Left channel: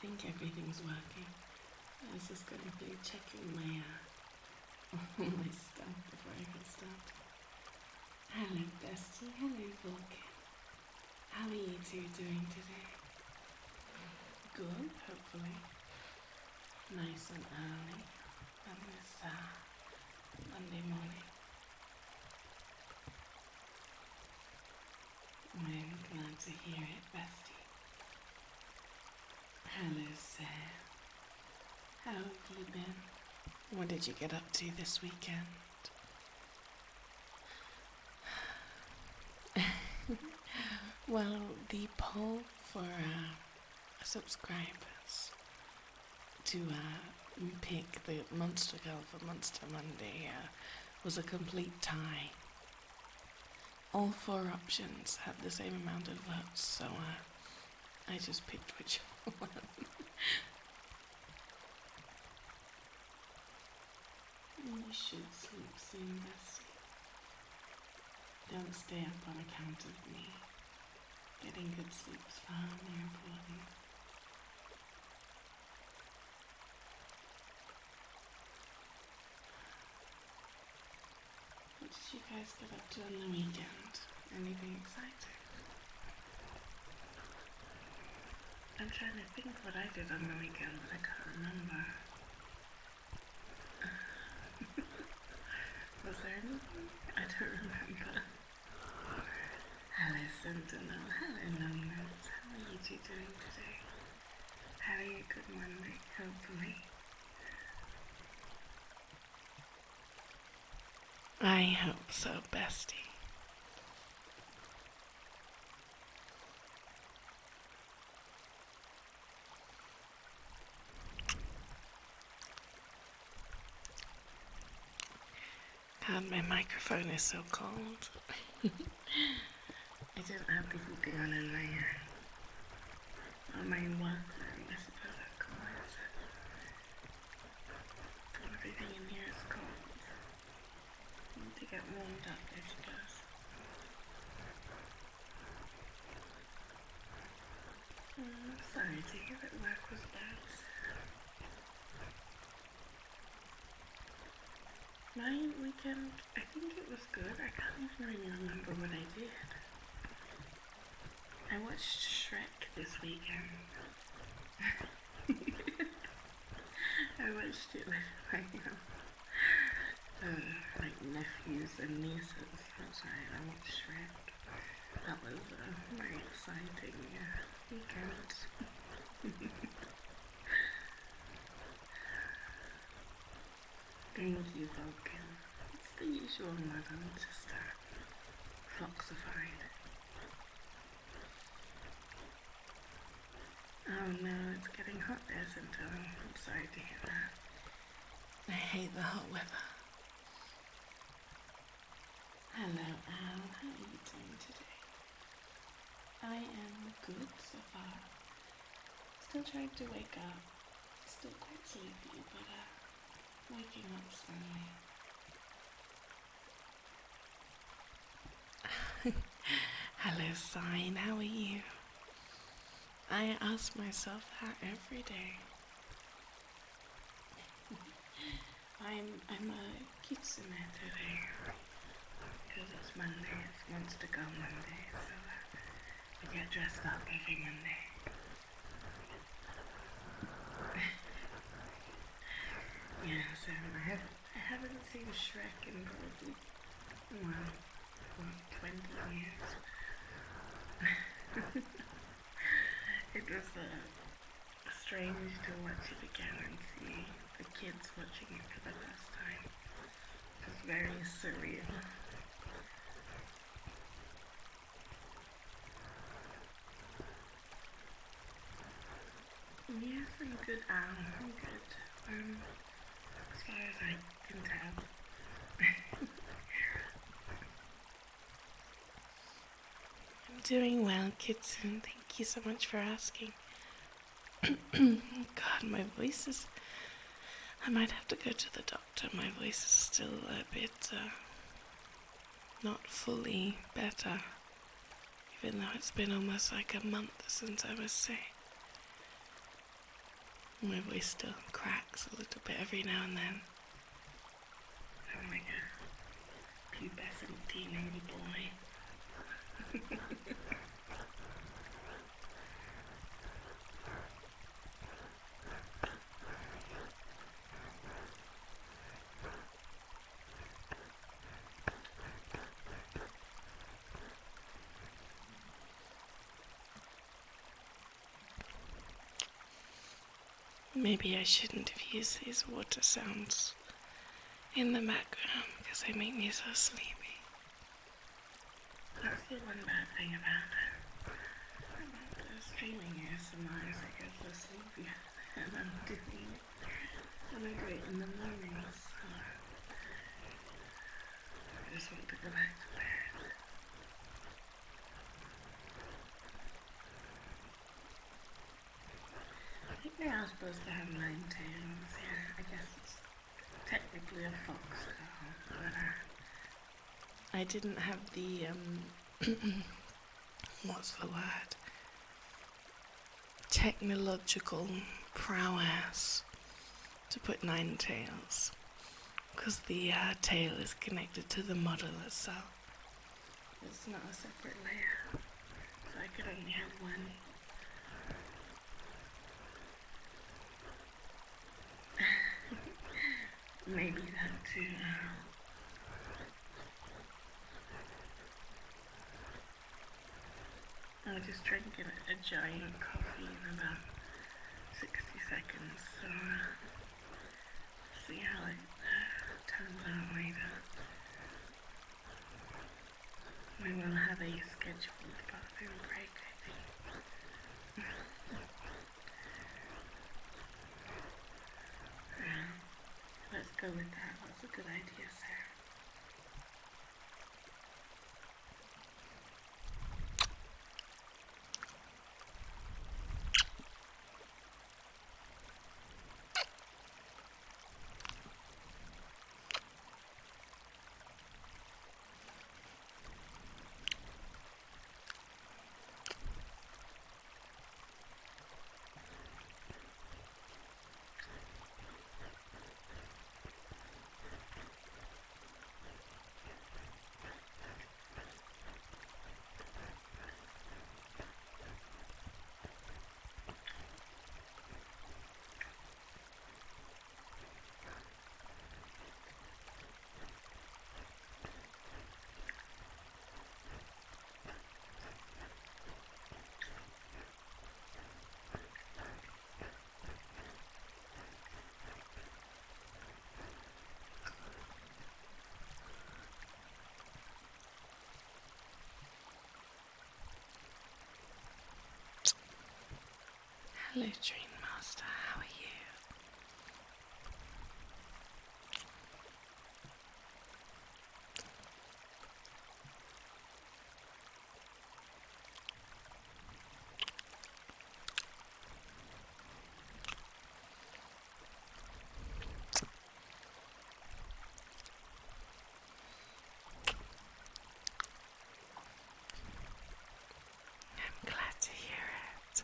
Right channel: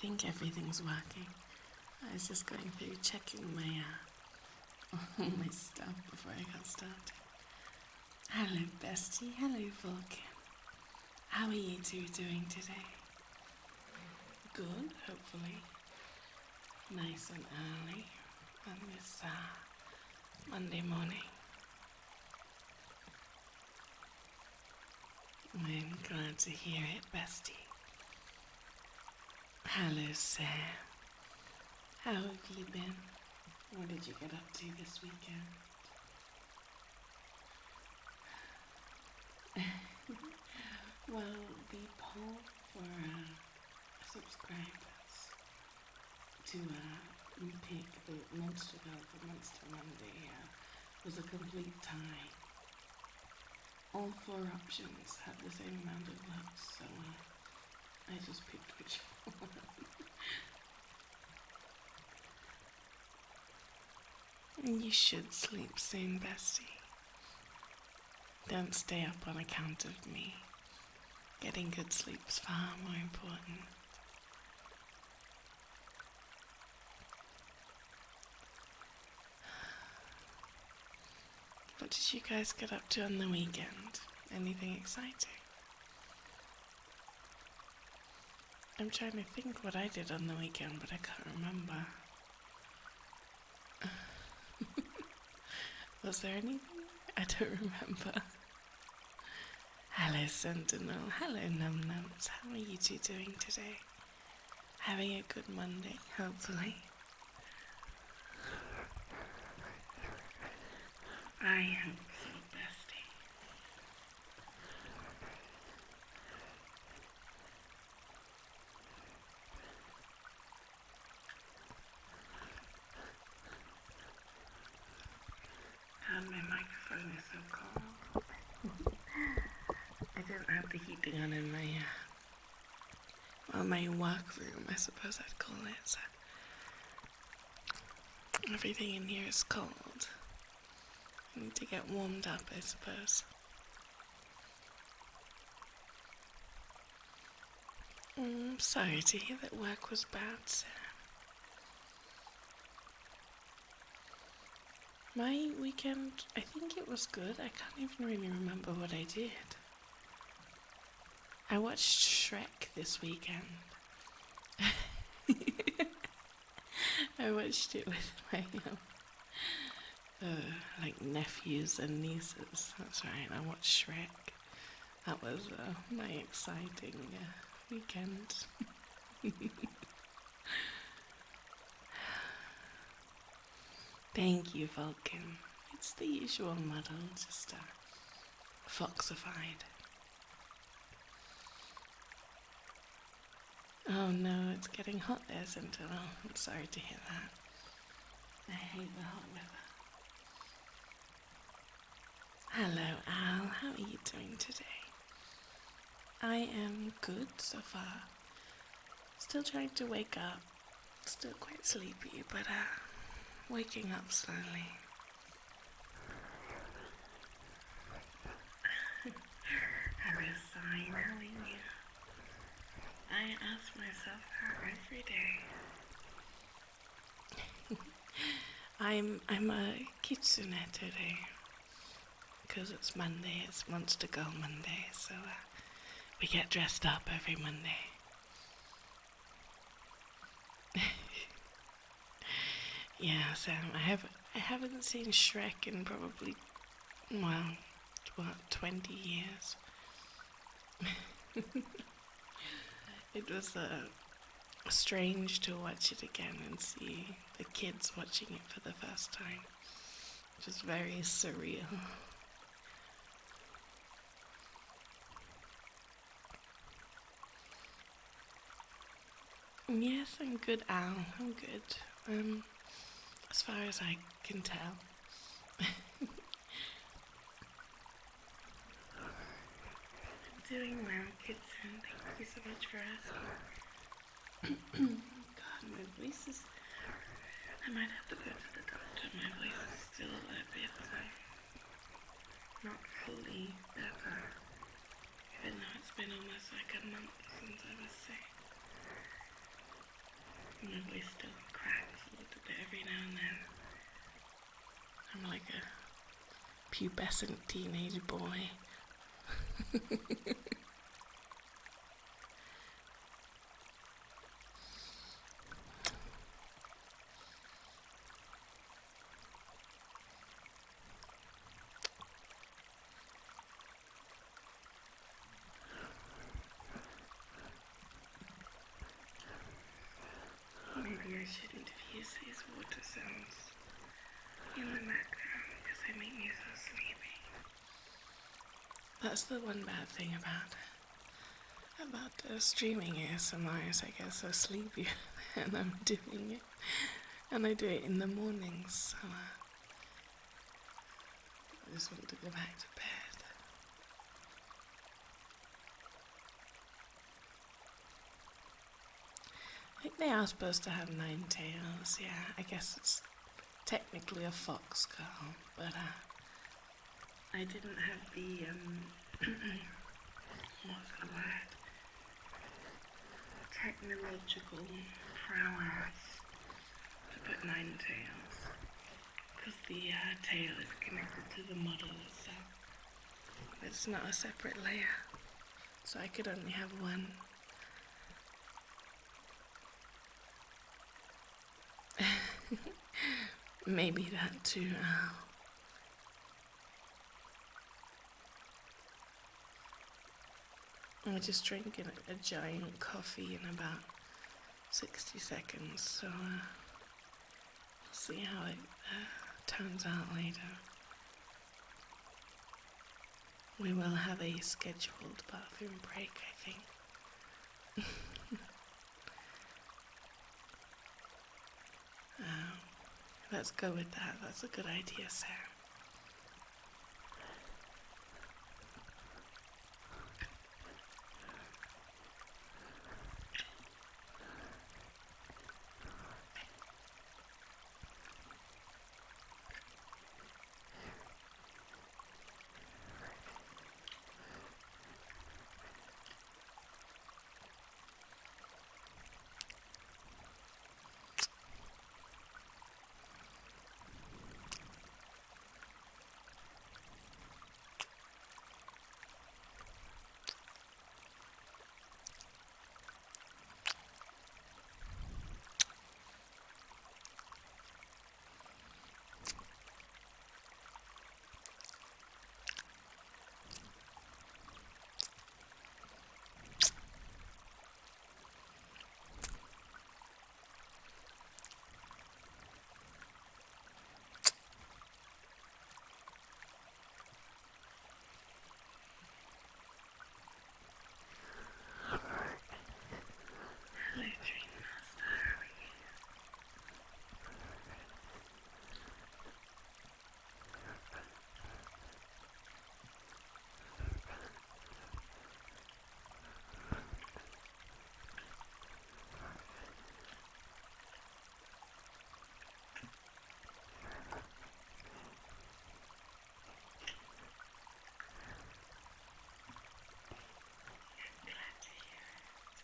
think everything's working. I was just going through checking my my stuff before I got started. Hello, Bestie. Hello, Vulcan. How are you two doing today? Good, hopefully. Nice and early on this Monday morning. I'm glad to hear it, Bestie. Hello, Sam. How have you been? What did you get up to this weekend? Well, the poll for subscribers to pick the Monster Girl for Monster Monday was a complete tie. All 4 options had the same amount of votes, so I just picked which one. You should sleep soon, Bestie. Don't stay up on account of me. Getting good sleep's far more important. What did you guys get up to on the weekend? Anything exciting? I'm trying to think what I did on the weekend, but I can't remember. Was there anything? I don't remember. Hello, Sentinel. Hello, Numbnuts. How are you two doing today? Having a good Monday, hopefully. I hope so, Bestie. God, my microphone is so cold. I didn't have the heating on in my work room, I suppose I'd call it. Everything in here is cold. I need to get warmed up, I suppose. I'm sorry to hear that work was bad, sir. My weekend, I think it was good. I can't even really remember what I did. I watched Shrek this weekend. I watched it with my nephews and nieces. That's right, I watched Shrek. That was my exciting weekend. Thank you, Vulcan. It's the usual model, just foxified. Oh no, it's getting hot there, Sentinel. I'm sorry to hear that. I hate the hot weather. Hello, Al. How are you doing today? I am good so far. Still trying to wake up. Still quite sleepy, but waking up slowly. Hello, Sign. How are you? I ask myself that every day. I'm a Kitsune today because it's Monday. It's Monster Girl Monday, so we get dressed up every Monday. Yeah, Sam. I haven't seen Shrek in probably 20 years. It was strange to watch it again and see the kids watching it for the first time. It was very surreal. Yes, I'm good, Al. I'm good. As far as I can tell. I'm doing well, Kitsune. Thank you so much for asking. God, my voice is... I might have to go to the doctor. My voice is still a bit not fully better, even though it's been almost like a month since I was sick. My voice still cracks a little bit every now and then. I'm like a pubescent teenage boy. Maybe I shouldn't have used these water sounds in the background because they make me so sleepy. That's the one bad thing about streaming ASMR is I get so sleepy and I'm doing it. And I do it in the mornings, so I just want to go back to bed. I think they are supposed to have 9 tails, yeah. I guess it's technically a fox girl, but I didn't have the, what's the word? Technological prowess to put 9 tails, because the tail is connected to the model itself. It's not a separate layer, so I could only have one. Maybe that too. I just drank a giant coffee in about 60 seconds, so see how it turns out later. We will have a scheduled bathroom break, I think. Let's go with that. That's a good idea, Sarah. Hello, Dream Master. How are you? I'm glad to hear it.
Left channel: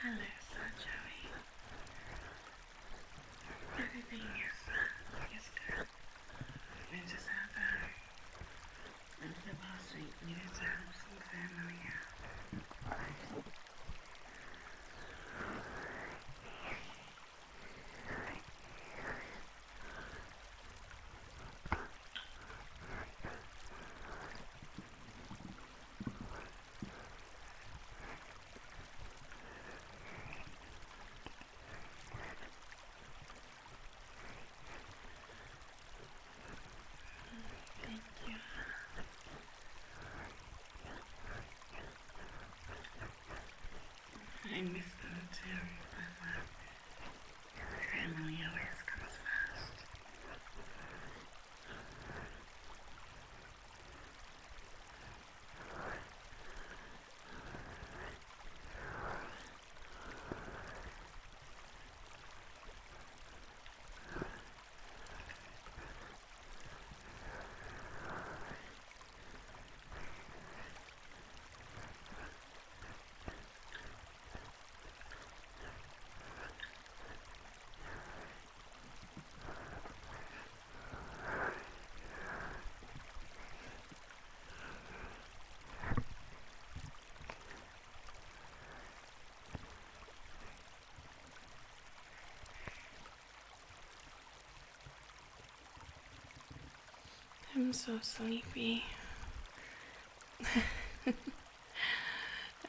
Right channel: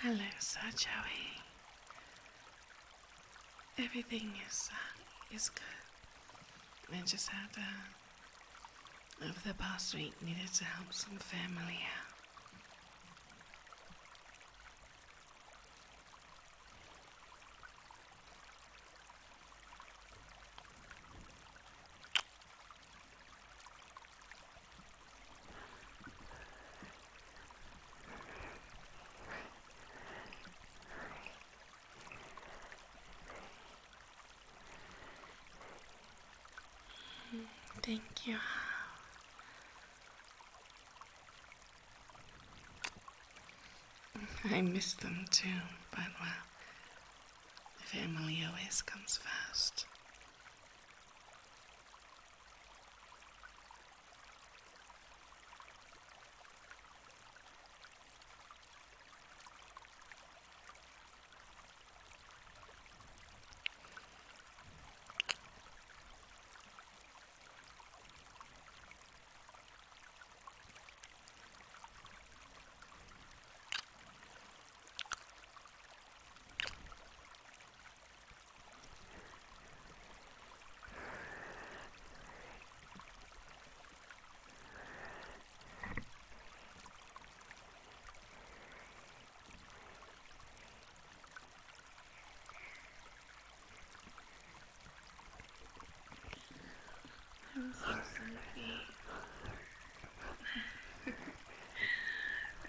Hello, Sir Joey. Everything is good. I just had, over the past week, needed to help some family out. Thank you. I miss them too, but well, family always comes first. I'm so sleepy.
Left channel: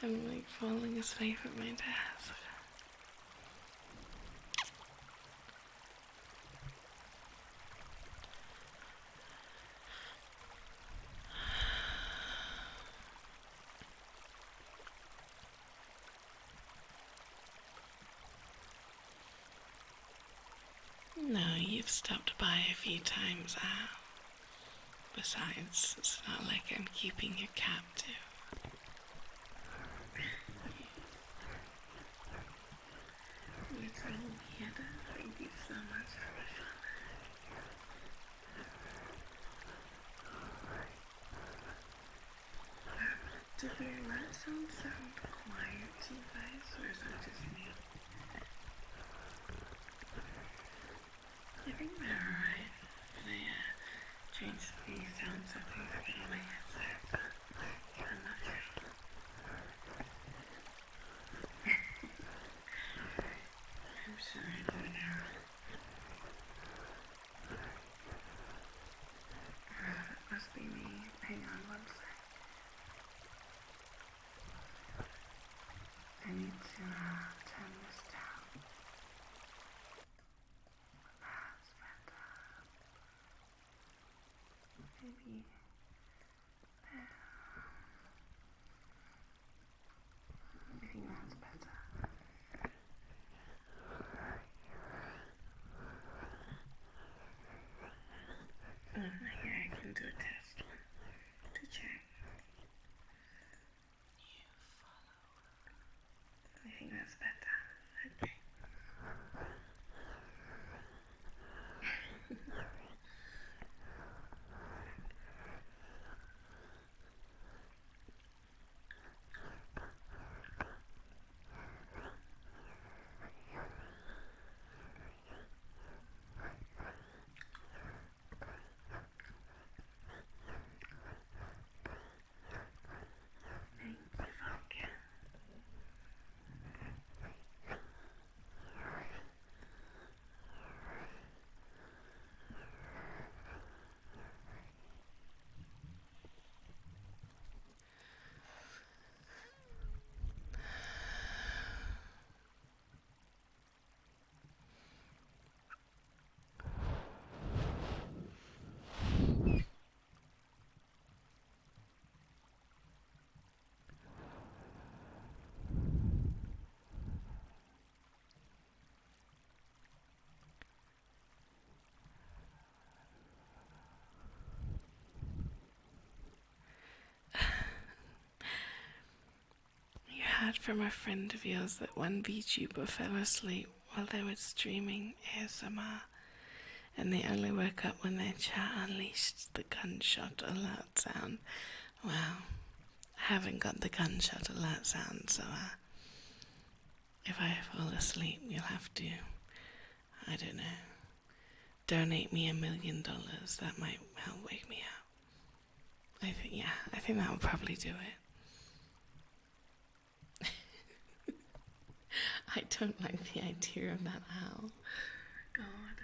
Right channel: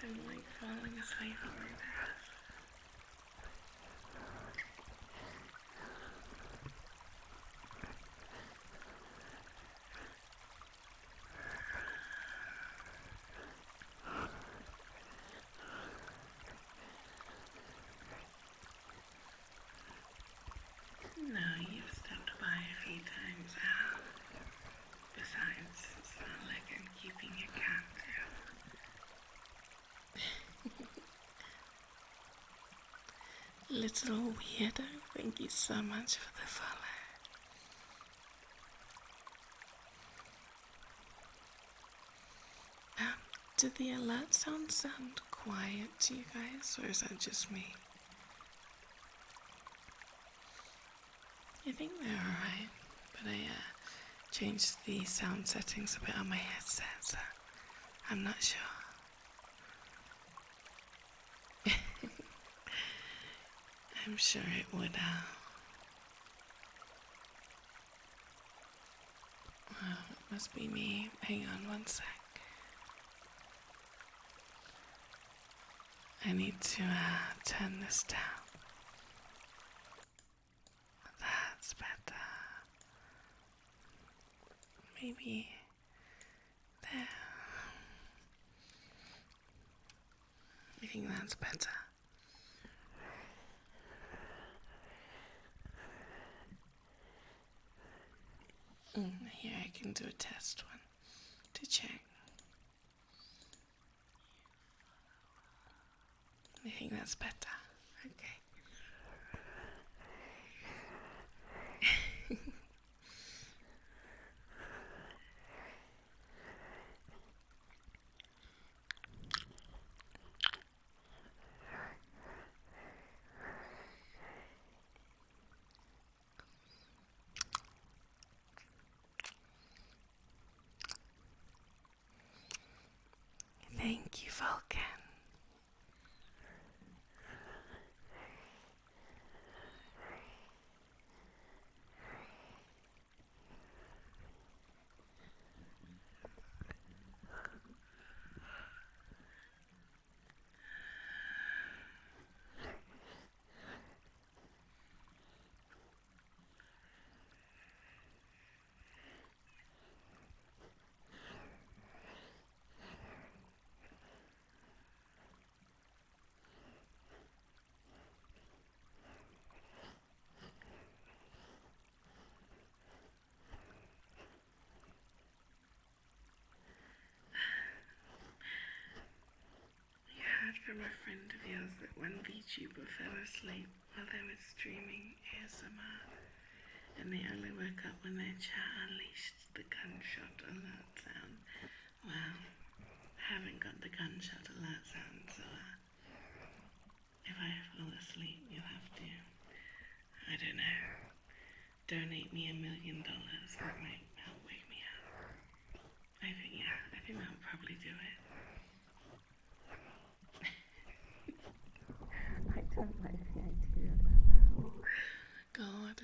I'm like falling asleep at my desk. No, you've stopped by a few times out. Besides, it's not like I'm keeping you captive. Little weirdo, thank you so much for the follow. Do the alert sounds sound quiet to you guys, or is that just me? I think they're alright, but I changed the sound settings a bit on my headset, so I'm not sure. I'm sure it would, it must be me. Hang on one sec. I need to, turn this down. That's better. Maybe there. I think that's better. Here I can do a test one to check. I think that's better. Okay. Thank you, Falcon. Heard from a friend of yours that one VTuber fell asleep while they were streaming ASMR, and they only woke up when their chat unleashed the gunshot alert sound. Well, I haven't got the gunshot alert sound, so If I fall asleep, you'll have to, I don't know, donate me $1 million. That might help wake me up. I think that would probably do it. I don't like the idea of that owl. God.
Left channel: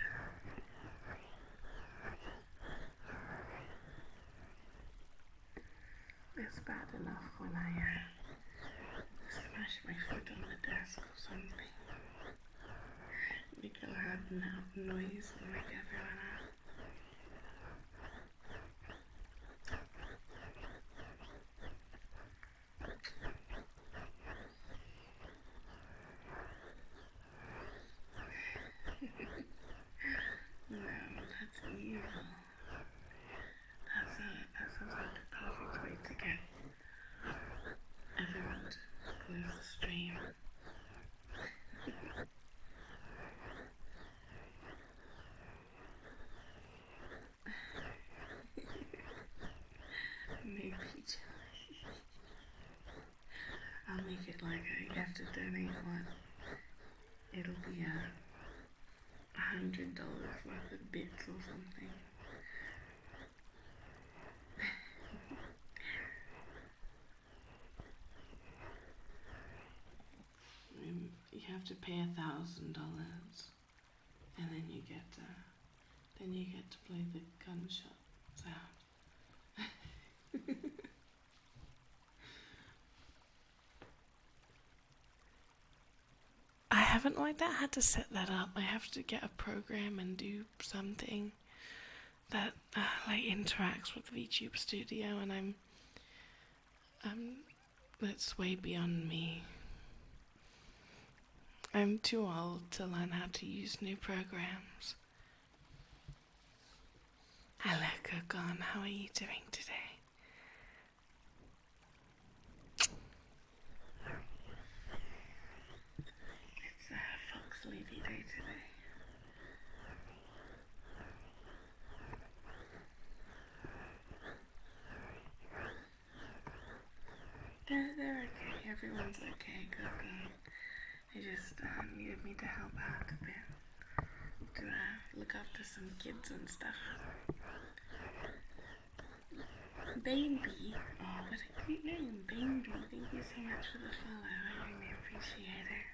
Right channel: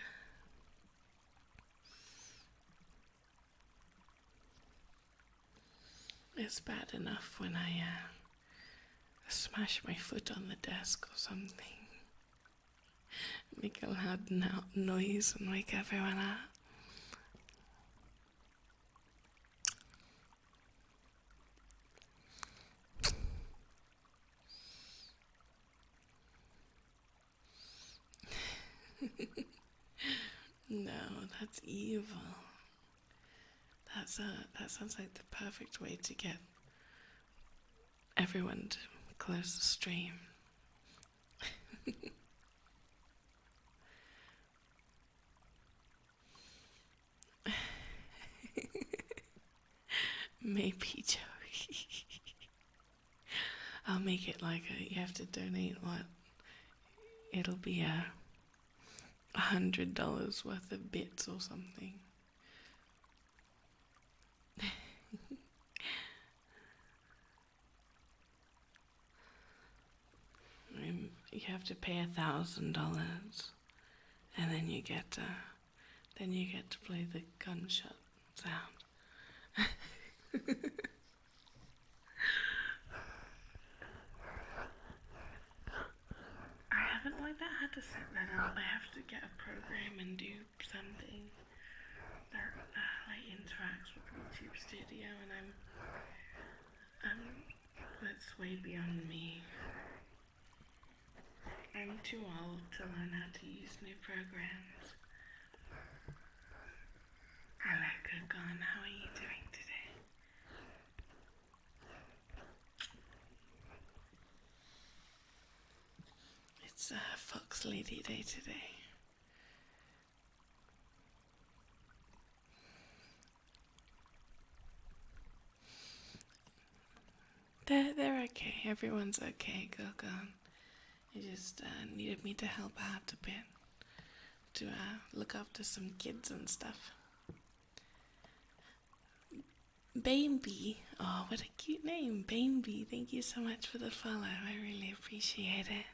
It's bad enough when I smash my foot on the desk or something. Make a loud noise and wake everyone up. No, that's evil. That sounds like the perfect way to get everyone to close the stream. Maybe, Joey. I'll make it like you have to donate what? It'll be $100 worth of bits or something. You have to pay $1,000, and then you get to play the gunshot sound. I haven't worked out how to set that up. I have to get a program and do something that like interacts with VTuber Studio, and that's way beyond me. I'm too old to learn how to use new programs. Hello, Kogon. How are you doing today? It's Fox Lady Day today. They're okay. Everyone's okay, Coco. They just needed me to help out a bit, to look after some kids and stuff. Baby. Oh, what a cute name, Baby. Thank you so much for the follow. I really appreciate it.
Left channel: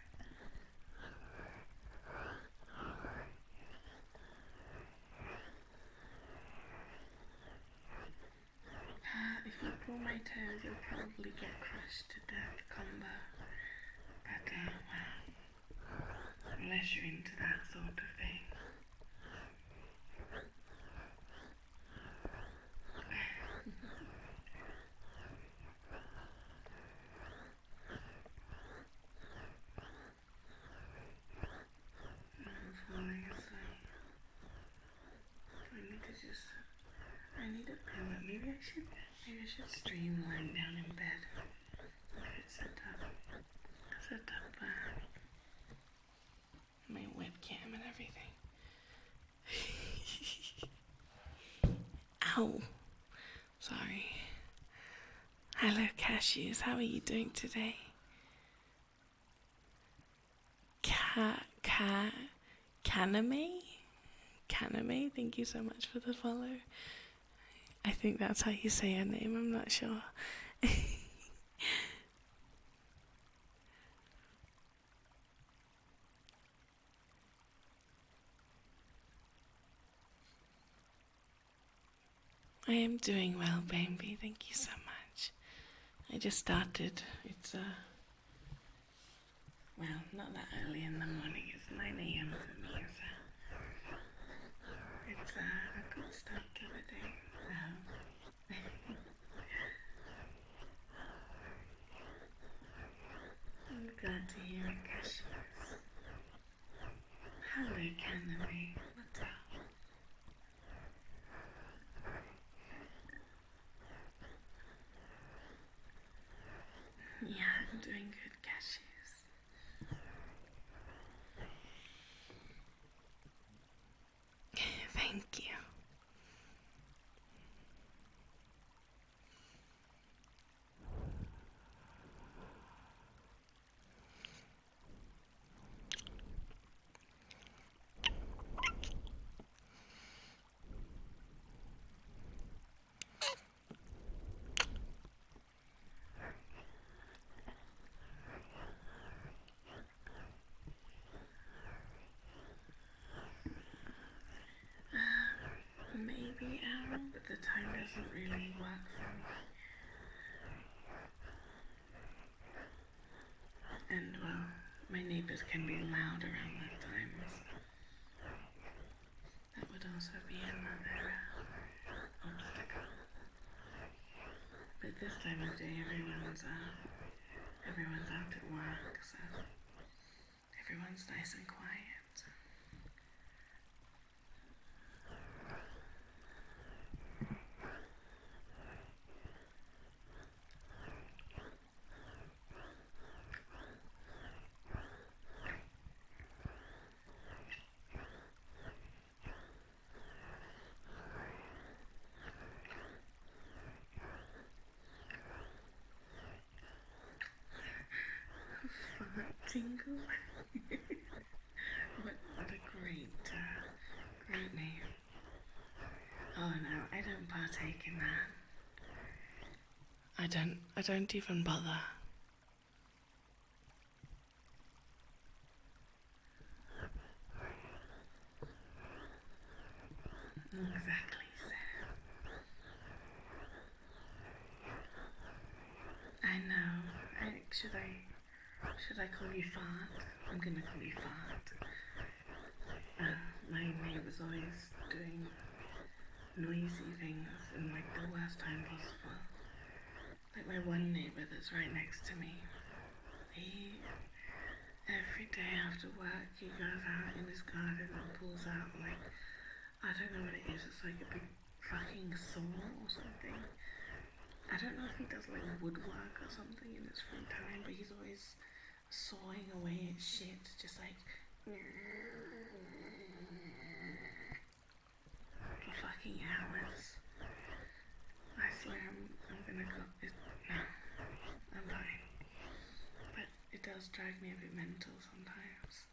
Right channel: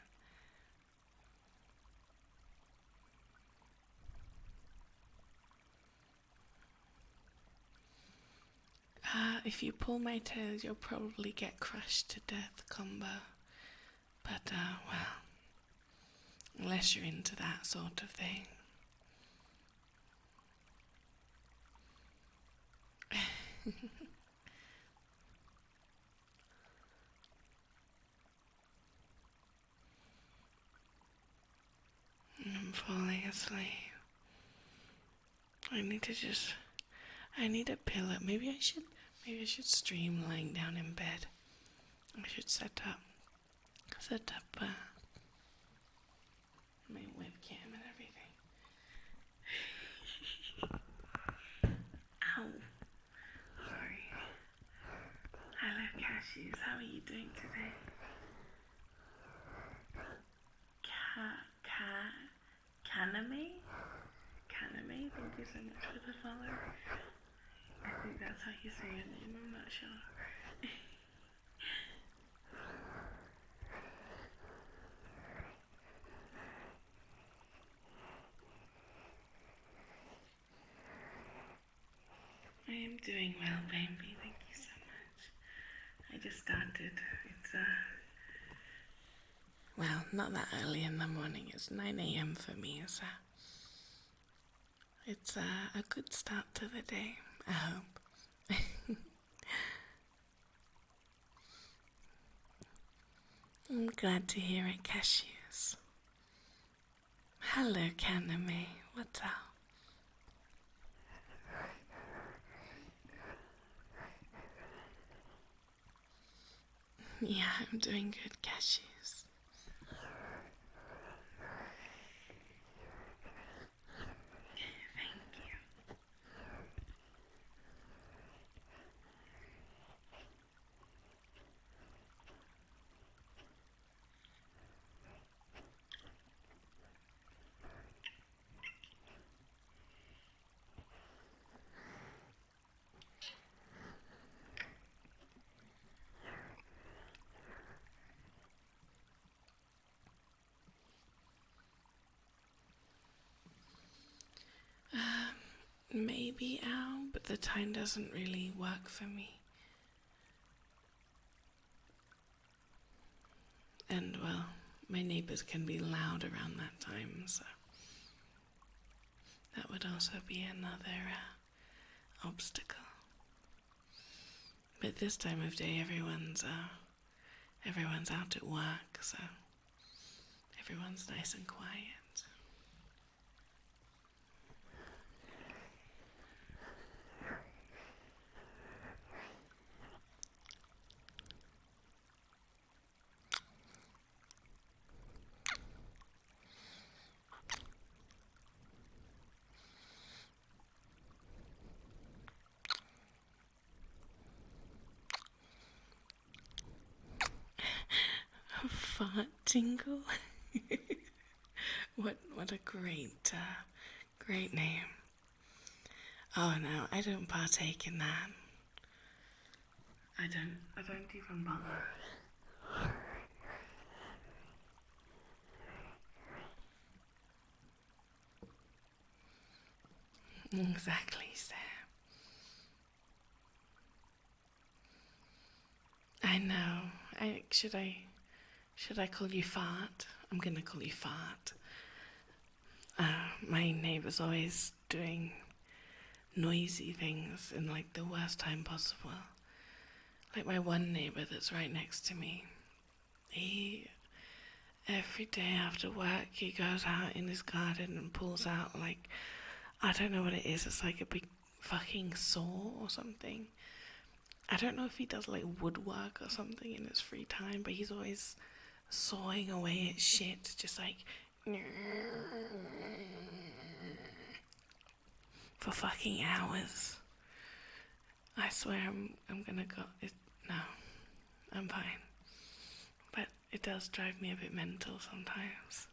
If you pull my toes, you'll probably get crushed to death, combo. But, well, unless you're into that sort of thing. I'm falling asleep. I need a pillow. Maybe I should stream lying down in bed. I should set up my webcam and everything. Ow. Sorry. Hello, Cashews. How are you doing today? Kaname, thank you so much for the follow. I think that's how you say your name, I'm not sure. I am doing well, baby, thank you so much. I just started. It's well, not that early in the morning, it's 9 a.m. for me, so it's a good start to the day, I hope. I'm glad to hear it, Cashews. Hello, Kaname. What's up? Yeah, I'm doing good, Cashews. Thank you. doesn't really work for me. And well, my neighbours can be loud around that time, so that would also be another obstacle. But this time of day, everyone's out at work, so everyone's nice and quiet. Fart tingle. What a great name. Oh no, I don't partake in that. I don't even bother. Exactly, Sam. I know. Should I call you Fart? I'm gonna call you Fart. My neighbour's always doing noisy things in like the worst time possible. Like my one neighbour that's right next to me. Every day after work he goes out in his garden and pulls out like, I don't know what it is, it's like a big fucking saw or something. I don't know if he does like woodwork or something in his free time, but he's always sawing away at shit, just like for fucking hours. I swear I'm gonna go. No, I'm fine. But it does drive me a bit mental sometimes.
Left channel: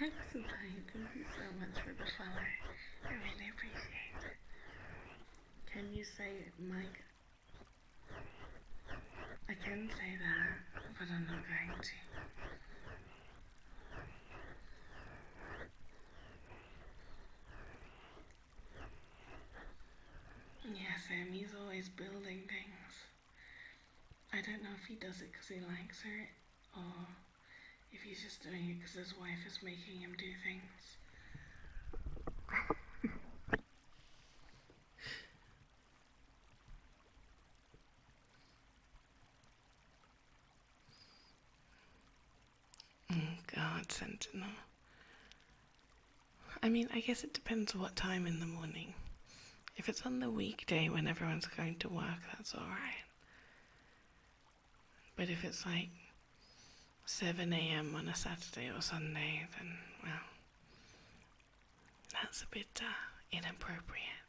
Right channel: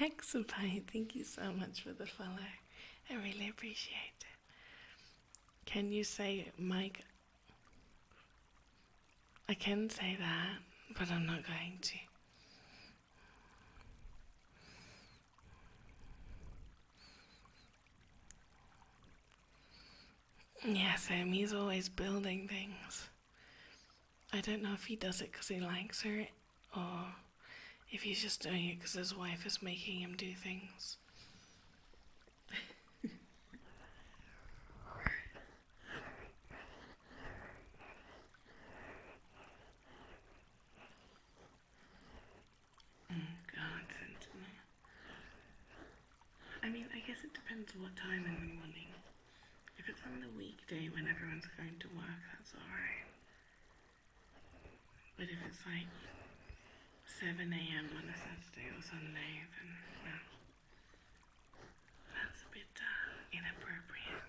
Hexapie, thank you so much for the follow. I really appreciate it. Can you say Mike? I can say that, but I'm not going to. Yeah, Sam, he's always building things. I don't know if he does it because he likes it, or if he's just doing it because his wife is making him do things. God, Sentinel. I mean, I guess it depends what time in the morning. If it's on the weekday when everyone's going to work, that's alright. But if it's like 7 a.m. on a Saturday or Sunday, then, well, that's a bit inappropriate.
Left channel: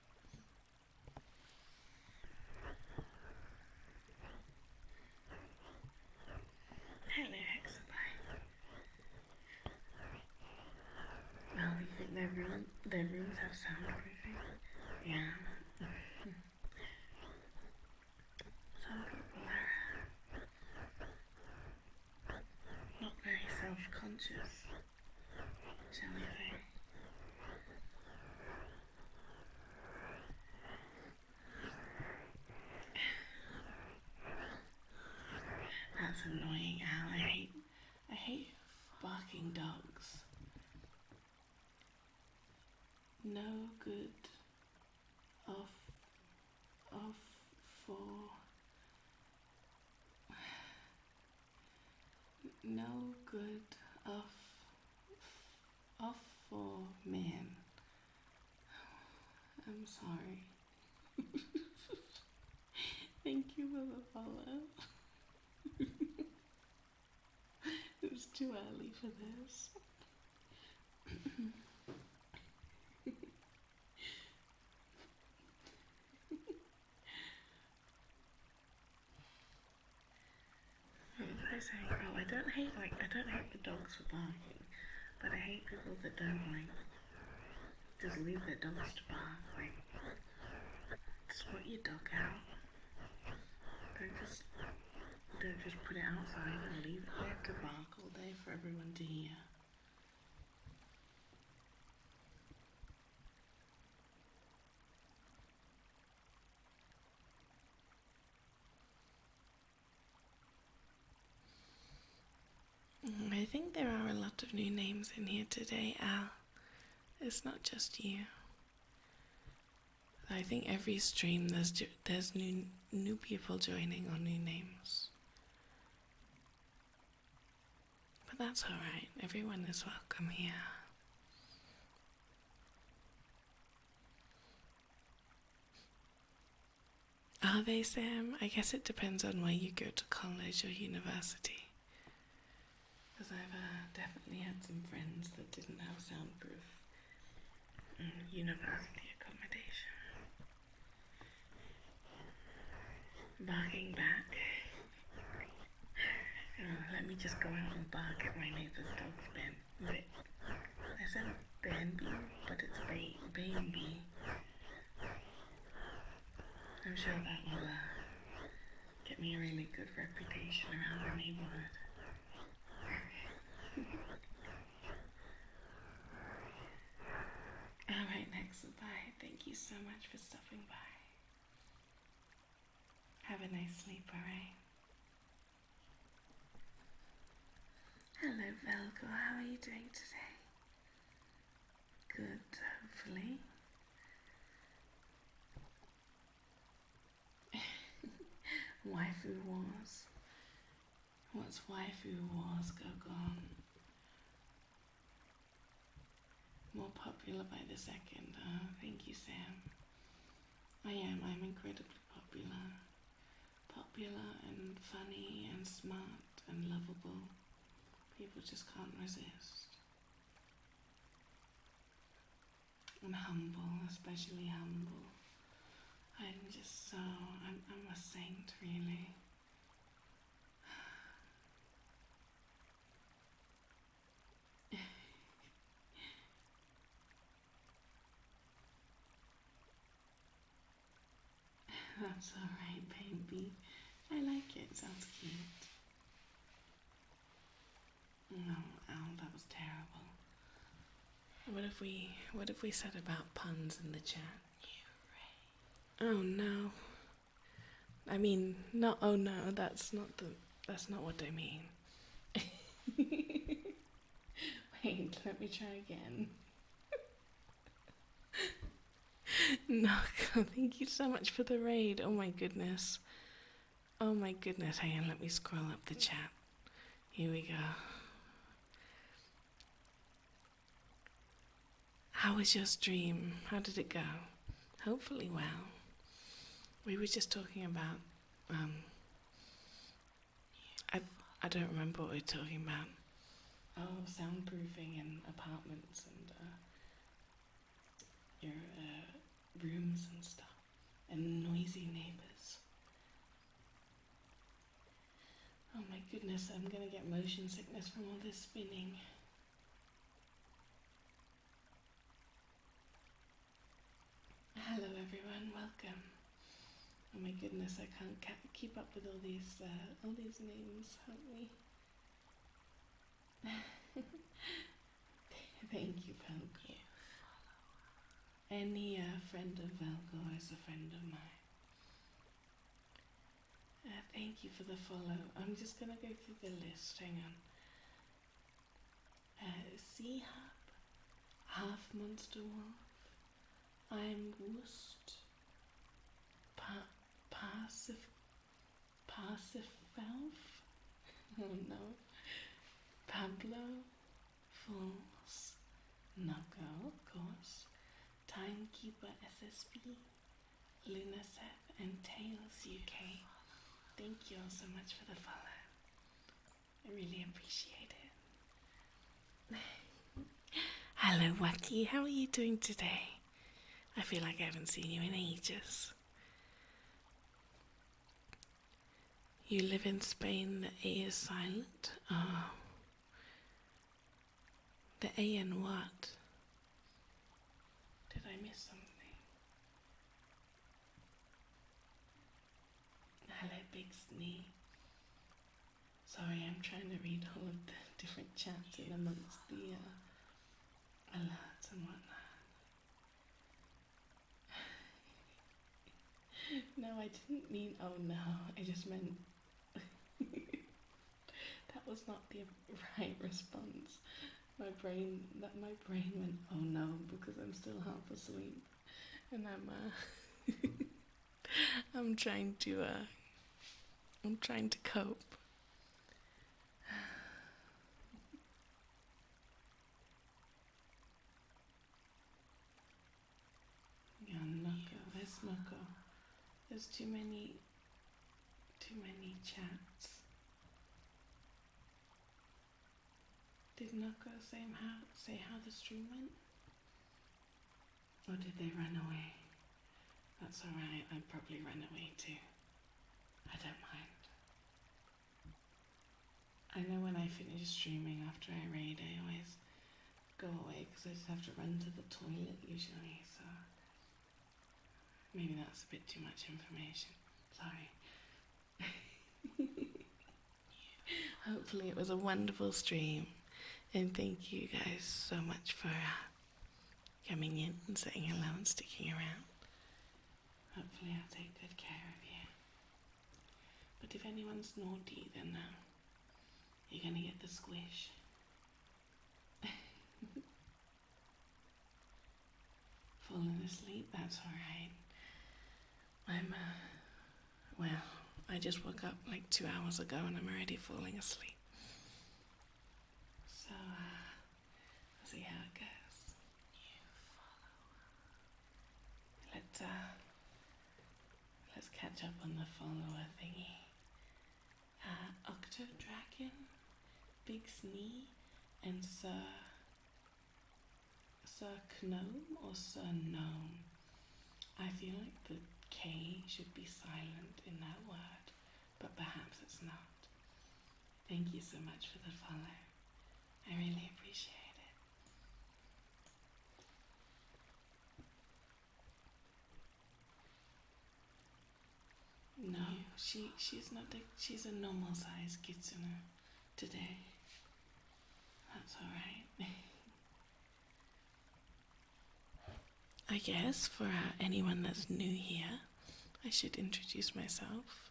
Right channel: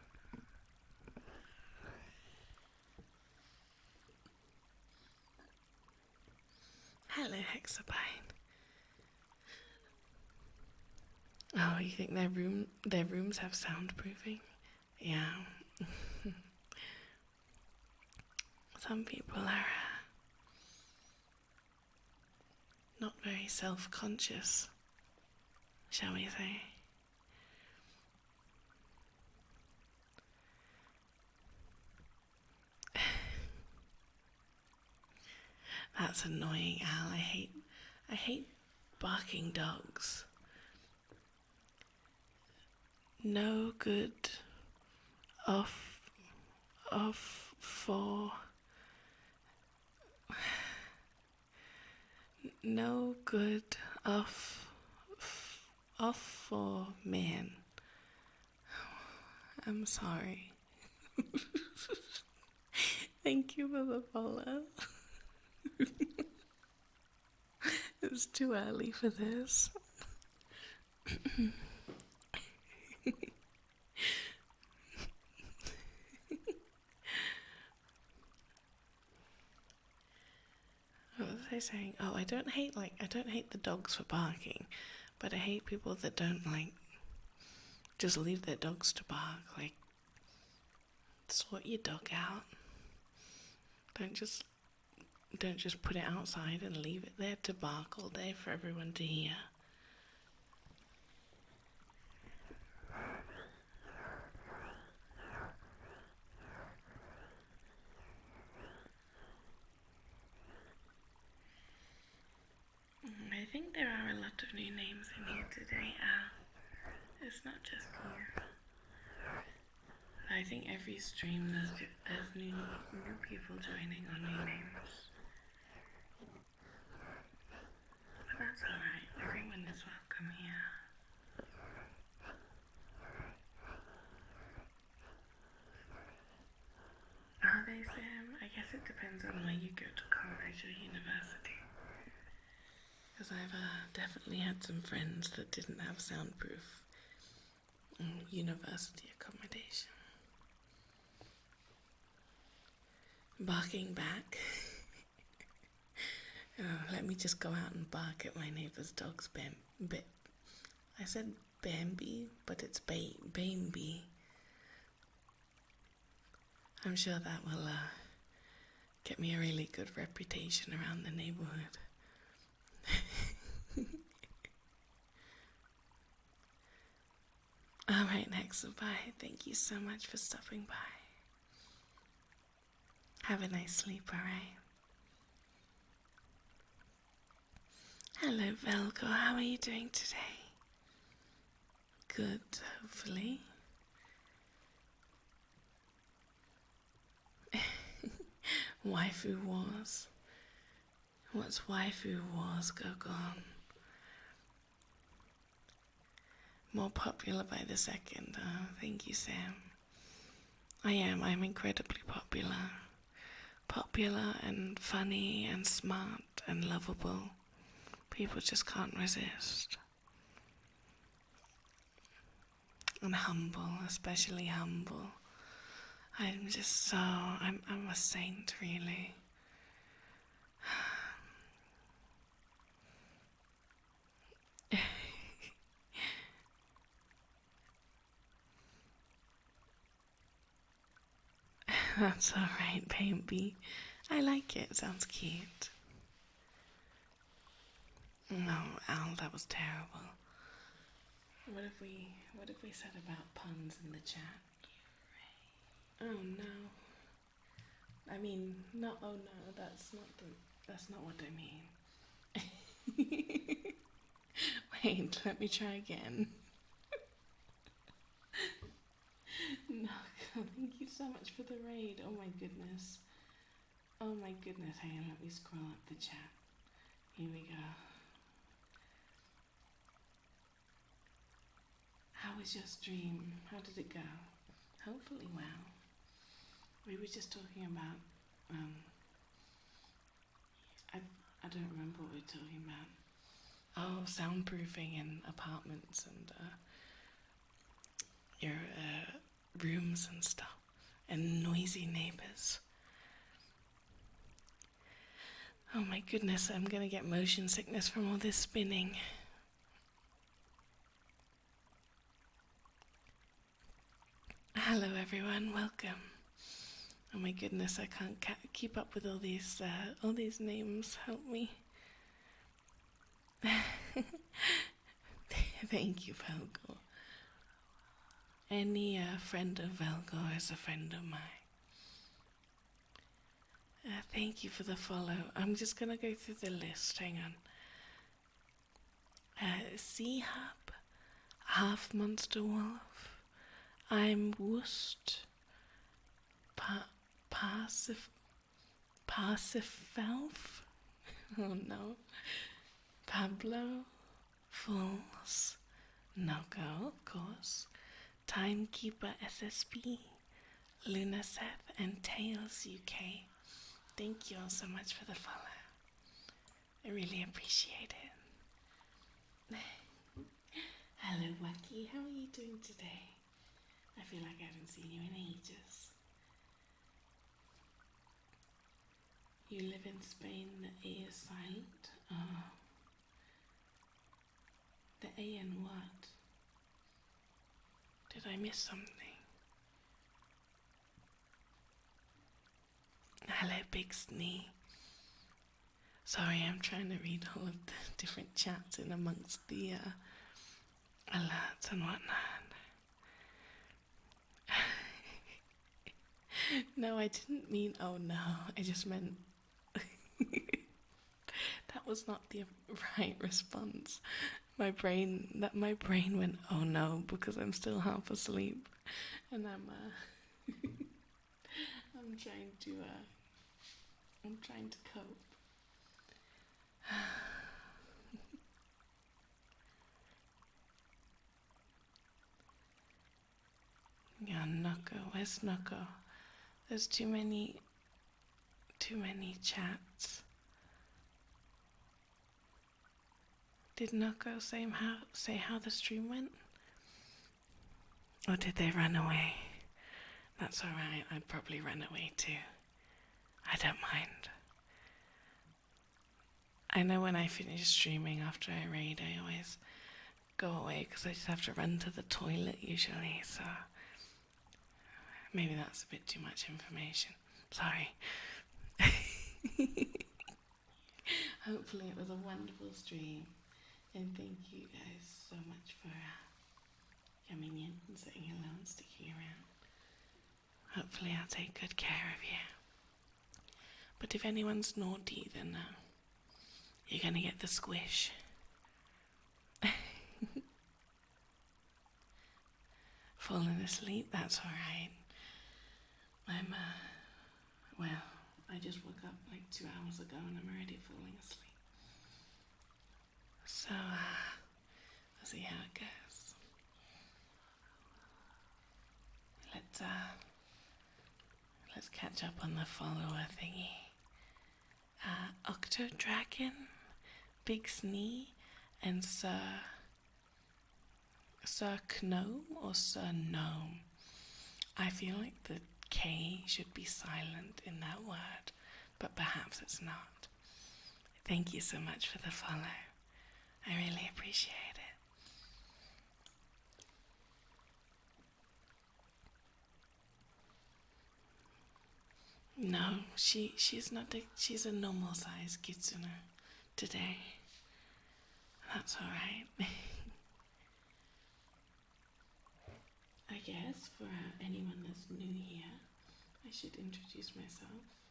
Hello, Hexapie. Oh, you think their rooms have soundproofing? Yeah. Some people are not very self-conscious, shall we say. That's annoying, Al. I hate barking dogs. No good for no good off for men. I'm sorry. Thank you for the follow. It's too early for this. What was I saying? Oh, I don't hate the dogs for barking, but I hate people that don't just leave their dogs to bark. Like, sort your dog out. Don't just Don't just put it outside and leave it there to bark all day for everyone to hear. I think there are a lot of new names in here today. It's not just you. I think every stream there's new people joining or new names. But that's alright, everyone is welcome here. Are they, Sam? I guess it depends on where you go to college or university. Because I've definitely had some friends that didn't have soundproof university accommodation. Barking back. Let me just go out and bark at my neighbour's dog's bit. I said Bambi, but it's Bambi. I'm sure that will get me a really good reputation around the neighbourhood. Alright, next, bye. Thank you so much for stopping by. Have a nice sleep, alright? Hello, Velcro. How are you doing today? Good, hopefully. Waifu wars. What's waifu wars go on? More popular by the second. Oh, thank you, Sam. I'm incredibly popular. Popular and funny and smart and lovable. People just can't resist. And humble, especially humble. I'm just so, I'm a saint, really. That's alright, baby. I like it, sounds cute. No, Al, that was terrible. What if we said about puns in the chat? Oh no. I mean, not oh no, that's not what I mean. Wait, let me try again. No, thank you so much for the raid. Oh my goodness. Oh my goodness. Hang on, let me scroll up the chat. Here we go. How was your stream? How did it go? Hopefully well. We were just talking about, I don't remember what we were talking about. Oh, soundproofing in apartments and your rooms and stuff, and noisy neighbors. Oh my goodness, I'm gonna get motion sickness from all this spinning. Hello everyone, welcome. Oh my goodness, I can't keep up with all these names. Help me. Thank you, Velgor. Any friend of Velgor is a friend of mine. Thank you for the follow. I'm just gonna go through the list. Hang on. Sea Hub, Half Monster Wolf. I'm Woost. Parsifelf. Oh no. Pablo. Fools. Nago, of course. Timekeeper SSB. Lunaseth and Tails UK. Thank you all so much for the follow. I really appreciate it. Hello, Wacky. How are you doing today? I feel like I haven't seen you in ages. You live in Spain, the A is silent. Oh. The A in what? Did I miss something? Hello, Big Snee. Sorry, I'm trying to read all of the different chats in amongst the alerts and whatnot. No, I didn't mean oh no. I just meant that was not the right response. My brain went oh no because I'm still half asleep and I'm trying to cope. Yeah, Nucko. Where's Nucko? There's too many chats. Did Nucko say how the stream went? Or did they run away? That's alright, I'd probably run away too. I don't mind. I know when I finish streaming after I raid, I always go away because I just have to run to the toilet usually, so maybe that's a bit too much information. Sorry. Hopefully it was a wonderful stream, and thank you guys so much for coming in and saying hello and sticking around. Hopefully I'll take good care of you. But if anyone's naughty, then you're gonna get the squish. Falling asleep, that's alright. Well, I just woke up like 2 hours ago and I'm already falling asleep. So, we'll see how it goes. Let's catch up on the follower thingy. Octodragon, Big Snee, and Sir Gnome or Sir Gnome. I feel like the K should be silent in that word, but perhaps it's not. Thank you so much for the follow. I really appreciate it. No, she's not. She's a normal size Kitsune today. That's alright. I guess for anyone that's new here, I should introduce myself.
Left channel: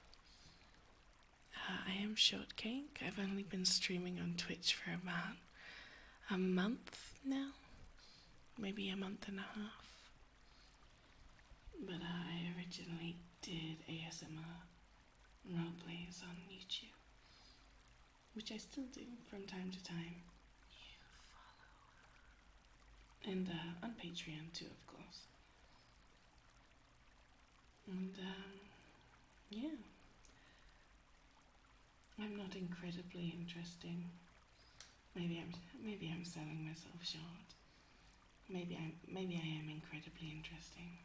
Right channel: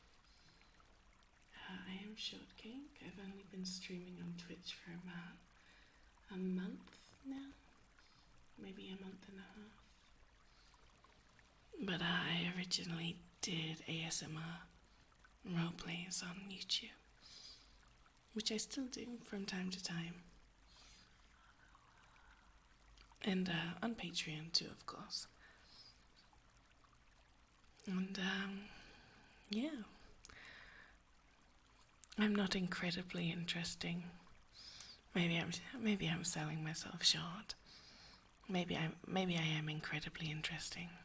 I am Shortcake. I've only been streaming on Twitch for about a month now, maybe a month and a half. But I originally did ASMR roleplays on YouTube, which I still do from time to time. And on Patreon too, of course. And yeah, I'm not incredibly interesting. Maybe I'm selling myself short. Maybe I am incredibly interesting.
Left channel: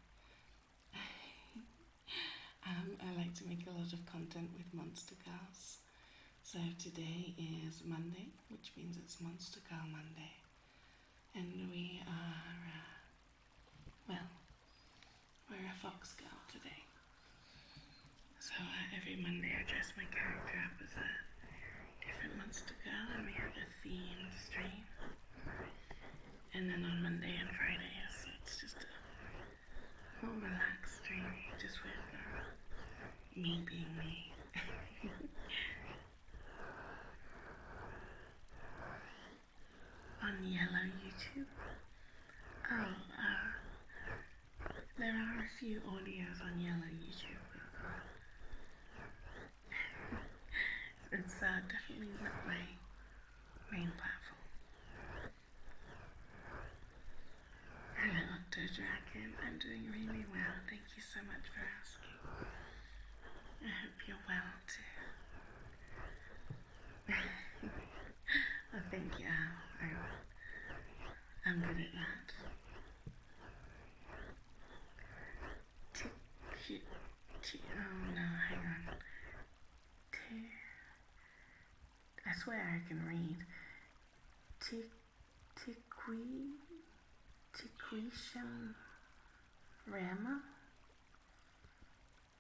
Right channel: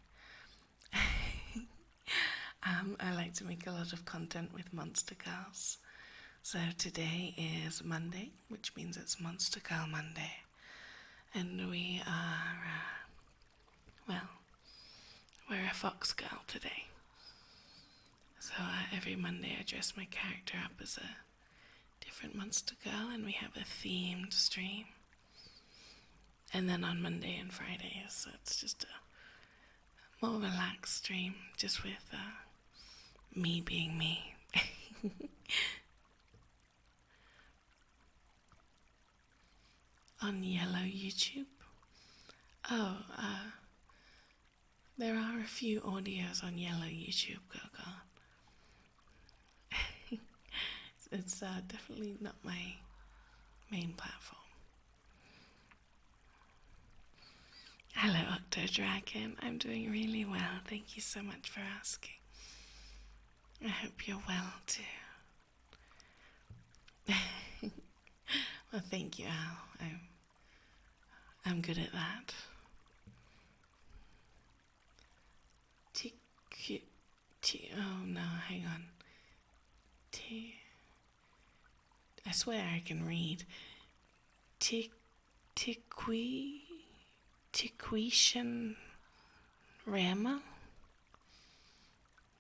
I like to make a lot of content with Monster Girls. So today is Monday, which means it's Monster Girl Monday. And we are, we're a fox girl today. So every Monday I dress my character up as a different monster girl and we have a themed stream. And then on Monday and Fridays, so it's just a more relaxed stream, just with me being me. On yellow YouTube? Oh, there are a few audios on yellow YouTube, Gogo. It's definitely not my main platform. Hello, Octodragon. I'm doing really well. Thank you so much for asking. I hope you're well too. Well, thank you, Al. I'm good at that. Oh no, hang on. I swear I can read. Tiquishan Rama.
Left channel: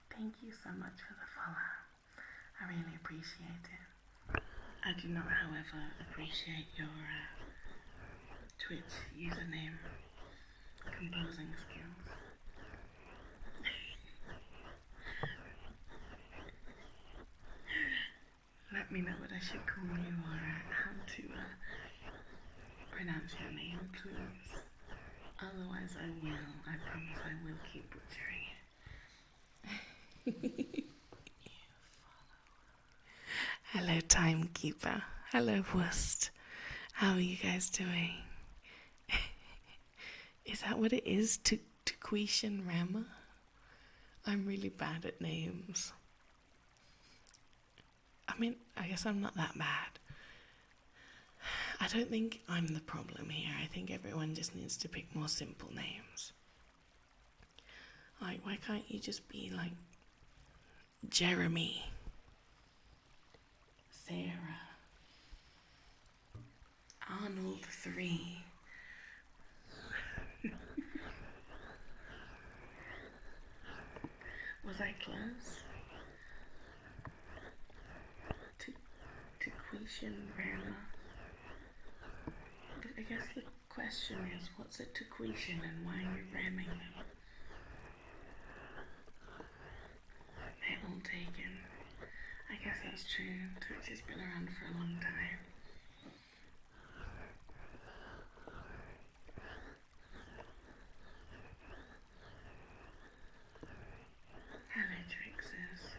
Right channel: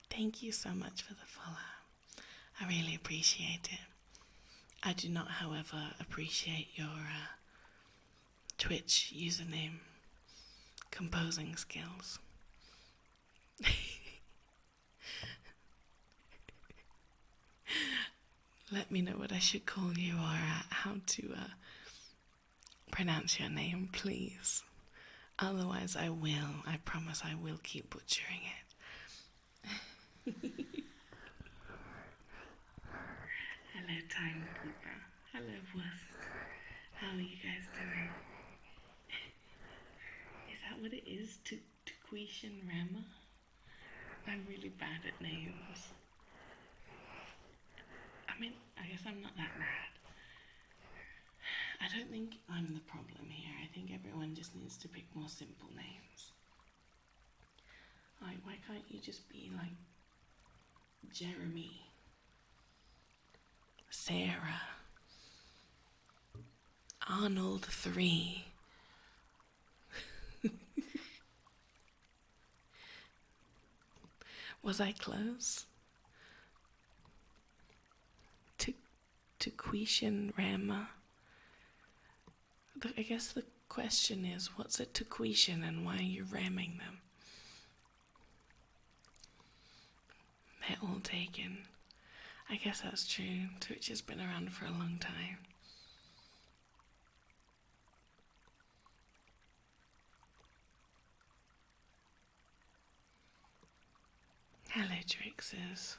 Thank you so much for the follow. I really appreciate it. I do not, however, appreciate your Twitch username composing skills. Let me know what I should call you or how to pronounce your name, please. Otherwise, I promise I will keep butchering it. Hello, Timekeeper. Hello, Wust. How are you guys doing? Is that what it is? Tuquishan Rama? I'm really bad at names. I mean, I guess I'm not that bad. I don't think I'm the problem here. I think everyone just needs to pick more simple names. Like, why can't you just be like Jeremy, Sarah, Arnold 3? Was I close? Tuquishan Rama? I guess the question is, what's a Tuquishan and why are you ramming them? They're all taken. I guess that's true. Twitch has been around for a long time. Hello, Trixes.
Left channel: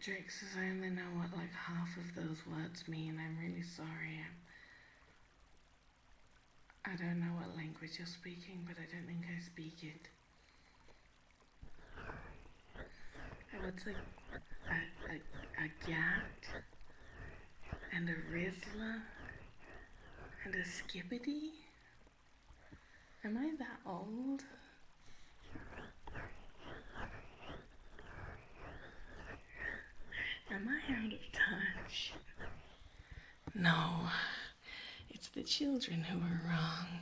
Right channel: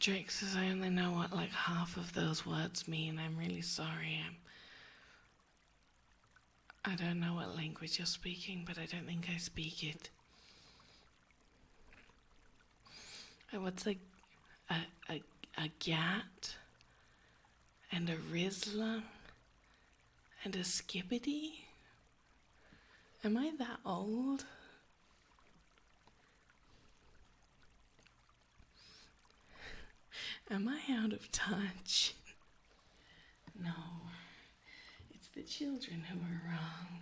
Trixes, I only know what like half of those words mean. I'm really sorry. I don't know what language you're speaking, but I don't think I speak it. What's like a gat and a Rizla and a Skippity? Am I that old? Am I out of touch? No, it's the children who are wrong.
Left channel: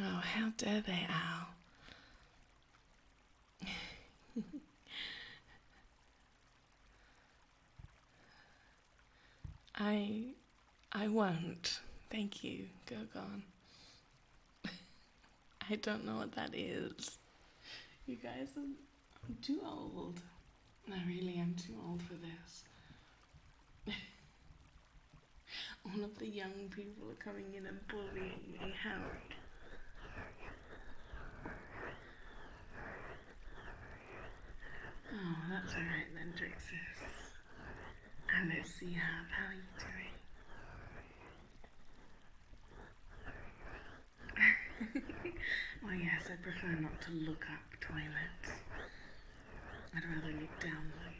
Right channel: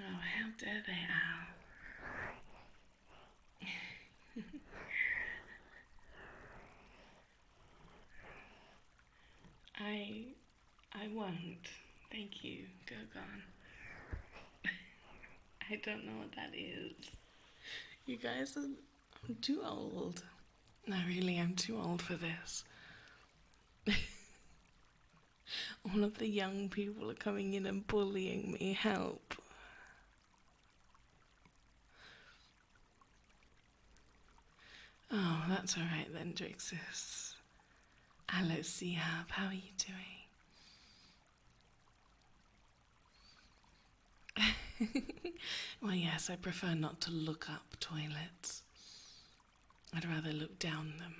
Oh, how dare they, Al? I won't. Thank you, Gogon. I don't know what that is. You guys I'm too old. No, really, I'm too old for this. All of the young people are coming in and bullying me. Help. Oh, that's alright then, Drixus. Hello, Seahab. How are you doing? Well, yes, I prefer not to look up toilets. I'd rather look down them.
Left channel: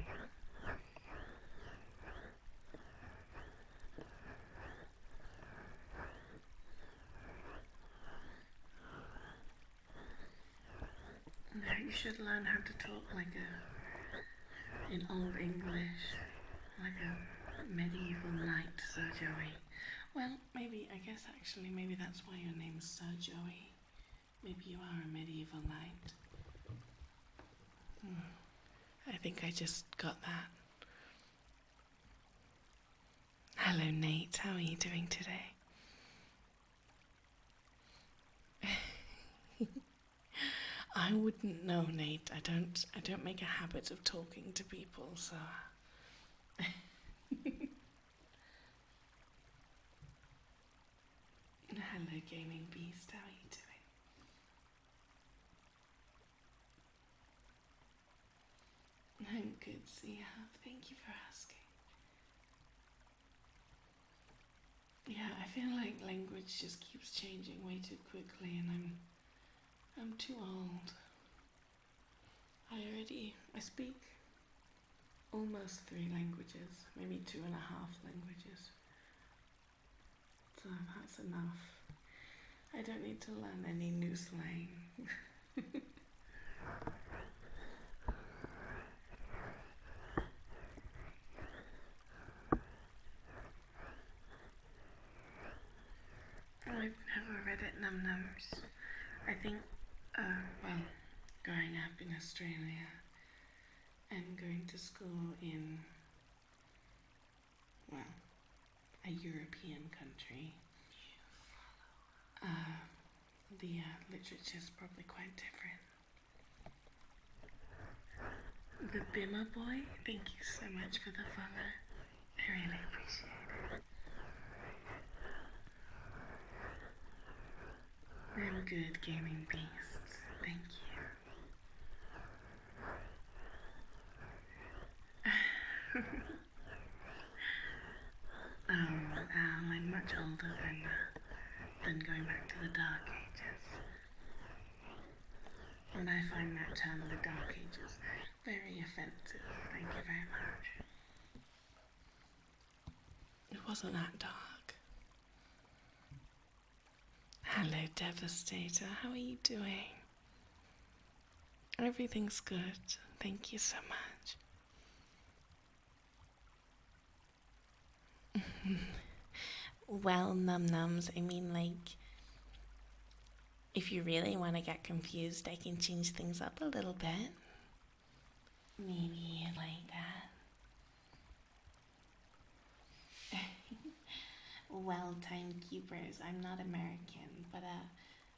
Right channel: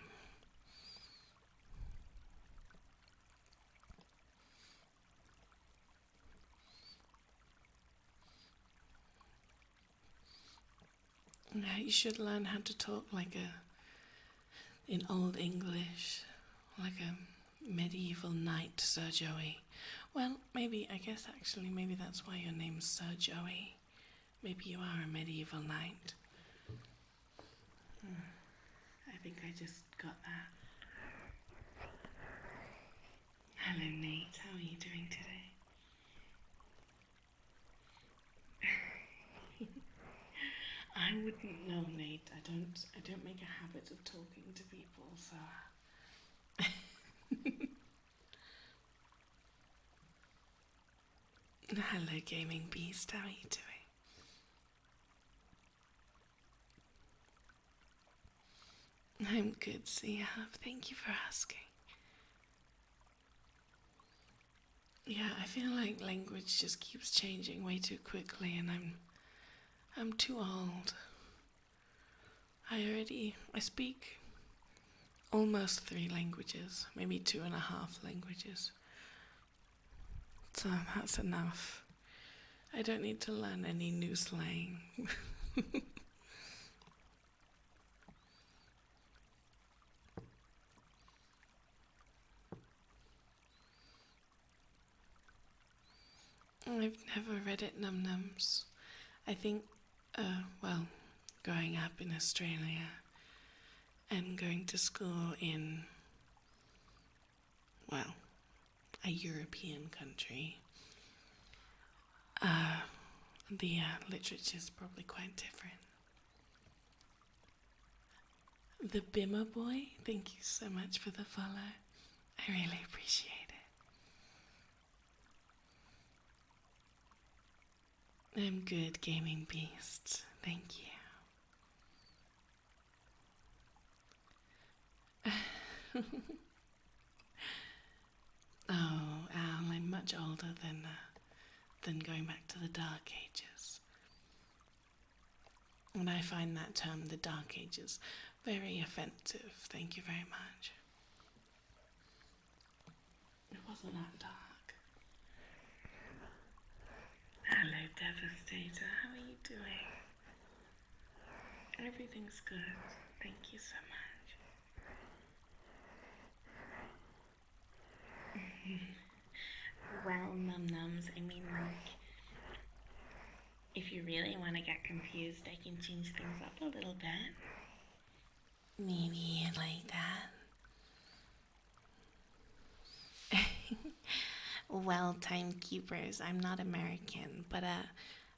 Yeah, you should learn how to talk like in Old English, like a medieval knight, Sir Joey. Well, maybe, I guess actually, maybe that's why your name's Sir Joey. Maybe you are a medieval knight. I think I just got that. Hello, Nate. How are you doing today? I wouldn't know, Nate. I don't make a habit of talking to people, so. Hello, Gaming Beast. How are you doing? I'm good, Seahab. Thank you for asking. Yeah, I feel like language just keeps changing way too quickly, and I'm too old. I speak almost 3 languages, maybe 2.5 languages. So that's enough. I don't need to learn any new slang. I've never read it, Num Nums. I think, well, growing up in Australia and going to school in, well, a European country, the literature is probably quite different. The Bimmer Boy, thank you so much for the follow. I really appreciate it. I'm good, Gaming Beast. Thank you. Oh, Al, I'm much older than going back to the Dark Ages. And I find that term, the Dark Ages, very offensive. Thank you very much. It wasn't that dark. Hello, Devastator. How are you doing? Everything's good. Thank you so much. Well, Num Nums, I mean, like, if you really want to get confused, I can change things up a little bit. Maybe like that. Well, timekeepers, I'm not American, but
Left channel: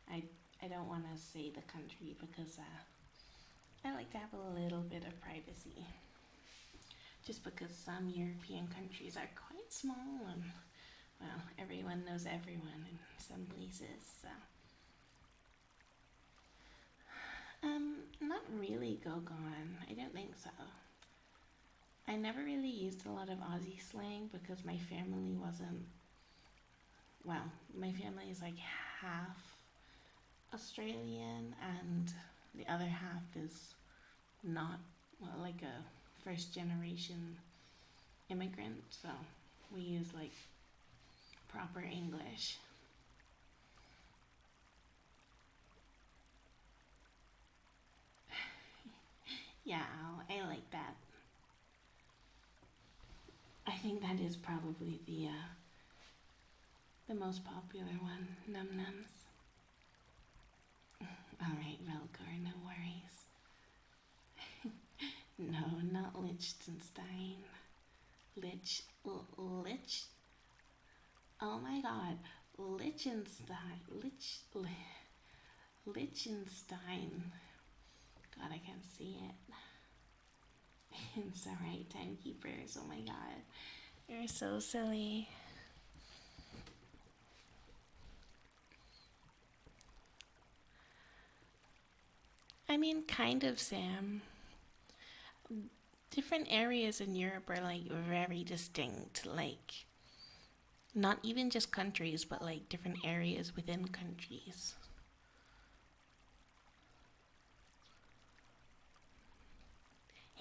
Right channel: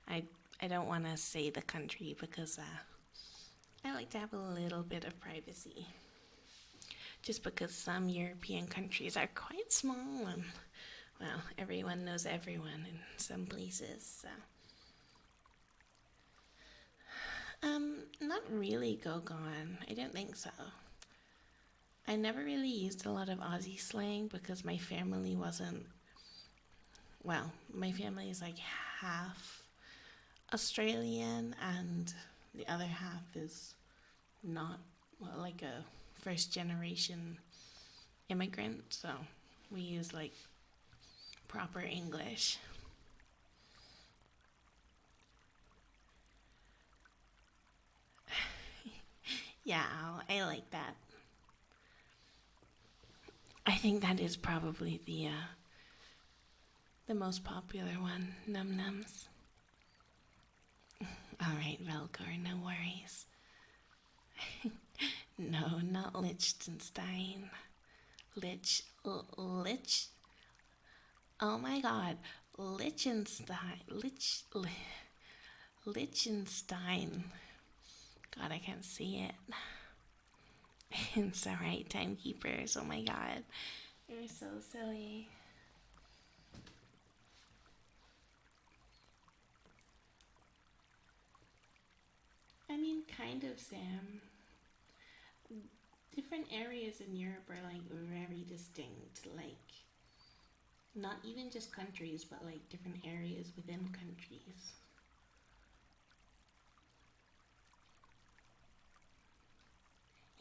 I don't want to say the country because I like to have a little bit of privacy. Just because some European countries are quite small and, well, everyone knows everyone in some places, so. Not really, Gogon. I don't think so. I never really used a lot of Aussie slang because my family wasn't, well, my family is like half Australian and the other half is not, well, like a first generation immigrant, so we use like proper English. Yeah, I like that. I think that is probably the most popular one, Num Nums. Alright, Velcor, no worries. No, not Liechtenstein. Lich? Oh my god. Liechtenstein. God, I can't see it. It's alright, timekeepers. Oh my god. You're so silly. I mean, kind of, Sam. Different areas in Europe are like very distinct. Like, not even just countries, but like different areas within countries.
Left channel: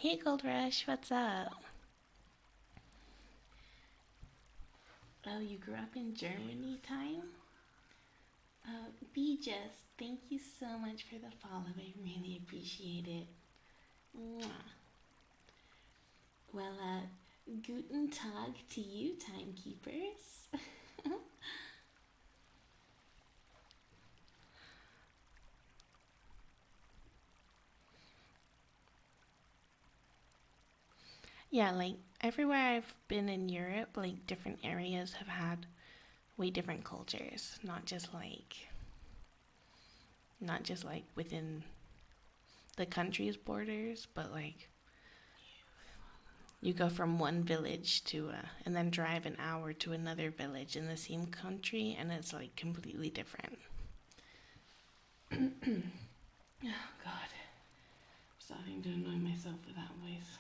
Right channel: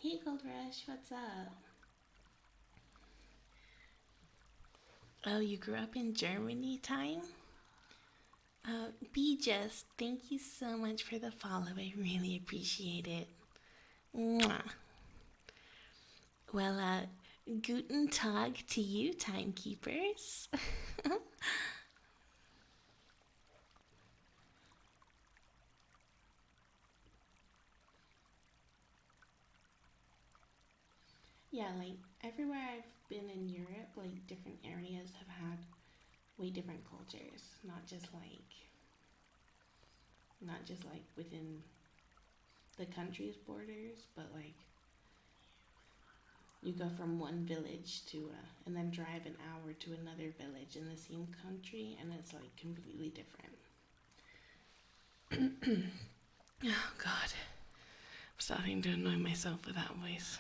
Hey, Gold Rush, what's up? Oh, you grew up in Germany time? Be Just, thank you so much for the follow. I really appreciate it. Mwah. Well, guten Tag to you, timekeepers. Yeah, like everywhere I've been in Europe, like different areas have had way different cultures, not just like within the country's borders, but like you go from one village to and then drive an hour to another village in the same country and it's like completely different. Oh god. I'm starting to annoy myself with that voice.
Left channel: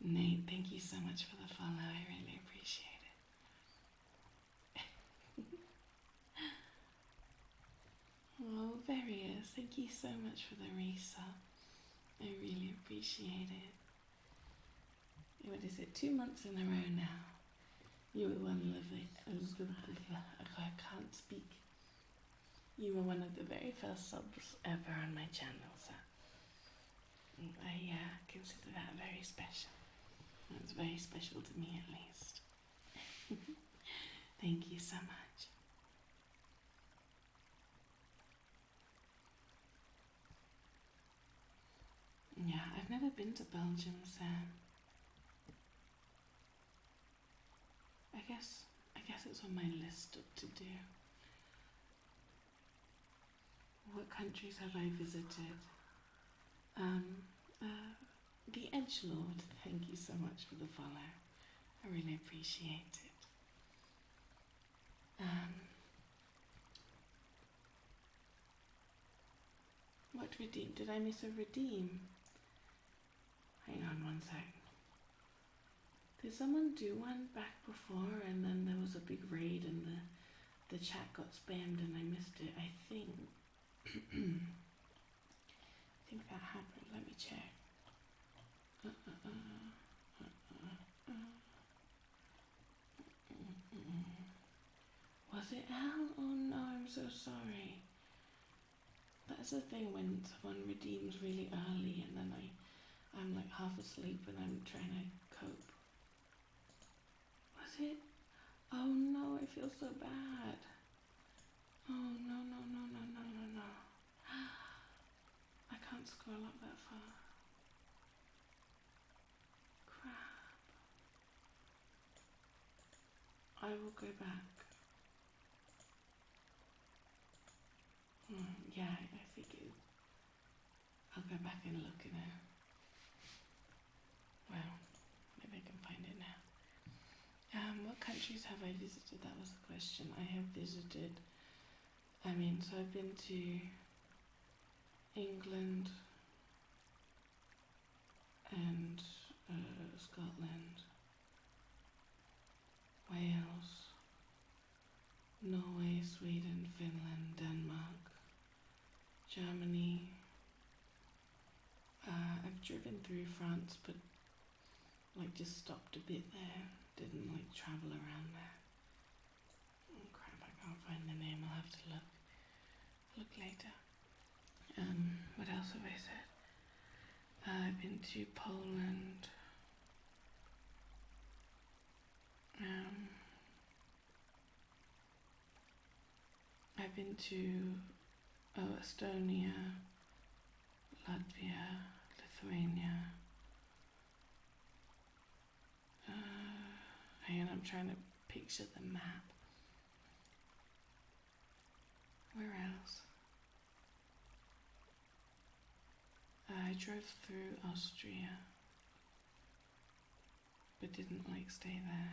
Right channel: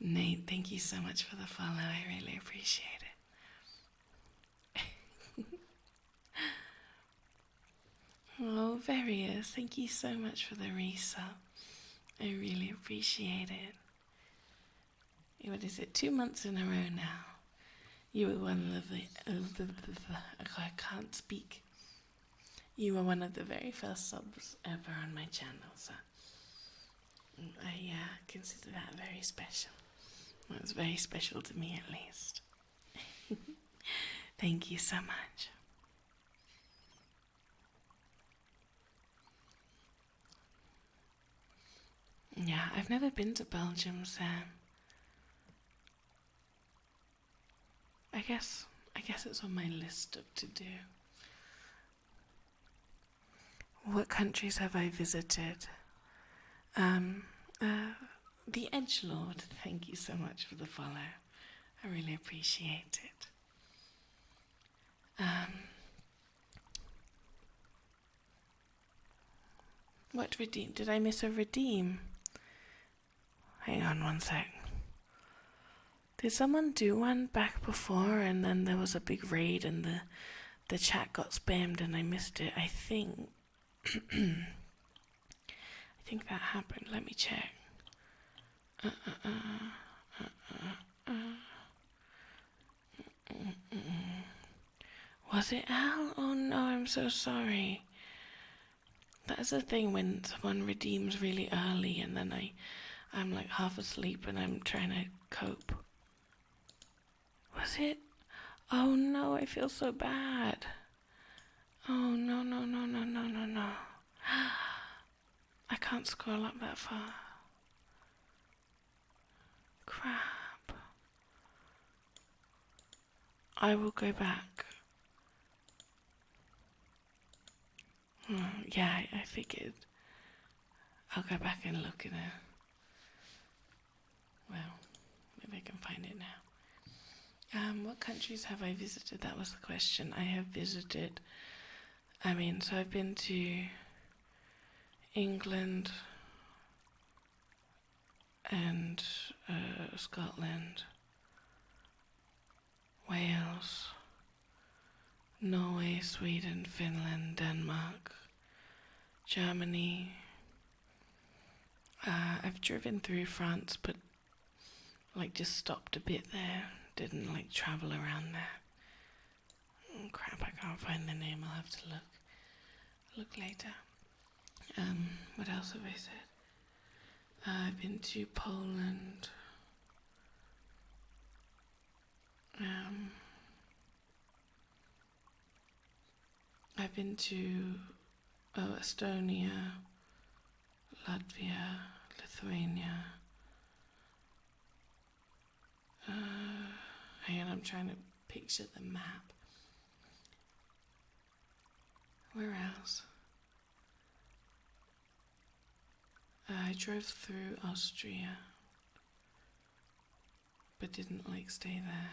Nate, thank you so much for the follow. I really appreciate it. Oh, Various, thank you so much for the resub. I really appreciate it. What is it? 2 months in a row now. You were one of I can't speak. You were one of the very first subs ever on my channel, so I consider that very special. Well, it's very special to me, at least. Thank you so much. Yeah, I've never been to Belgium, so I guess it's on my list of to do. What countries have I visited? Um, the Edgelord, thank you so much for the follow. I really appreciate it. What redeem? Did I miss a redeem? Hang on one sec. Did someone do one back before and then there was a big raid and the chat got spammed and I missed it? I think I think that happened. Let me check. Was it Al? Oh no, I'm so sorry. That's the thing when someone redeems really early and then I'm like half asleep and I'm trying to cope. Was it? Oh no, I feel so bad. Oh no. I can't scroll up that far. Crap. I will go back. Yeah, I figured. I'll go back and look at it. Well, maybe I can find it now. What countries have I visited? That was the question. I have visited, so I've been to England and Scotland, Wales, Norway, Sweden, Finland, Denmark, Germany. I've driven through France, but just stopped a bit there. Didn't travel around there. Oh, crap, I can't find the name. I'll have to look later. What else have I said? I've been to Poland. I've been to Estonia, Latvia, Lithuania. Hang on, I'm trying to picture the map. Where else? I drove through Austria, but didn't stay there.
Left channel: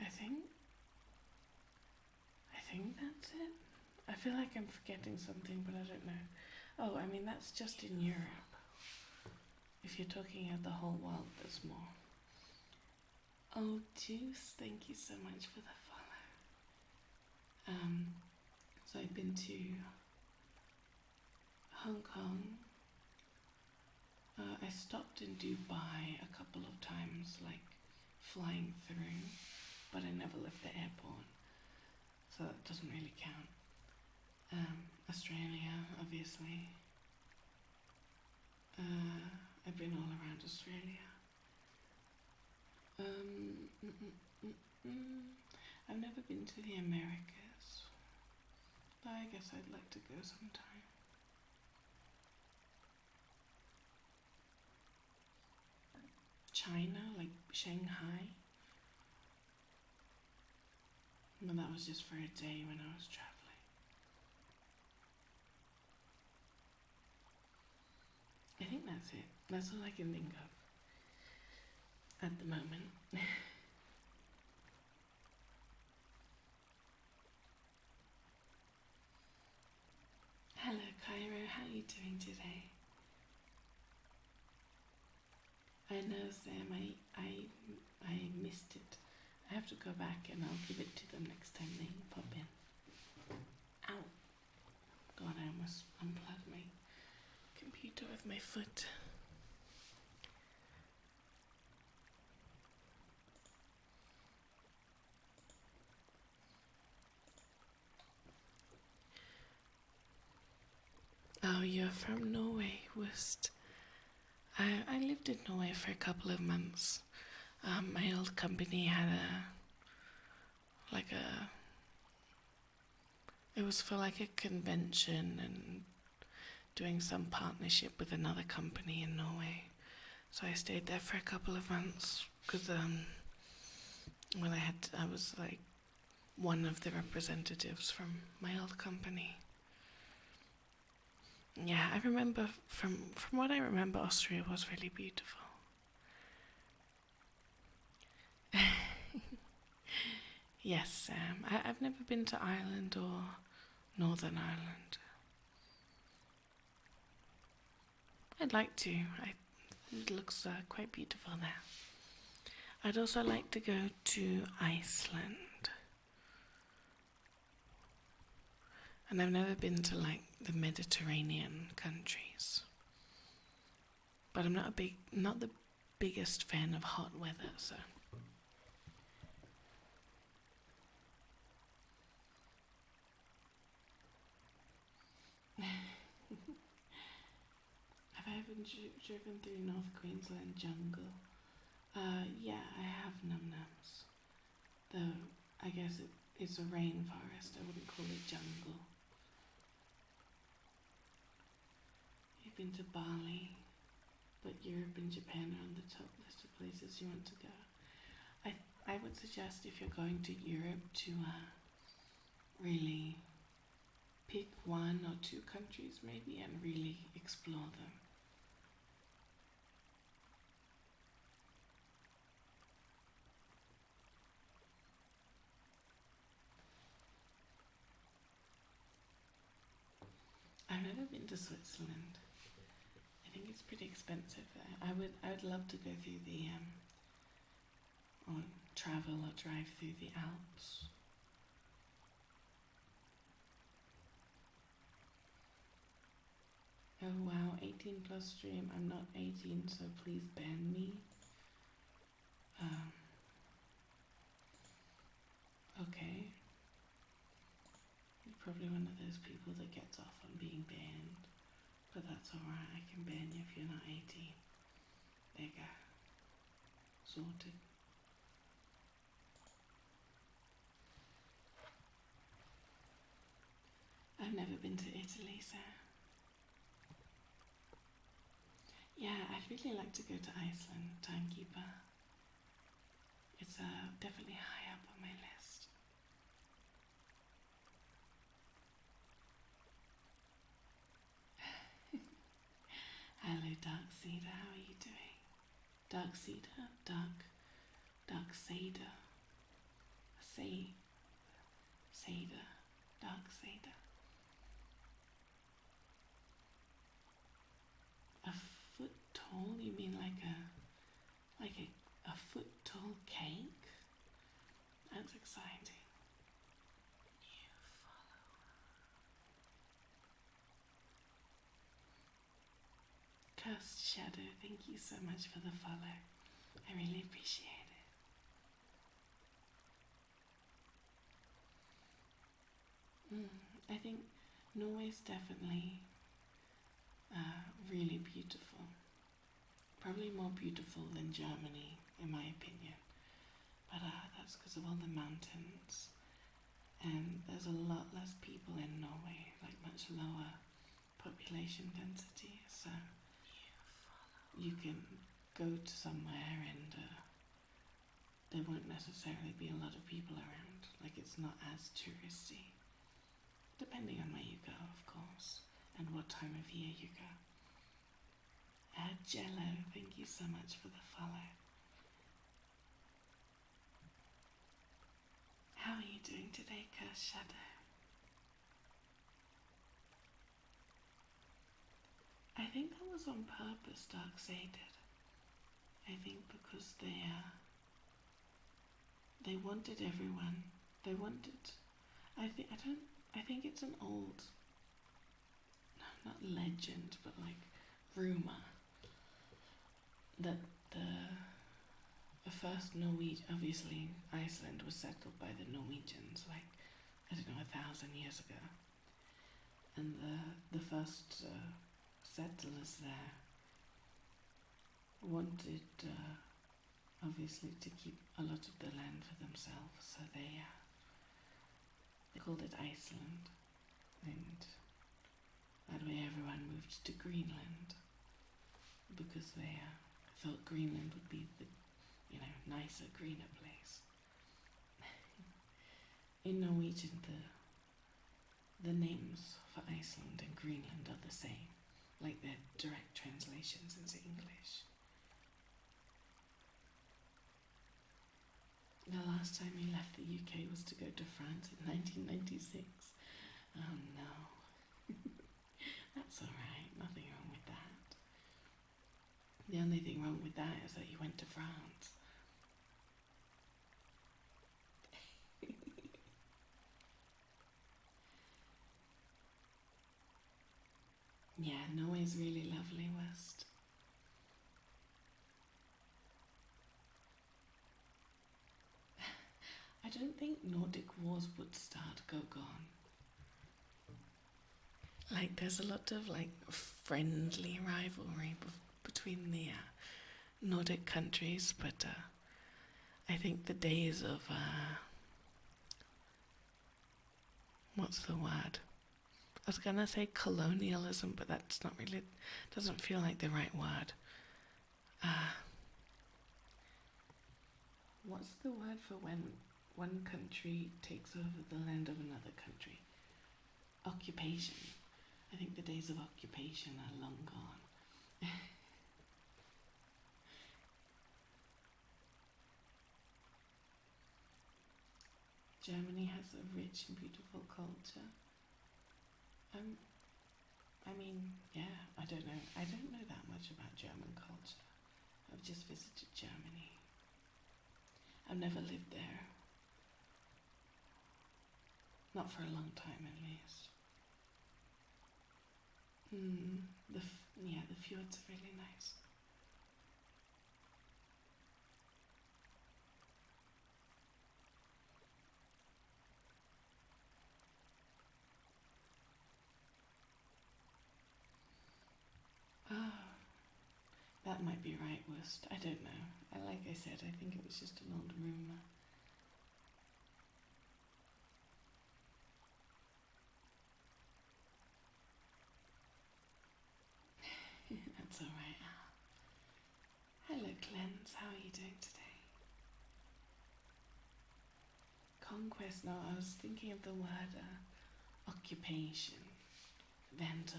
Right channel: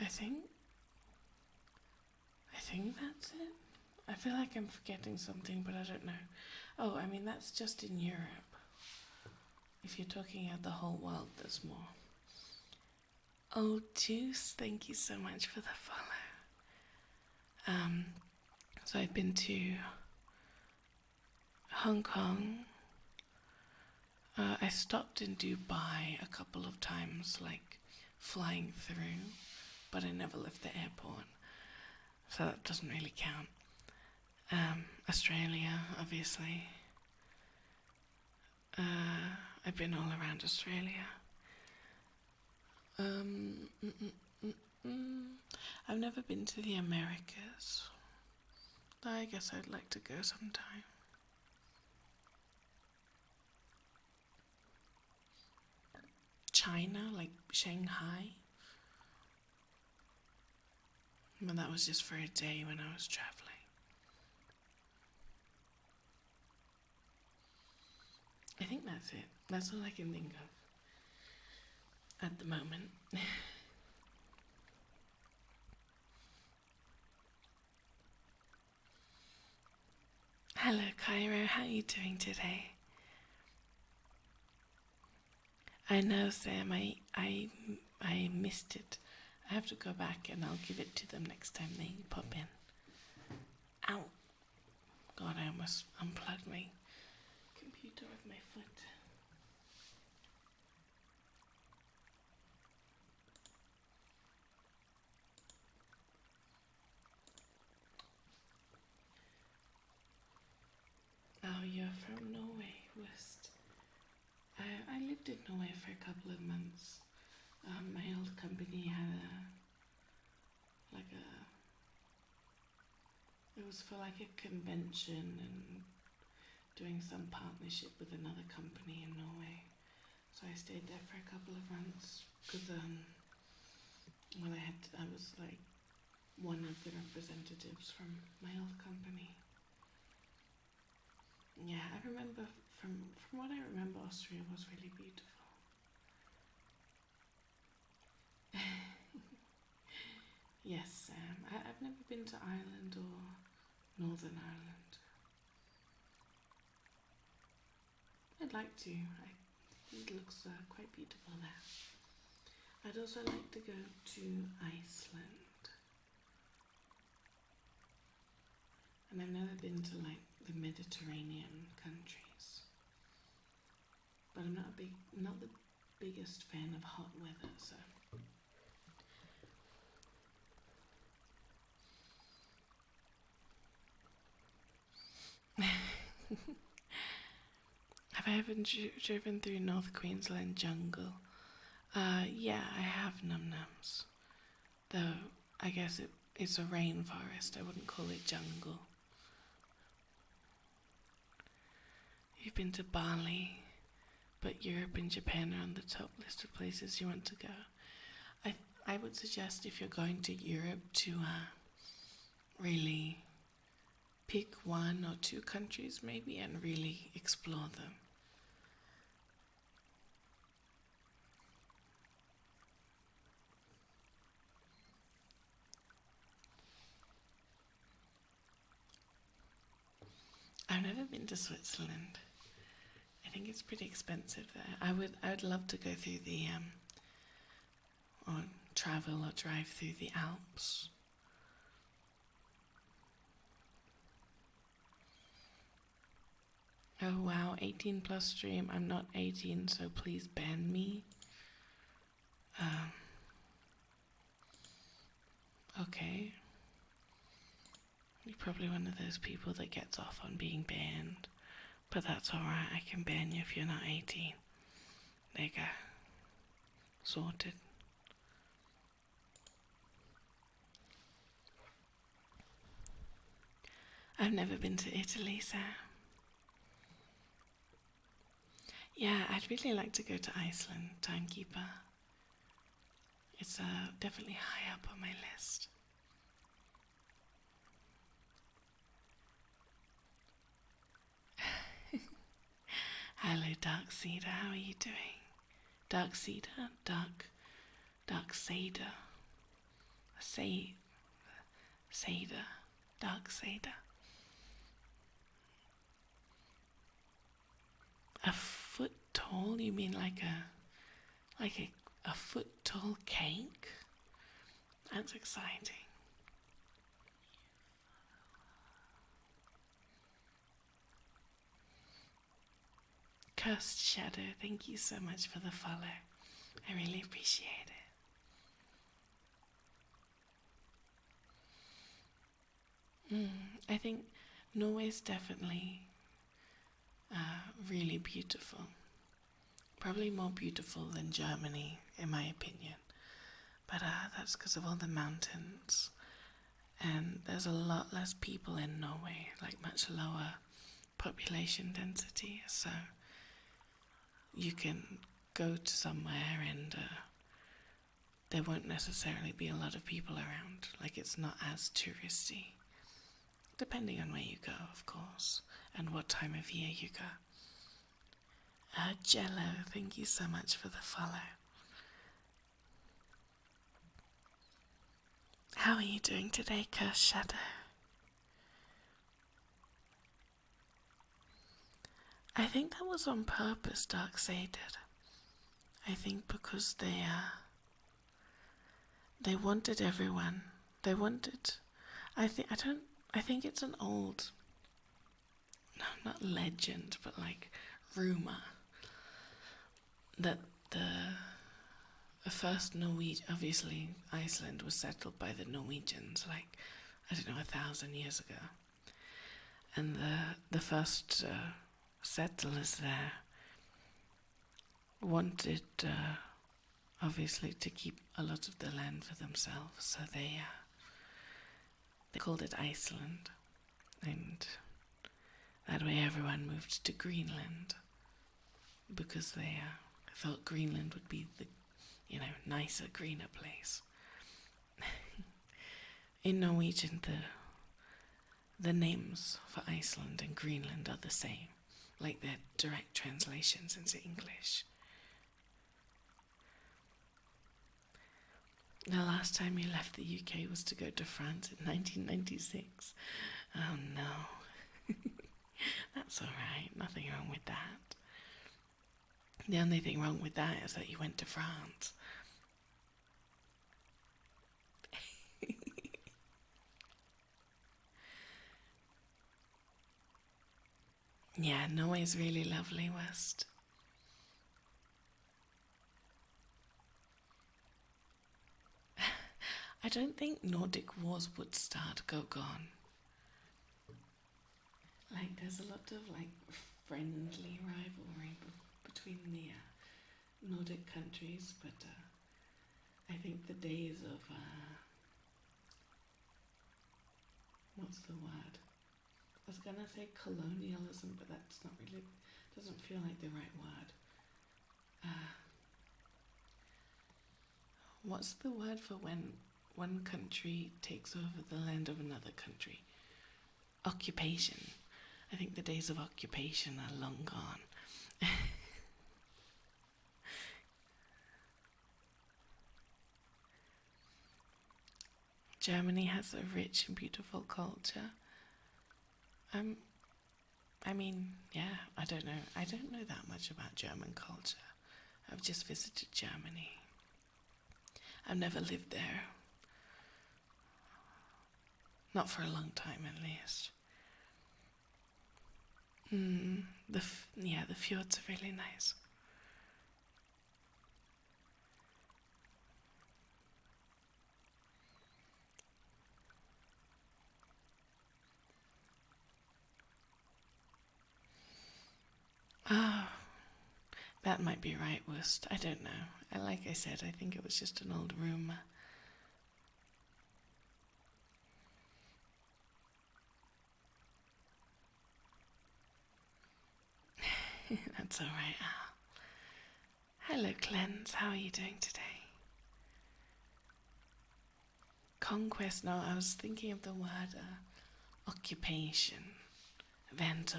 I think that's it. I feel like I'm forgetting something, but I don't know. Oh, that's just in Europe. If you're talking about the whole world, there's more. Oh, Juice, thank you so much for the follow. So I've been to Hong Kong. I stopped in Dubai a couple of times, flying through, but I never left the airport, so that doesn't really count. Australia, obviously. I've been all around Australia. I've never been to the Americas, though I guess I'd like to go sometime. China, Shanghai. But that was just for a day when I was traveling. I think that's it. That's all I can think of at the moment. Hello, Cairo. How are you doing today? I know, Sam. I missed it. I have to go back and I'll give it to them next time they pop in. Ow! God, I almost unplugged my computer with my foot. Oh, you're from Norway, Worst. I lived in Norway for a couple of months. My old company had it was for like a convention and doing some partnership with another company in Norway. So I stayed there for a couple of months because I was like one of the representatives from my old company. Yeah, I remember from what I remember, Austria was really beautiful. Yes, Sam. I've never been to Ireland or Northern Ireland. I'd like to. It looks quite beautiful there. I'd also like to go to Iceland. And I've never been to like the Mediterranean countries. But I'm not the biggest fan of hot weather, so. Have I ever driven through North Queensland jungle? Yeah, I have num-nums. Though, I guess it's a rainforest, I wouldn't call it jungle. You've been to Bali, but Europe and Japan are on the top list of places you want to go. I would suggest if you're going to Europe to really pick one or two countries maybe and really explore them. I've never been to Switzerland. I think it's pretty expensive there. I would love to go through the or travel or drive through the Alps. Oh wow, 18 plus stream. I'm not 18, so please ban me. Okay. You're probably one of those people that gets off on being banned. But that's alright, I can ban you if you're not 18. There you go. Sorted. I've never been to Italy, so. Yeah, I'd really like to go to Iceland, Timekeeper. It's definitely high up on my list. Hello, Dark Cedar, how are you doing? Dark Cedar? Dark Cedar. Cedar. Dark Cedar. A foot tall? You mean like a foot tall cake? That's exciting. Cursed Shadow, thank you so much for the follow. I really appreciate it. I think Norway's definitely really beautiful. Probably more beautiful than Germany, in my opinion. But that's because of all the mountains. And there's a lot less people in Norway, like much lower population density. So you can go to somewhere and there won't necessarily be a lot of people around. Like it's not as touristy. Depending on where you go, of course, and what time of year you go. Jello, thank you so much for the follow. How are you doing today, Cursed Shadow? I think that was on purpose, Darkseid did. I think because they wanted everyone. They wanted. I think it's an old, not legend, but like rumor that the first Norwegian, obviously Iceland was settled by the Norwegians, like I don't know, 1,000 years ago, and the first settlers there wanted, obviously, to keep a lot of the land for themselves, so they called it Iceland, and that way everyone moved to Greenland, because they thought Greenland would be the, nicer, greener place. In Norwegian, the names for Iceland and Greenland are the same, like they're direct translations into English. The last time you left the UK was to go to France in 1996. Oh no. That's alright, nothing wrong with that. The only thing wrong with that is that you went to France. Yeah, Norway's really lovely, West. I don't think Nordic wars would start go gone. Like, there's a lot of, friendly rivalry between the Nordic countries, but I think the days of, what's the word? I was gonna say colonialism, but that's not really, doesn't feel like the right word. What's the word for when one country takes over the land of another country? Occupation. I think the days of occupation are long gone. Germany has a rich and beautiful culture. I mean, yeah, I don't know. I don't know that much about German culture. I've just visited Germany. I've never lived there. Not for a long time, at least. The fjords are really nice. Ah, that might be right, Wust. I don't know. Like I said, I think it was just an old rumour. That's alright. Hello, Cleanse. How are you doing today? Conquest. No, I was thinking of the word occupation. Vendor.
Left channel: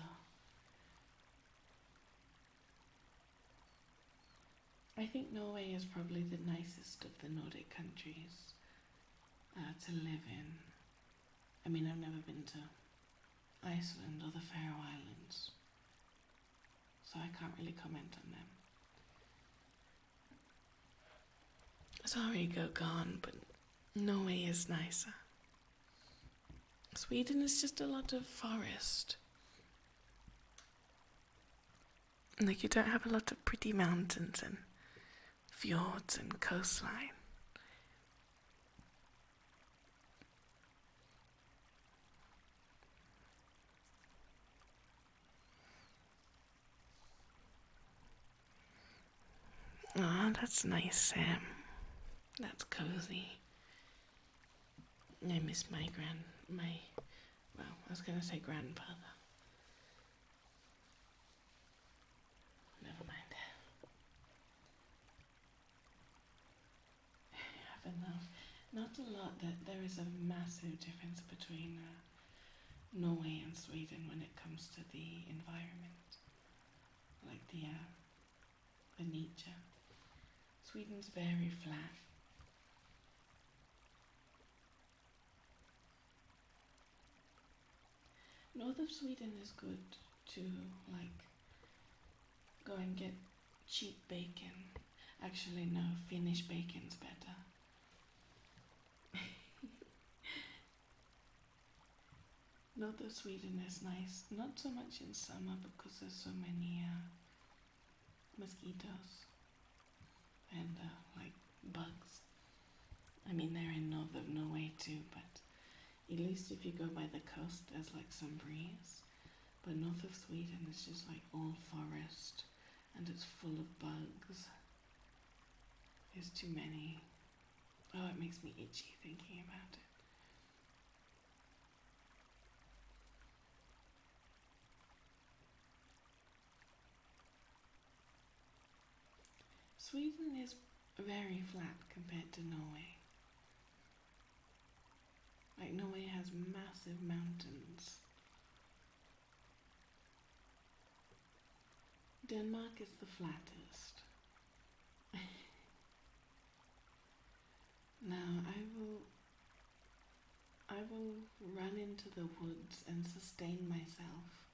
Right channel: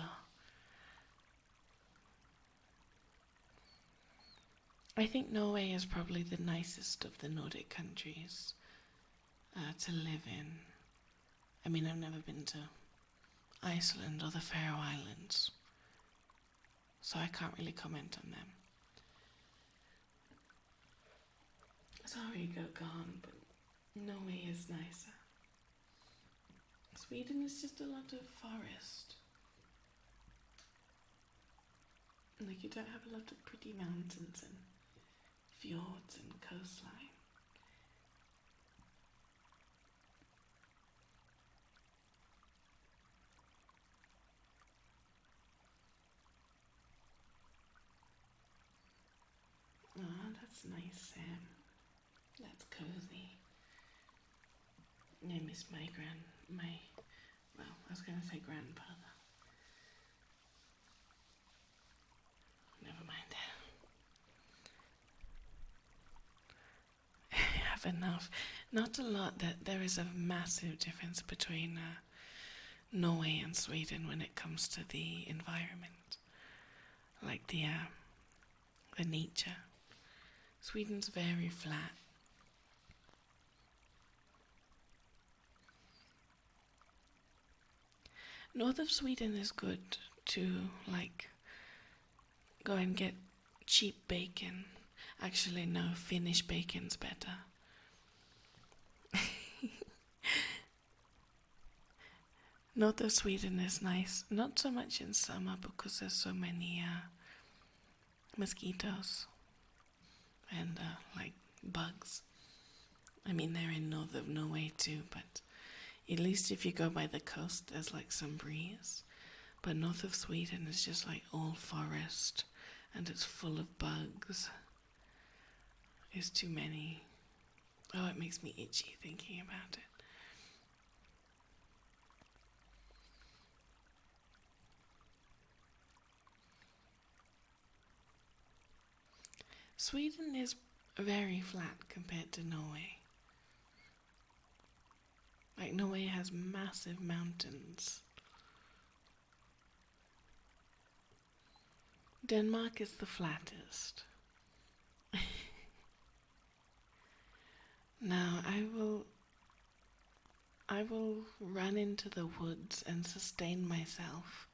I think Norway is probably the nicest of the Nordic countries to live in. I mean, I've never been to Iceland or the Faroe Islands, so I can't really comment on them. Sorry, go gone, but Norway is nicer. Sweden is just a lot of forest. Like, you don't have a lot of pretty mountains and fjords and coastline. Oh, that's nice, Sam. That's cozy. I miss I was going to say grandfather. Never mind. I have enough. Not a lot. There is a massive difference between Norway and Sweden when it comes to the environment. Like the nature. Sweden's very flat. North of Sweden is good to, go and get cheap bacon. Actually, no, Finnish bacon's better. North of Sweden is nice, not so much in summer because there's so many mosquitoes and bugs. I mean, they're in north of Norway too, but at least if you go by the coast, there's some breeze. But north of Sweden is just all forest and it's full of bugs. There's too many. Oh, it makes me itchy thinking about it. Sweden is very flat compared to Norway. Like, Norway has massive mountains. Denmark is the flattest. Now, I will run into the woods and sustain myself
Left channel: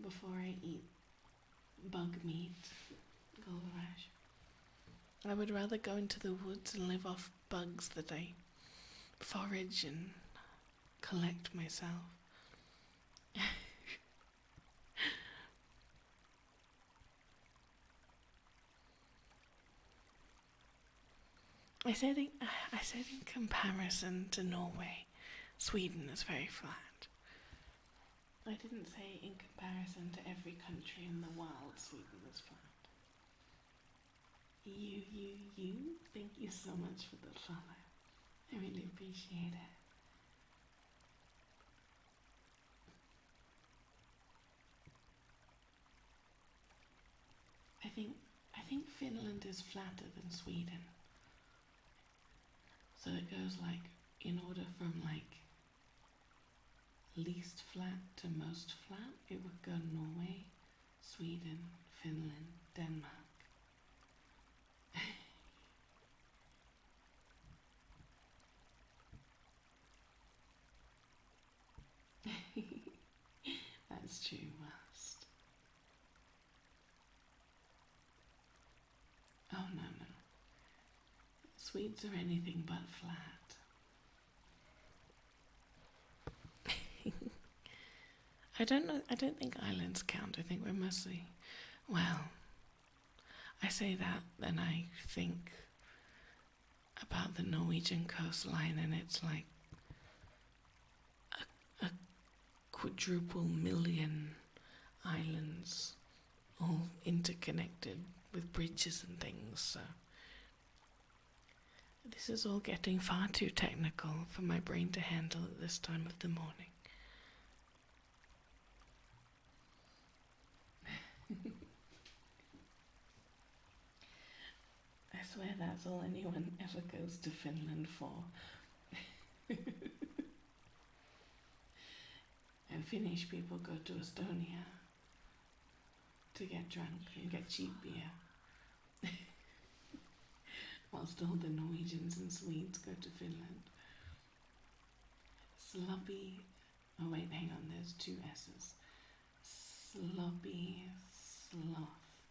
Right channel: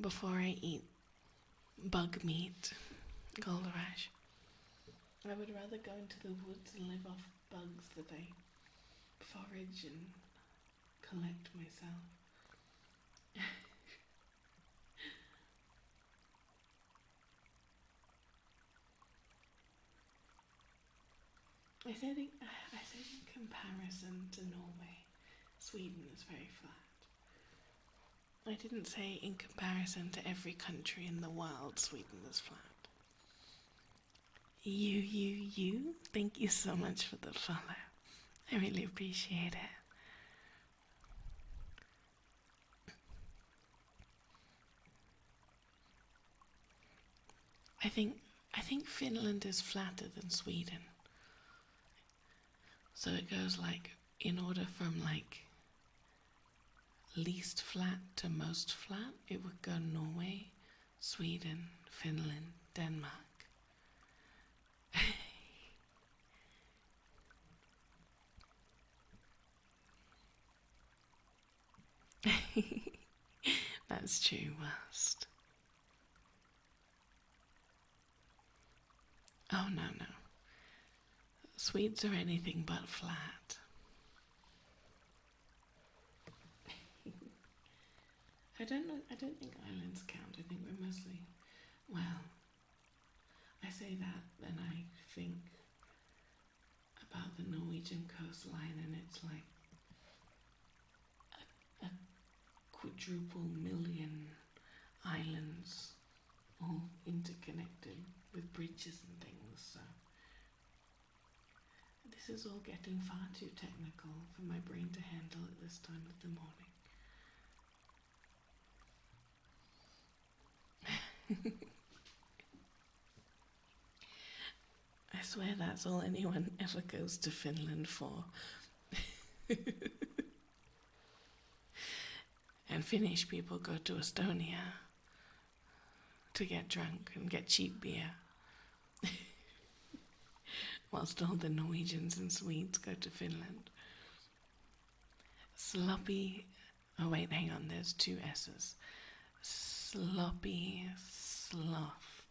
before I eat bug meat, Goldrash. I would rather go into the woods and live off bugs that I forage and collect myself. I said in comparison to Norway, Sweden is very flat. I didn't say in comparison to every country in the world, Sweden is flat. You, thank you so much for the follow. I really appreciate it. I think Finland is flatter than Sweden. So it goes like, in order from like least flat to most flat, it would go Norway, Sweden, Finland, Denmark. That's true, West. Oh, no. Swedes are anything but flat. I don't think islands count. I think we're mostly, well, I say that, then I think about the Norwegian coastline, and it's like a quadruple million islands, all interconnected with bridges and things, so this is all getting far too technical for my brain to handle at this time of the morning. I swear that's all anyone ever goes to Finland for. And Finnish people go to Estonia to get drunk and get cheap beer. Whilst all the Norwegians and Swedes go to Finland. Sloppy, oh wait, hang on, there's two S's. Sloppy sloth.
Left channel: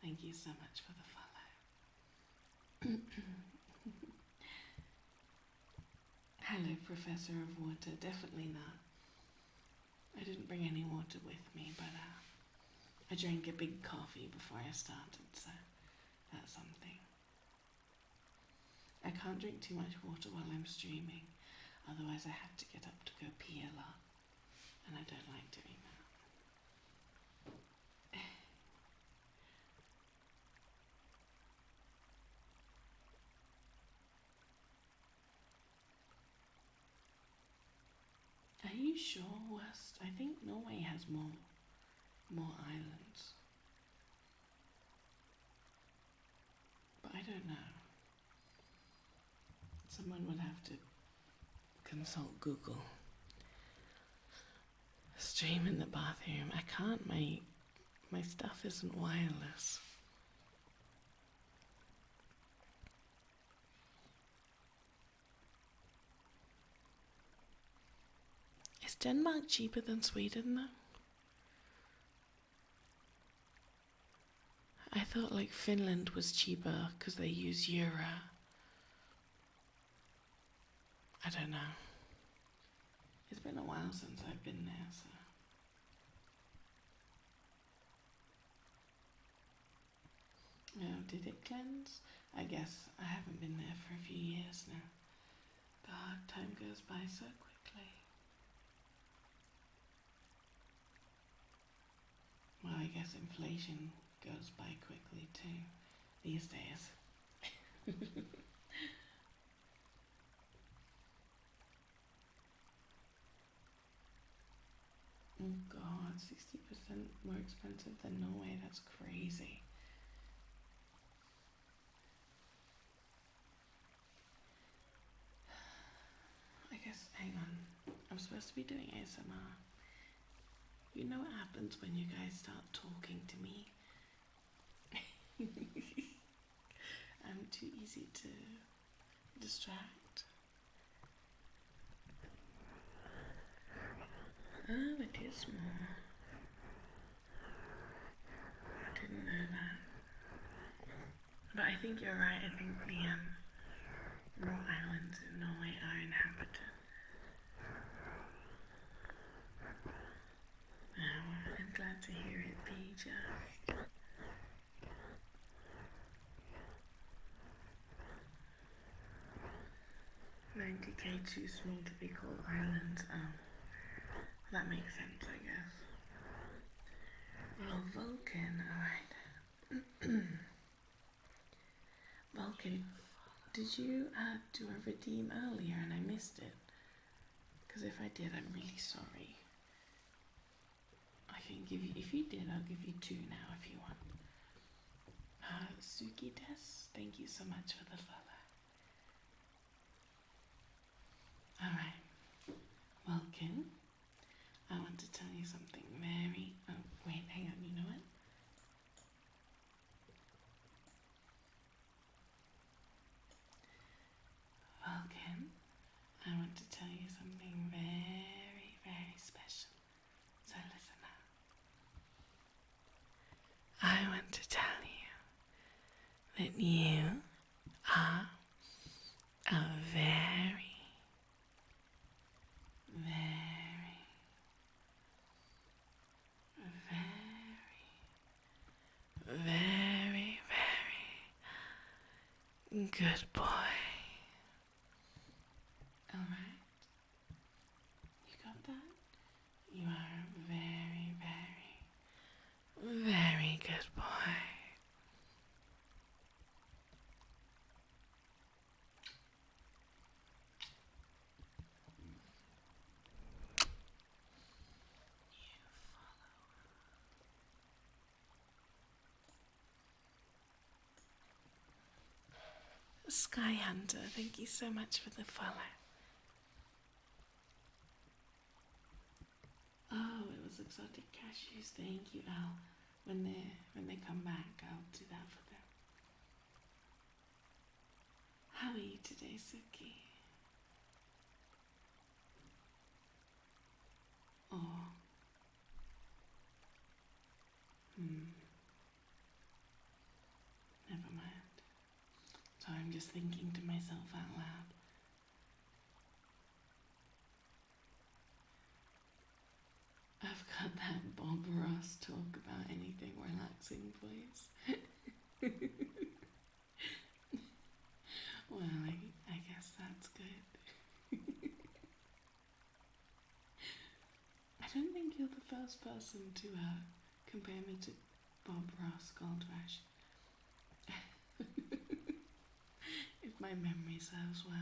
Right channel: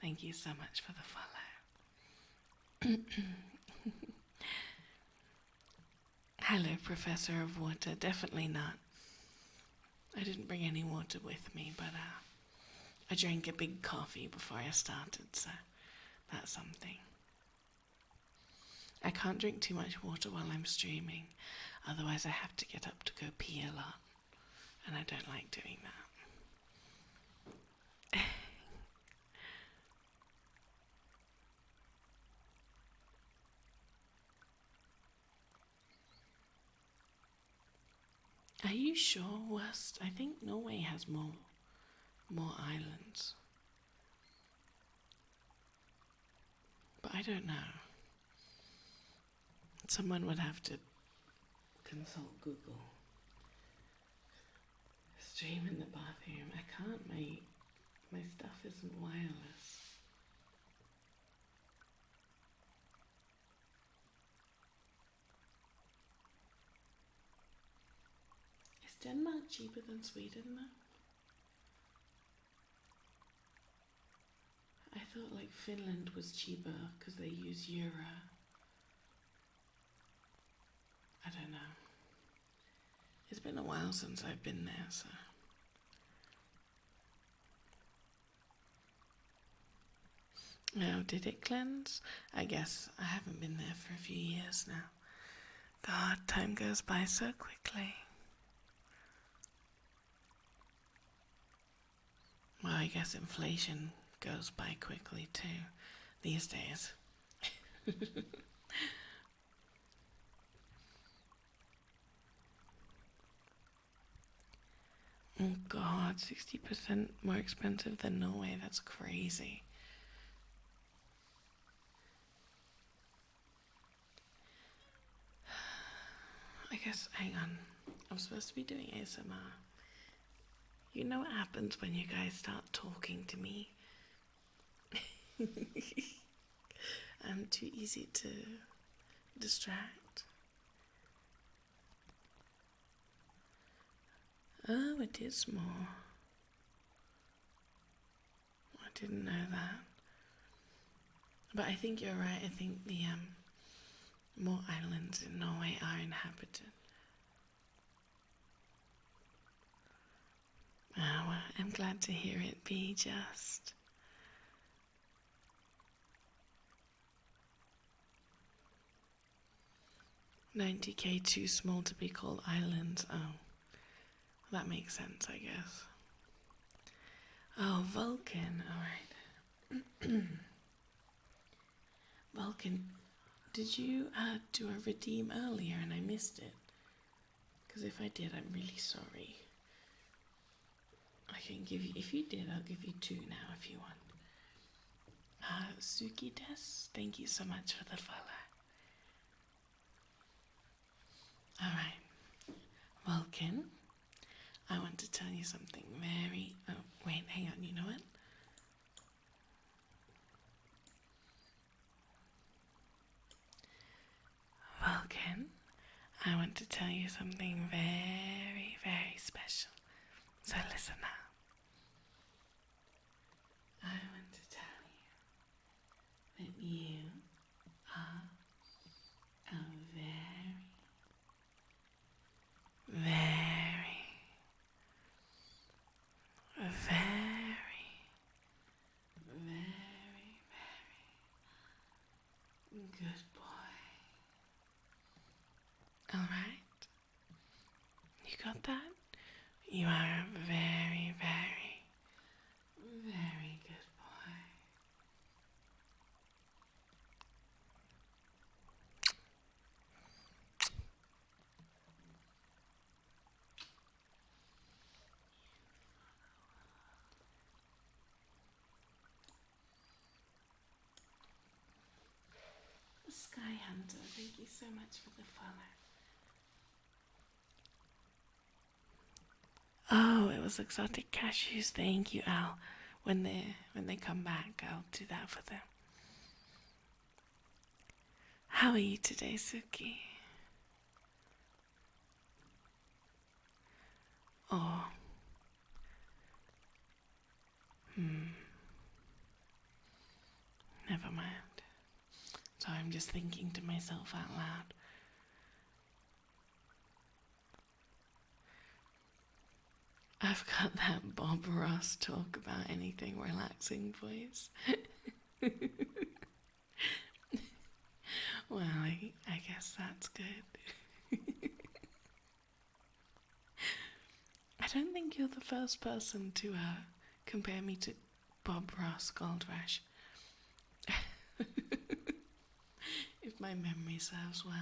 Thank you so much for the follow. Hello, Professor of Water. Definitely not. I didn't bring any water with me, but I drank a big coffee before I started, so that's something. I can't drink too much water while I'm streaming, otherwise I have to get up to go pee a lot, and I don't like doing that. Are you sure, West? I think Norway has more islands. But I don't know. Someone would have to consult Google. Stream in the bathroom. I can't, my stuff isn't wireless. Is Denmark cheaper than Sweden though? I thought like Finland was cheaper because they use euro. I don't know. It's been a while since I've been there, so. Now, did it cleanse? I guess I haven't been there for a few years now. God, time goes by so quickly. Well, I guess inflation goes by quickly too these days. Oh god, 60% more expensive than Norway, that's crazy. I guess, hang on, I'm supposed to be doing ASMR. You know what happens when you guys start talking to me? I'm too easy to distract. Oh, it is small. I didn't know that. But I think you're right. I think the more islands in Norway are inhabited. Oh, well, I'm glad to hear it be just. $90K too small to be called islands. Oh, that makes sense, I guess. Oh, Vulcan, alright. Vulcan, did you do a redeem earlier and I missed it? Because if I did, I'm really sorry. I can give you, if you did, I'll give you 2 now if you want. Suki Des, thank you so much for the follow. Alright, Vulcan, I want to tell you something very, oh wait, hang on, you know what? Vulcan, I want to tell you something very, very special. So listen now. I want to tell you that you are a very, very, very, very, very good boy. Alright? You got that? You are a very, very, very good boy. Sky Hunter, thank you so much for the follow. Oh, it was exotic cashews. Thank you, Al. When they come back, I'll do that for them. How are you today, Suki? Oh. Never mind. So I'm just thinking to myself out loud. I've got that Bob Ross talk about anything relaxing voice. Well, I guess that's good. I don't think you're the first person to compare me to Bob Ross Gold Rush. If my memory serves well.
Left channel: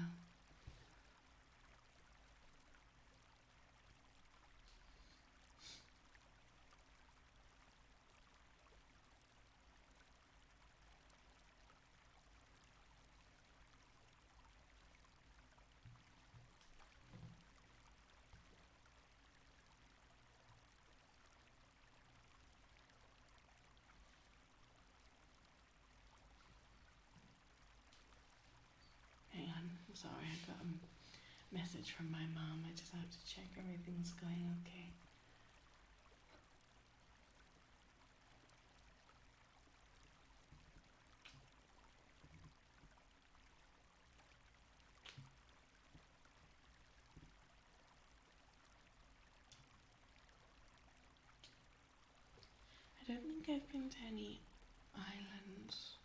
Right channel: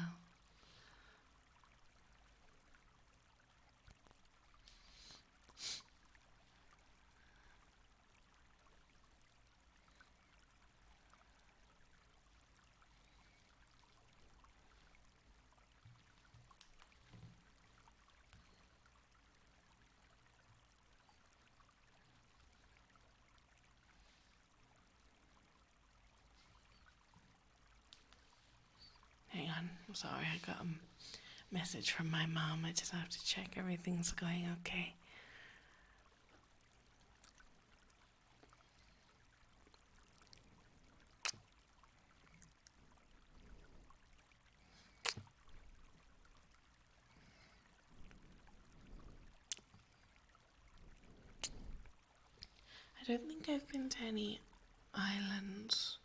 Hang on, I'm sorry, I got a message from my mom. I just have to check everything's going okay. I don't think I've been to any islands.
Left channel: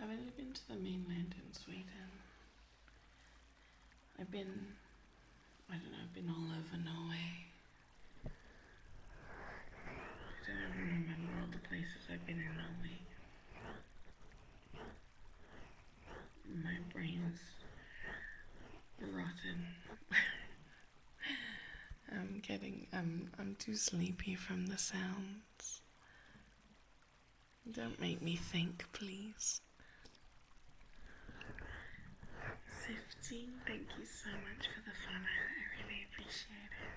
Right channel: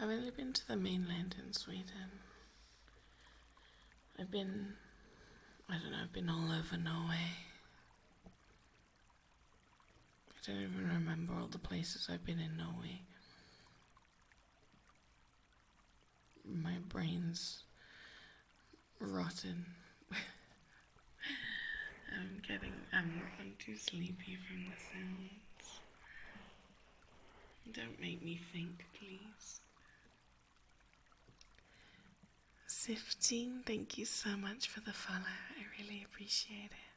I've only been to the mainland in Sweden. I've been all over Norway. don't even remember all the places I've been in Norway. My brain's rotten. I'm too sleepy from the sounds. Don't make me think, please. Sifteen, thank you so much for the follow. I really appreciate it.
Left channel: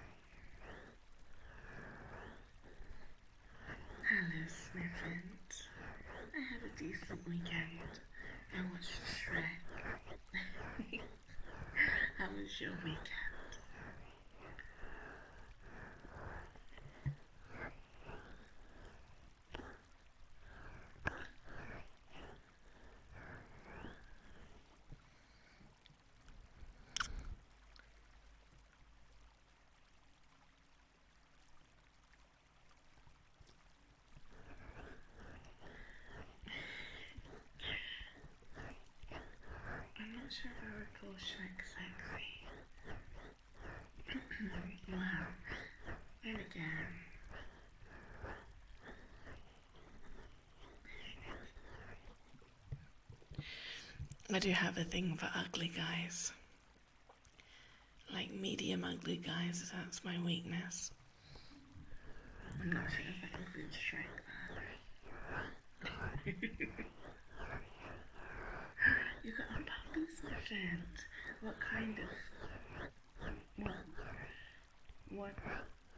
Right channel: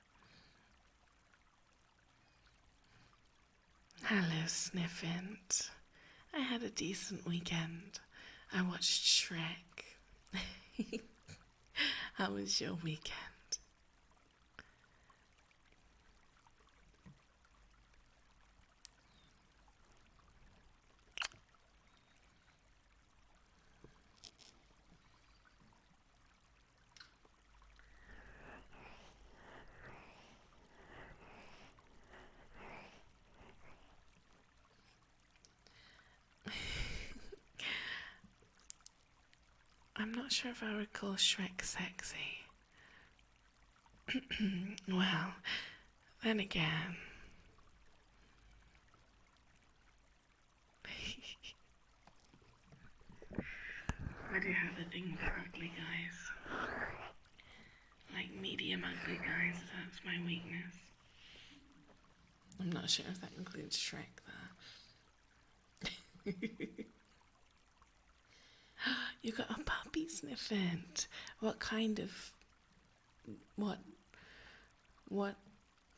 Hello, Sniffant. I had a decent weekend. I watched Shrek. How was your weekend? I'm not sure if I would call Shrek sexy. Well, then again. I do have a thing for ugly guys. Like medium ugly guys, that's my weakness. I'm not sure if that includes Shrek there. You got a puppy, Sniffant. What kind of... What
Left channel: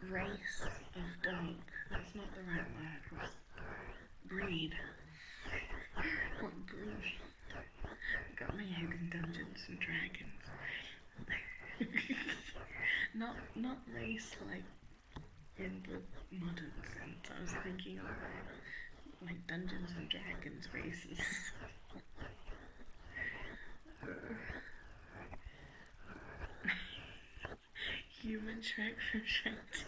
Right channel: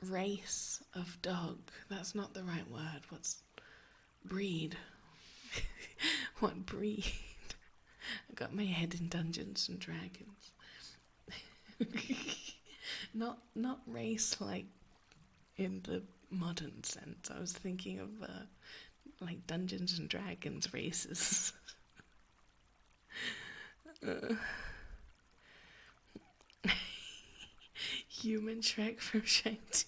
race of dog? That's not the right word. What's... breed? What breed? I got my head in Dungeons and Dragons. Not race like in the modern sense. I was thinking of like Dungeons and Dragons races. Human Shrek from Shrek 2.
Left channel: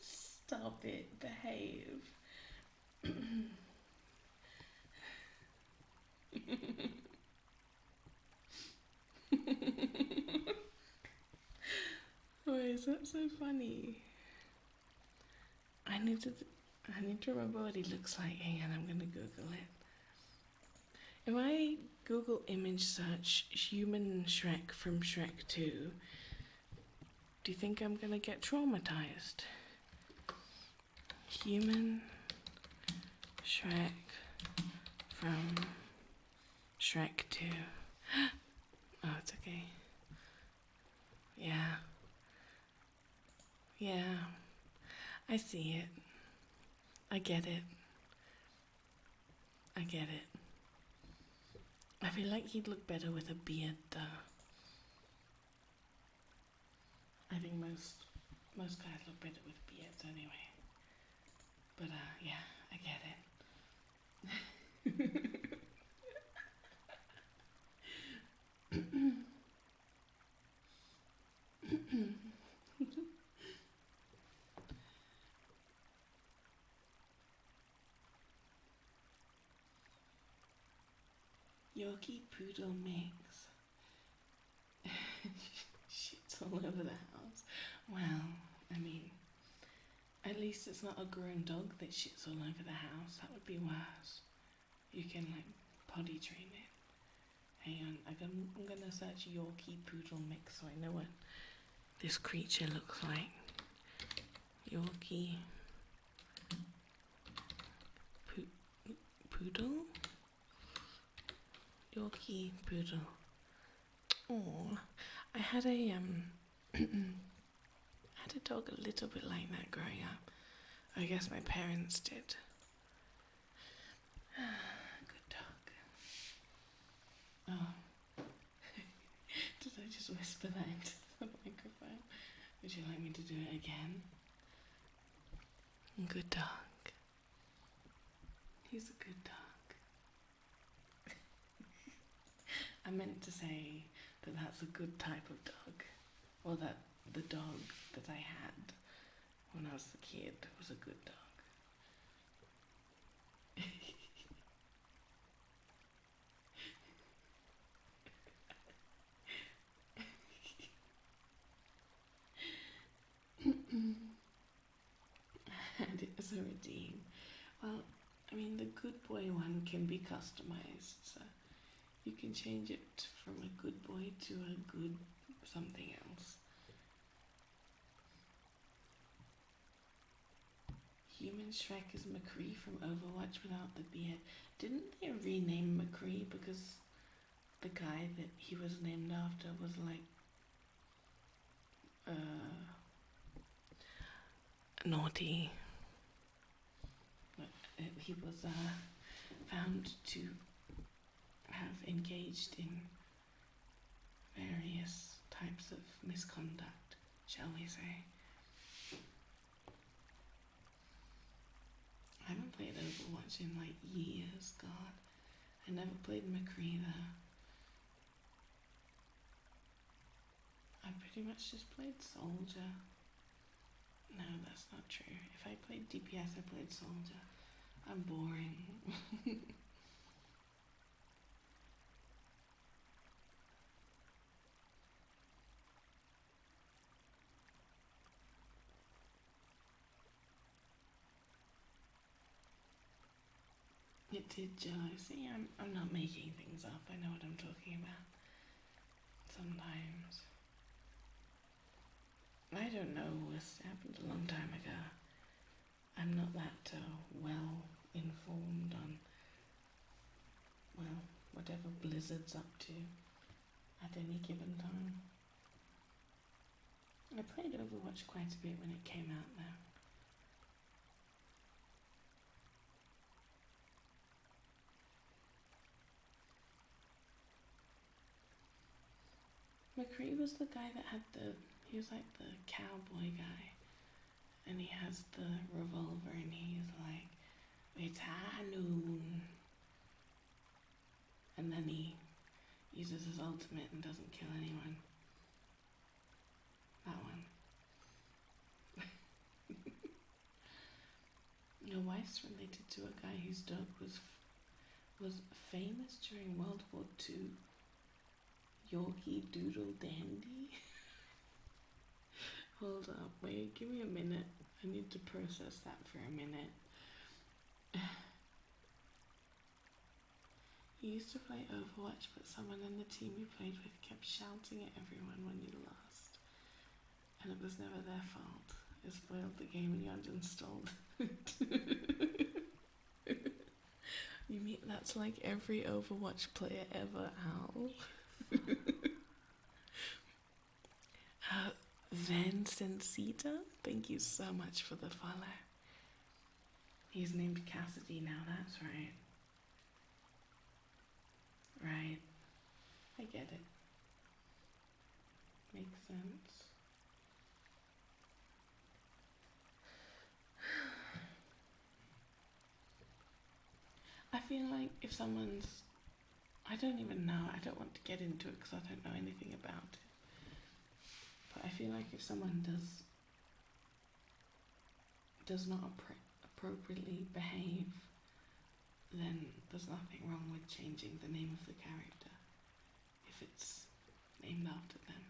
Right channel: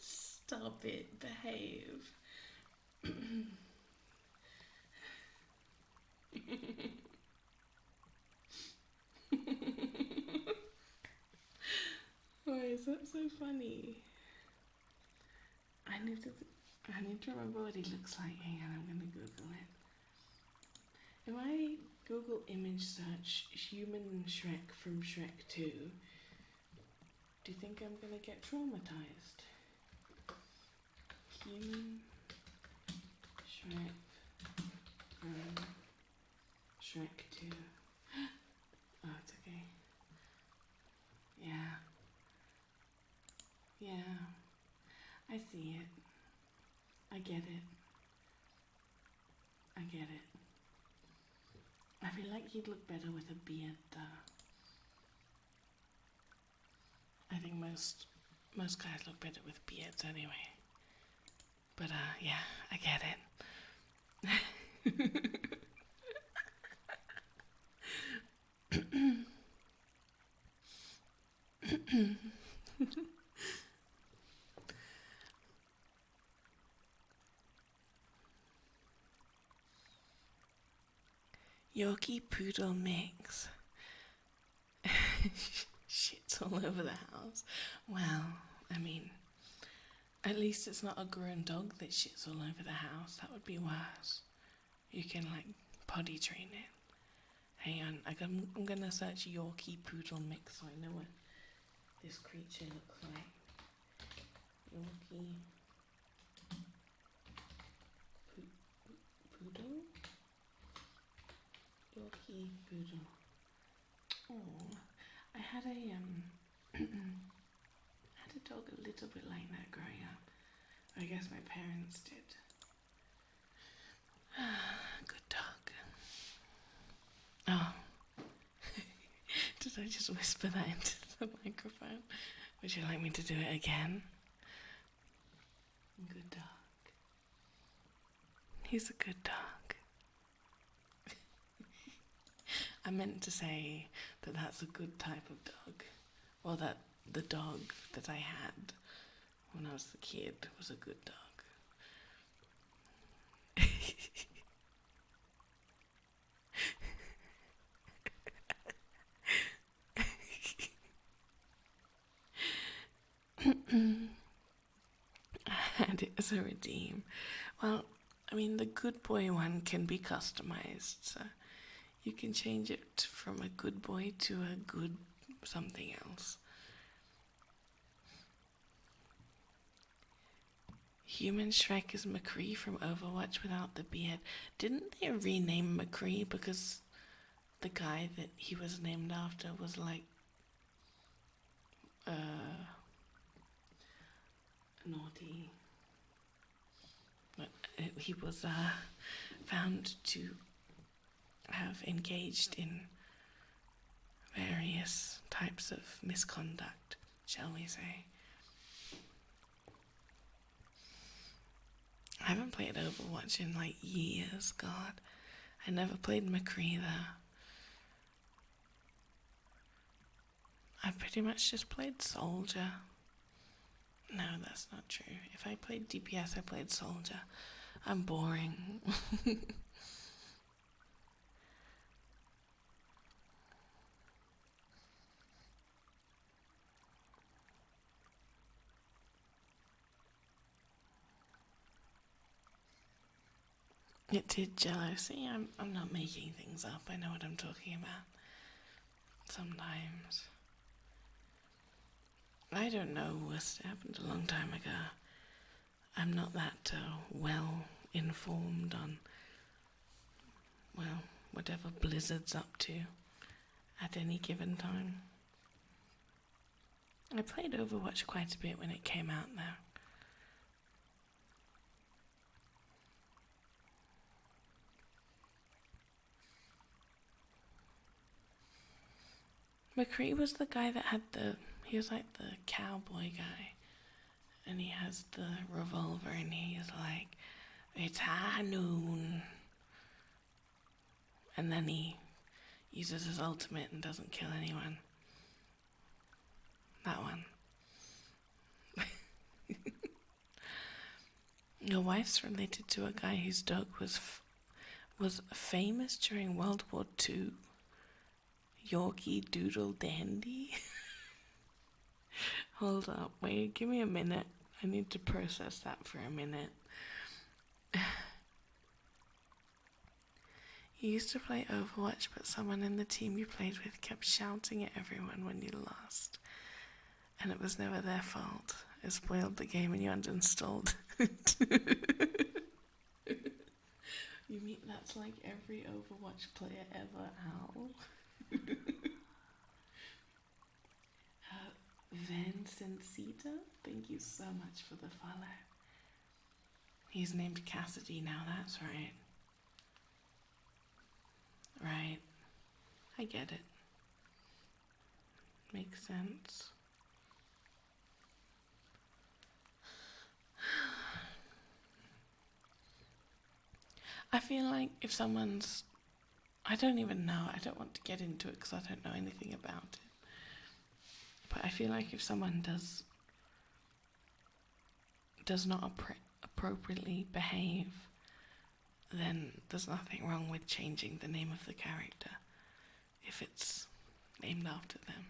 Stop it, behave. Why is that so funny? I need to remember what he looks like. Hang on, I'm gonna Google it. If I Google image search human Shrek from Shrek 2, do you think I'm gonna get traumatized? Human Shrek from Shrek 2. Oh, it's okay. Yeah. Yeah. I see it. I get it. I get it. I feel like he'd look better with a beard though. I think most guys look better with beards anyway. But yeah, I get it. Yorkie Poodle mix. Shit's all over the house. Well, I mean, at least it's not a grown dog that shits all over the house. That would be worse. You can like potty train it. Hang on, I'm gonna search Yorkie Poodle mix so I know what this creature looks like. Yorkie Poodle? Yorkie Poodle. Oh, I had a dog a little bit like that growing up. I guess my parents did. Good dog. Oh. Did I just whisper that into the microphone? Would you like me to do it again? Good dog. He's a good dog. I meant to say that that's a good type of dog. Or that the dog that I had when I was a kid was a good dog. And it as a redeem. Well, I mean, the good boy one can be customized, so you can change it from a good boy to a good something else. Human Shrek is McCree from Overwatch without the beard. Didn't they rename McCree because the guy that he was named after was like naughty? He was found to have engaged in various types of misconduct, shall we say. I haven't played Overwatch in like years, God. I never played McCree though. I pretty much just played Soldier. No, that's not true. If I played DPS, I played Soldier. I'm boring. It did Jello. See, I'm not making things up. I know what I'm talking about. Sometimes. I don't know. It happened a long time ago. I'm not that well informed on, well, whatever Blizzard's up to at any given time. I played Overwatch quite a bit when it came out though. McCree was the guy that had he was like the cowboy guy. And he has the revolver and he's like, it's high noon. And then he uses his ultimate and doesn't kill anyone. That one. Your wife's related to a guy whose dog was famous during World War II. Yorkie Doodle Dandy. Hold up, wait, give me a minute. I need to process that for a minute. You used to play Overwatch, but someone in the team you played with kept shouting at everyone when you lost. And it was never their fault. It spoiled the game and you uninstalled it. You mean that's like every Overwatch player ever, Al? Vincentita, thank you so much for the follow. He's named Cassidy now, that's right. Right. I get it. Makes sense. I feel like if someone's... I don't even know. I don't want to get into it because I don't know anything about it. But I feel like if someone does not appropriately behave, then there's nothing wrong with changing the name of the character if it's named after them.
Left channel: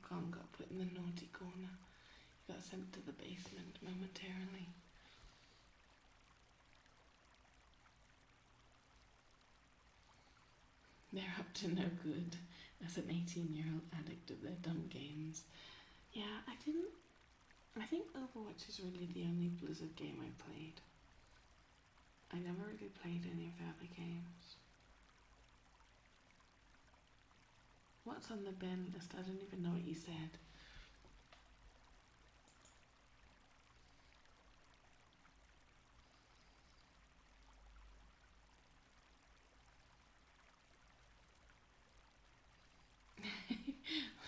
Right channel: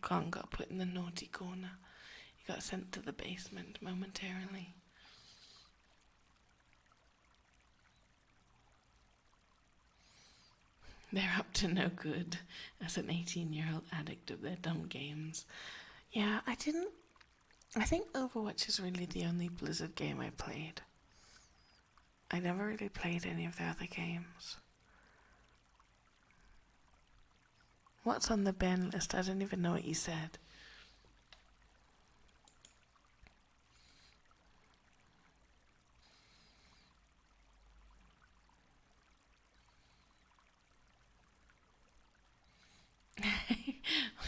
Khan got put in the naughty corner. He got sent to the basement momentarily. They're up to no good as an 18-year-old addict of their dumb games. Yeah, I think Overwatch is really the only Blizzard game I played. I never really played any of their other games. What's on the ban list? I don't even know what you said.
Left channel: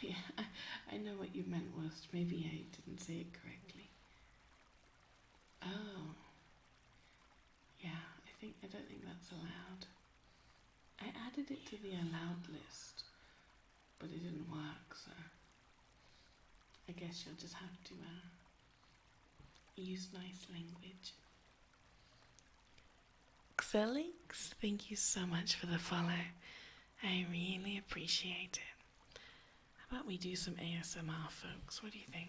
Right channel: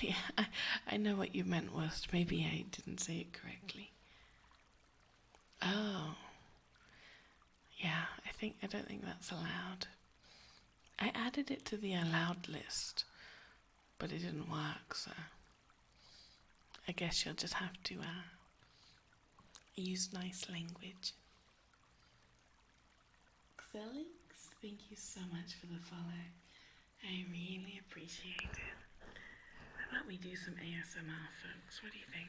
Yeah, I know what you meant was maybe I didn't say it correctly. Oh. that's allowed. I added it to the allowed list, but it didn't work, so I guess you'll just have to use nice language. Xelix, thank you so much for the follow. I really appreciate it. How about we do some ASMR, folks? What do you think?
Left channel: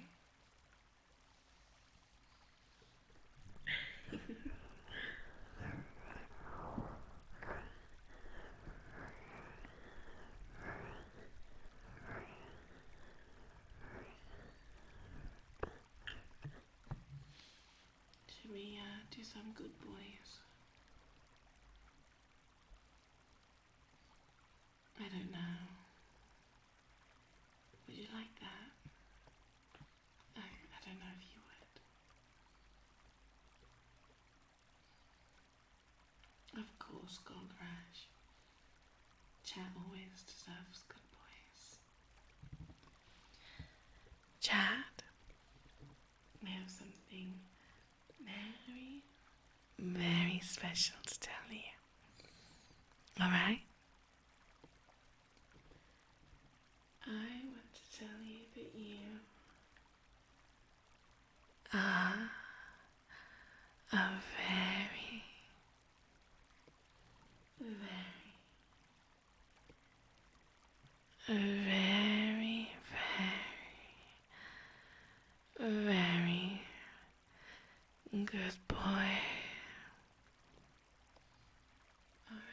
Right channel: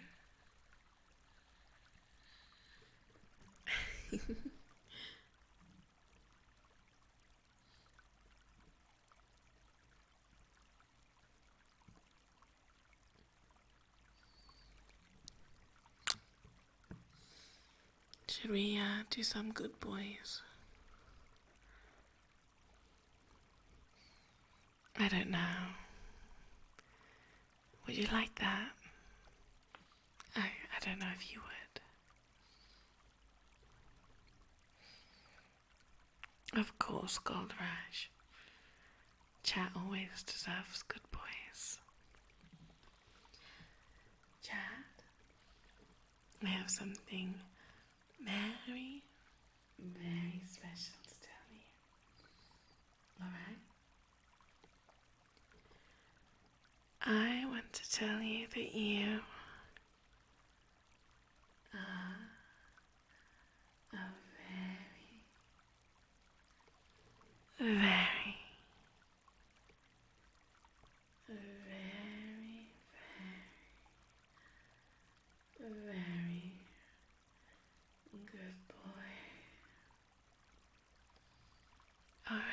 Should we do some good boys? I don't know. Would you like that? I don't know if you would. Of course, Gold Rush. Chat always deserves good boys. Chat, I have something very, very special to tell you. Alright? I want to tell you that you are a very, very, very, very good boy. Alright.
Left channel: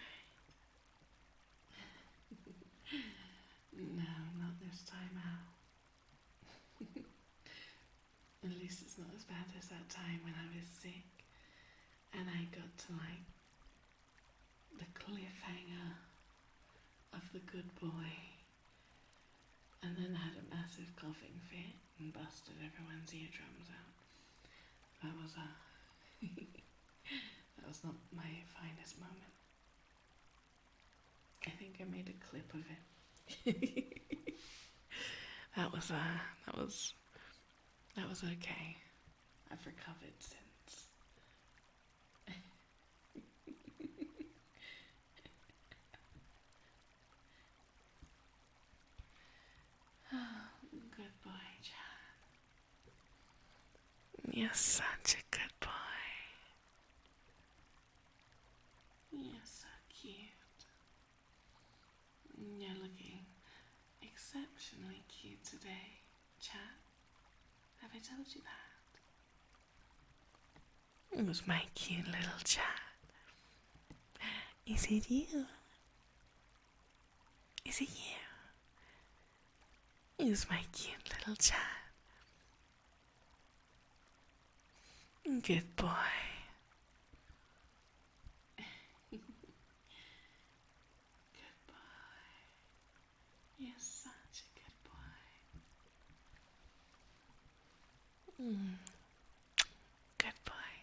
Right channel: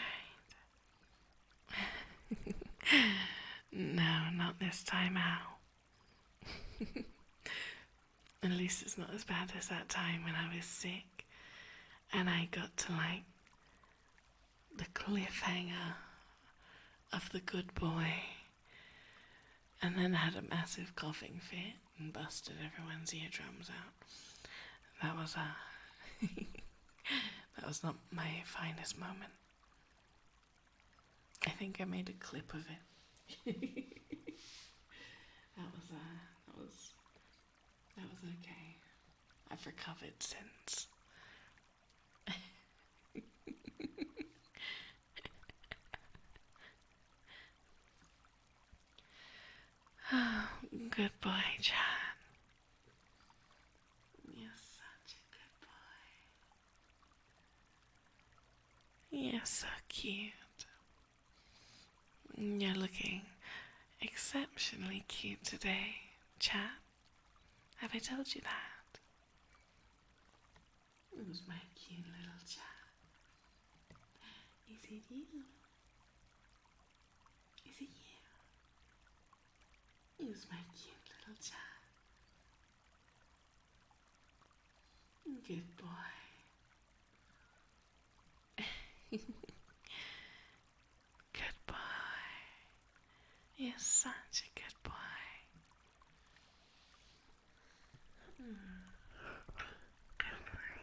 No, not this time out. At least it's not as bad as that time when I was sick and I got to like the cliffhanger of the good boy and then had a massive coughing fit and busted everyone's eardrums out. That was that was not my finest moment. I think I made a clip of it. That was okay. I've recovered since. Oh, good boy, Chad. You're such a good boy. You're so cute. You're looking exceptionally cute today, Chad. Have I told you that? It was my cute little Chad. Is it you? Is it you? It was my cute little Chad. Good boy. Good boy. You're such a good boy. Good boy.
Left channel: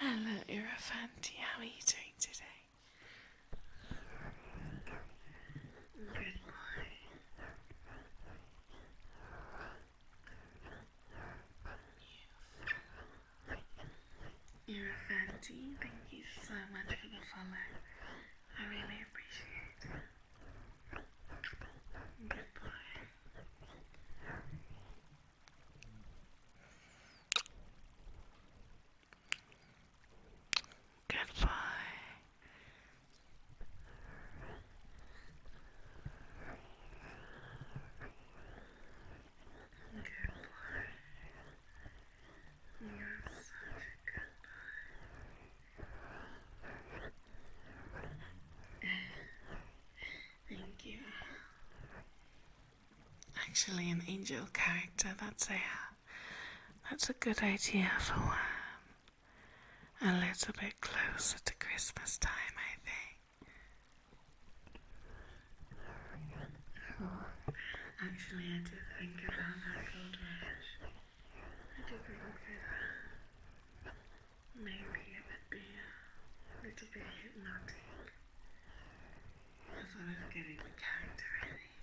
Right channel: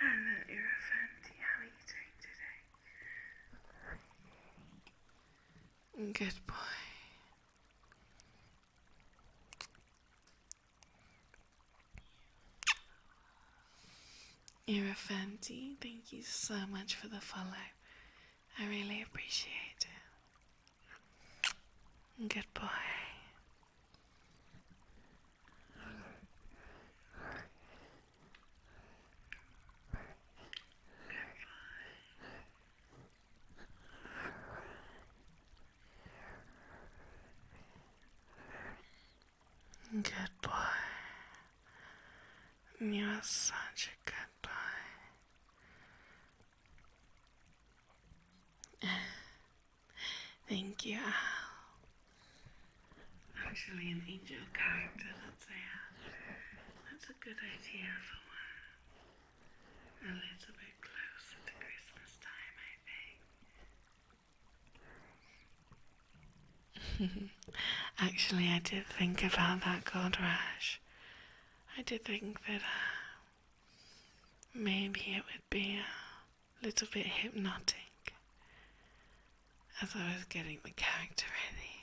Hello, Irrefanti. How are you doing today? Good boy. Irrefanti, thank you so much for the follow. I really appreciate it. Good boy. Good boy. Good boy. You are such a good boy. Thank you, Al. Actually, an angel character, that's a good idea for one. A little bit closer to Christmas time, I think. Actually, I did think about that, Gold Rush. I did think that maybe it would be a little bit hypnotic as I was getting the character ready.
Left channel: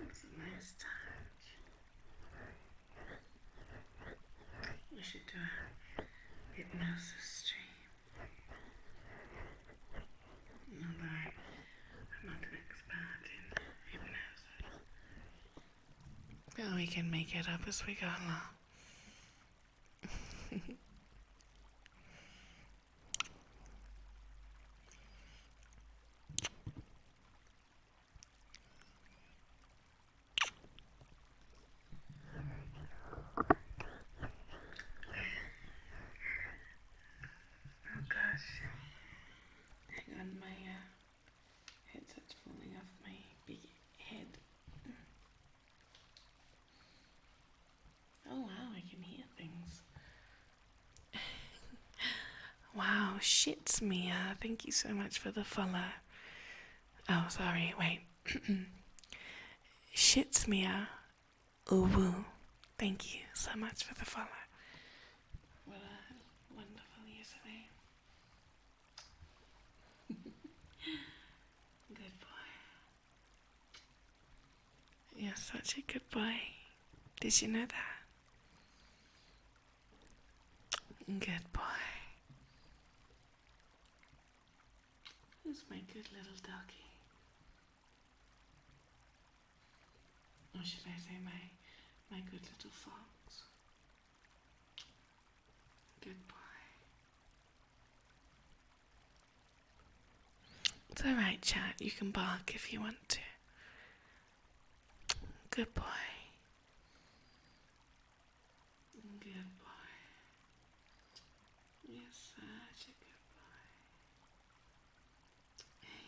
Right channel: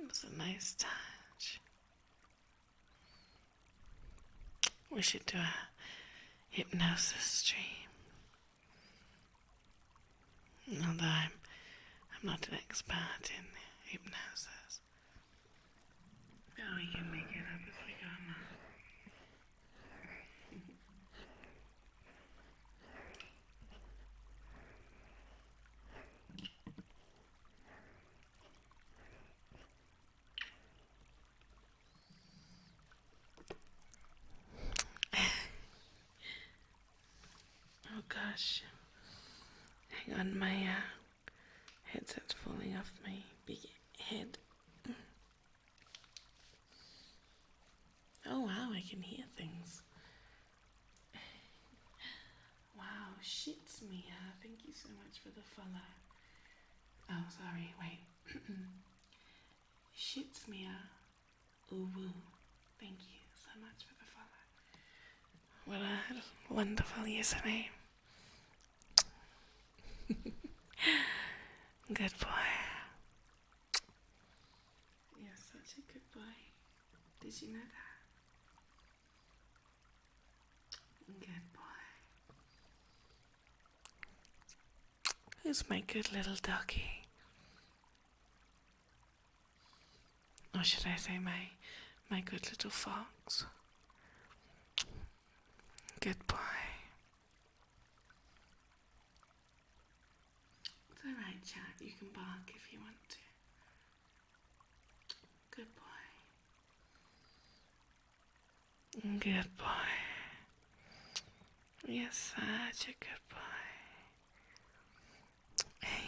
It was a nice touch. We should do hypnosis stream. Although I'm not an expert in hypnosis. But we can make it up as we go along. Oh gosh. Hang on, my headset's falling off my big head. Oh wow, I can hear things. Wow, shits, Mia. Thank you so much for the follow. Oh, sorry, wait. Shits, Mia. Uwu. Thank you so much for the follow. What a wonderful username. Good boy. You're such a good boy. Did you know that? Good boy. Who's my good little doggy? Or should I say my good little fox? Good boy. It's alright, chat. You can bark if you want to. Good boy. Good boy. You're such a good boy.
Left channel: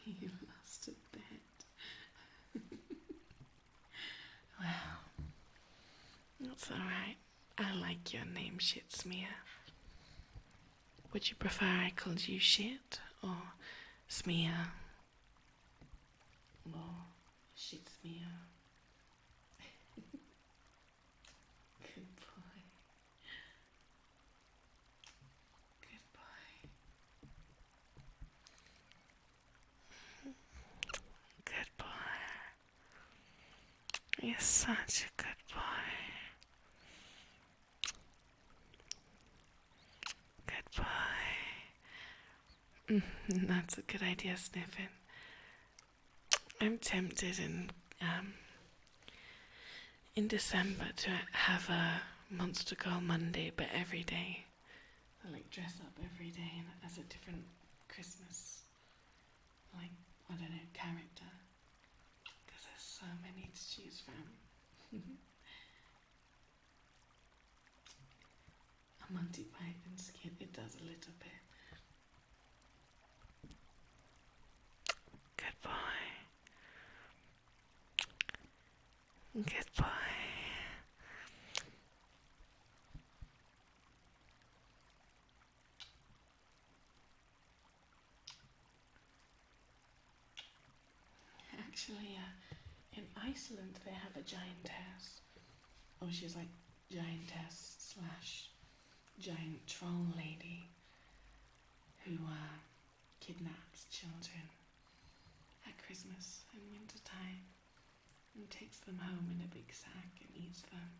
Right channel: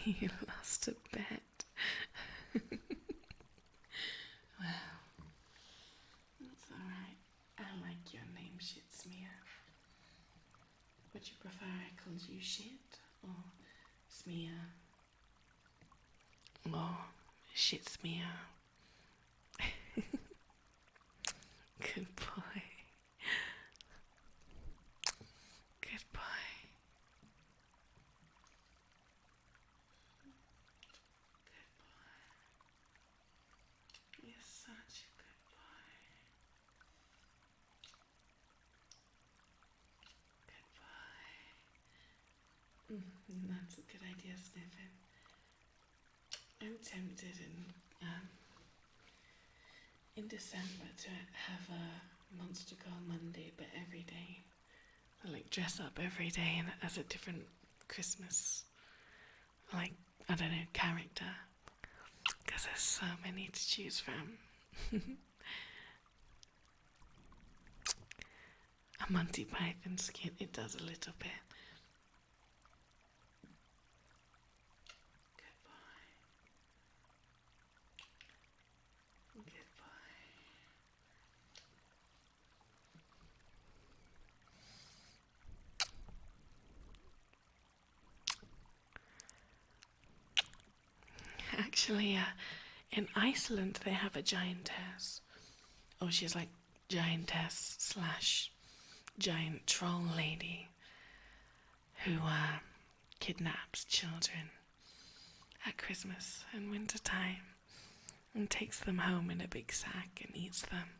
You lost a bet. Well, that's alright. I like your name, Shitsmere. Would you prefer I called you Shit or Smear or Shitsmere? Good boy. Good boy. Good boy. You're such a good boy. Good boy. That's a good idea, Sniffin. I'm tempted in December to have a Monster Girl Monday, but every day. I like dress up every day and as a different Christmas, like, I don't know, character. Because there's so many to choose from. A Monty Python skin, it does a little bit. Good boy. Good boy. Actually, in Iceland they have a giantess. Oh, she's like giantess slash giant troll lady who kidnaps children at Christmas and winter time and takes them home in a big sack and eats them.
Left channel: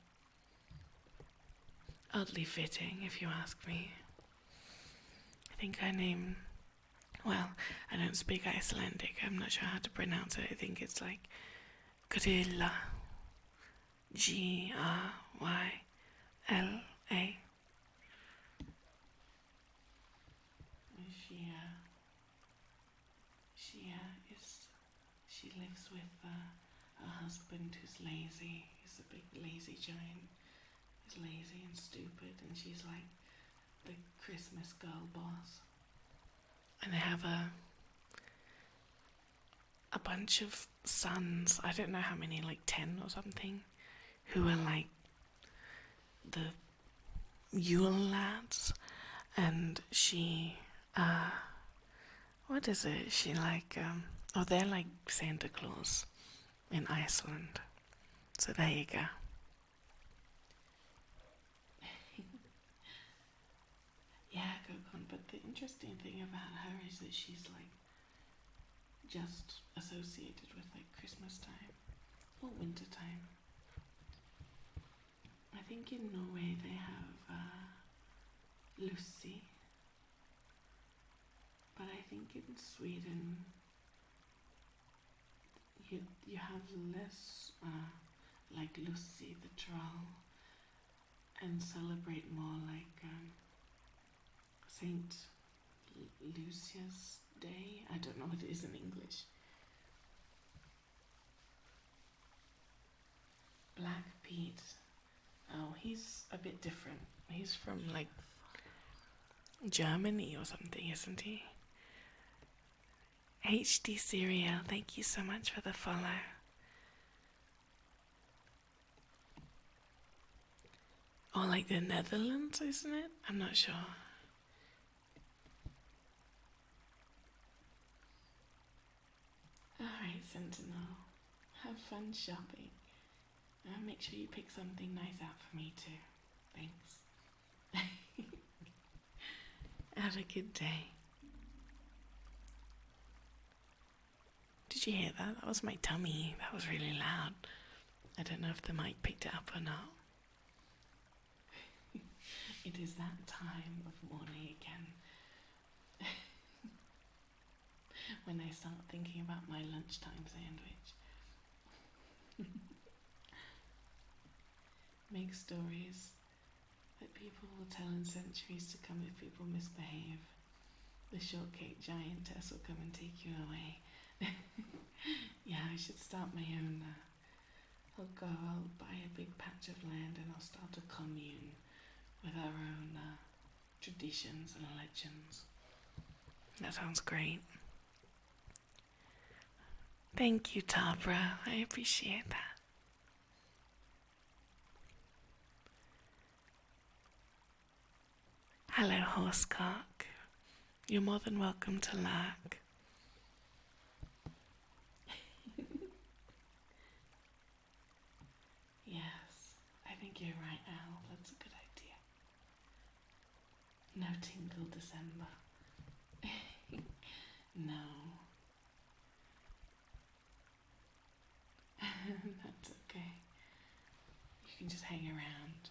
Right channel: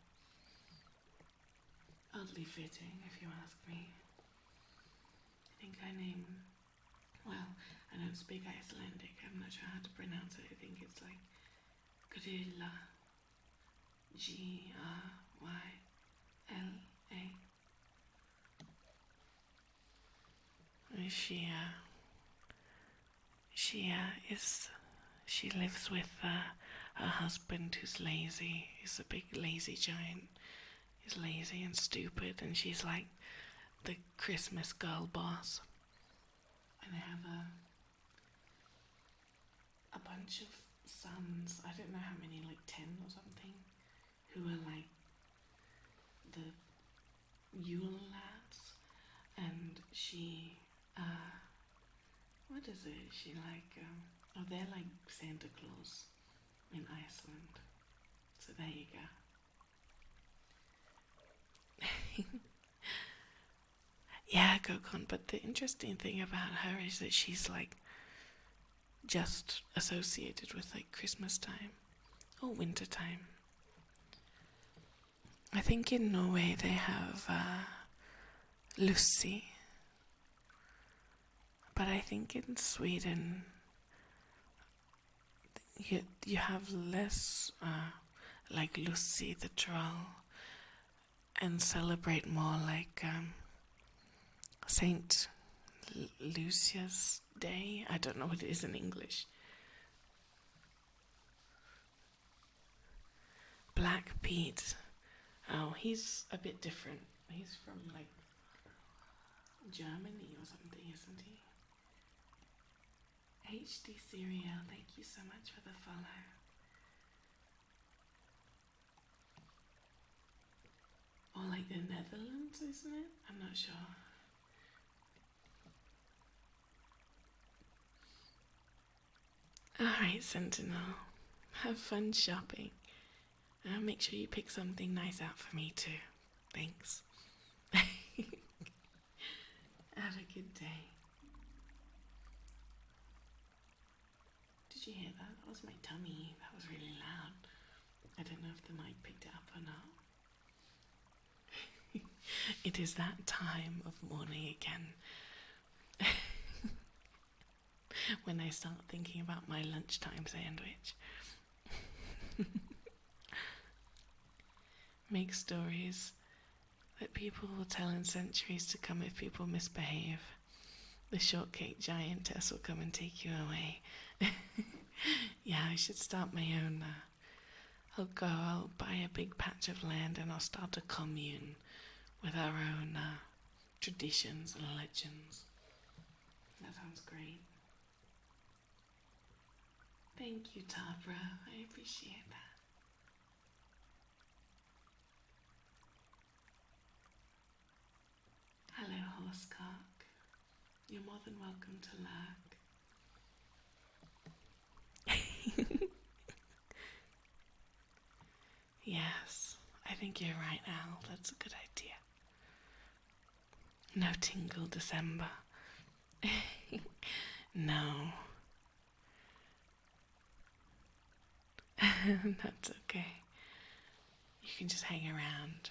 Oddly fitting, if you ask me. I think her name, well, I don't speak Icelandic, I'm not sure how to pronounce it. I think it's like Grilla. G-R-Y-L-A. She lives with her husband who's lazy. He's a big lazy giant. He's lazy and stupid, and she's like the Christmas girl boss. And they have a bunch of sons, I don't know how many, like 10 or something, who are like the Yule lads. And she, what is it? She like, they're like Santa Claus in Iceland. So there you go. Yeah, Gokon, but the interesting thing about her is that she's like just associated with like Christmas time or winter time. I think in Norway they have Lucy. But I think in Sweden you have less like Lucy the troll, and celebrate more like Saint Lucia's Day. I don't know what it is in English. Black Pete. Oh, he's a bit different. He's from like Germany or something, isn't he? HD Cereal, thank you so much for the follow. Or like the Netherlands, isn't it? I'm not sure. Alright, Sentinel. Have fun shopping. Make sure you pick something nice out for me too. Thanks. Have a good day. Did you hear that? That was my tummy. That was really loud. I don't know if the mic picked it up or not. It is that time of morning again. When I start thinking about my lunchtime sandwich. Make stories that people will tell in centuries to come if people misbehave. The shortcake giantess will come and take you away. Yeah, I should start my own. I'll buy a big patch of land and I'll start a commune with our own traditions and legends. That sounds great. Thank you, Tabra. I appreciate that. Hello, Horsecock. You're more than welcome to lurk. Yes, I think you're right, Al. That's a good idea. No tingle December. No. That's okay. You can just hang around.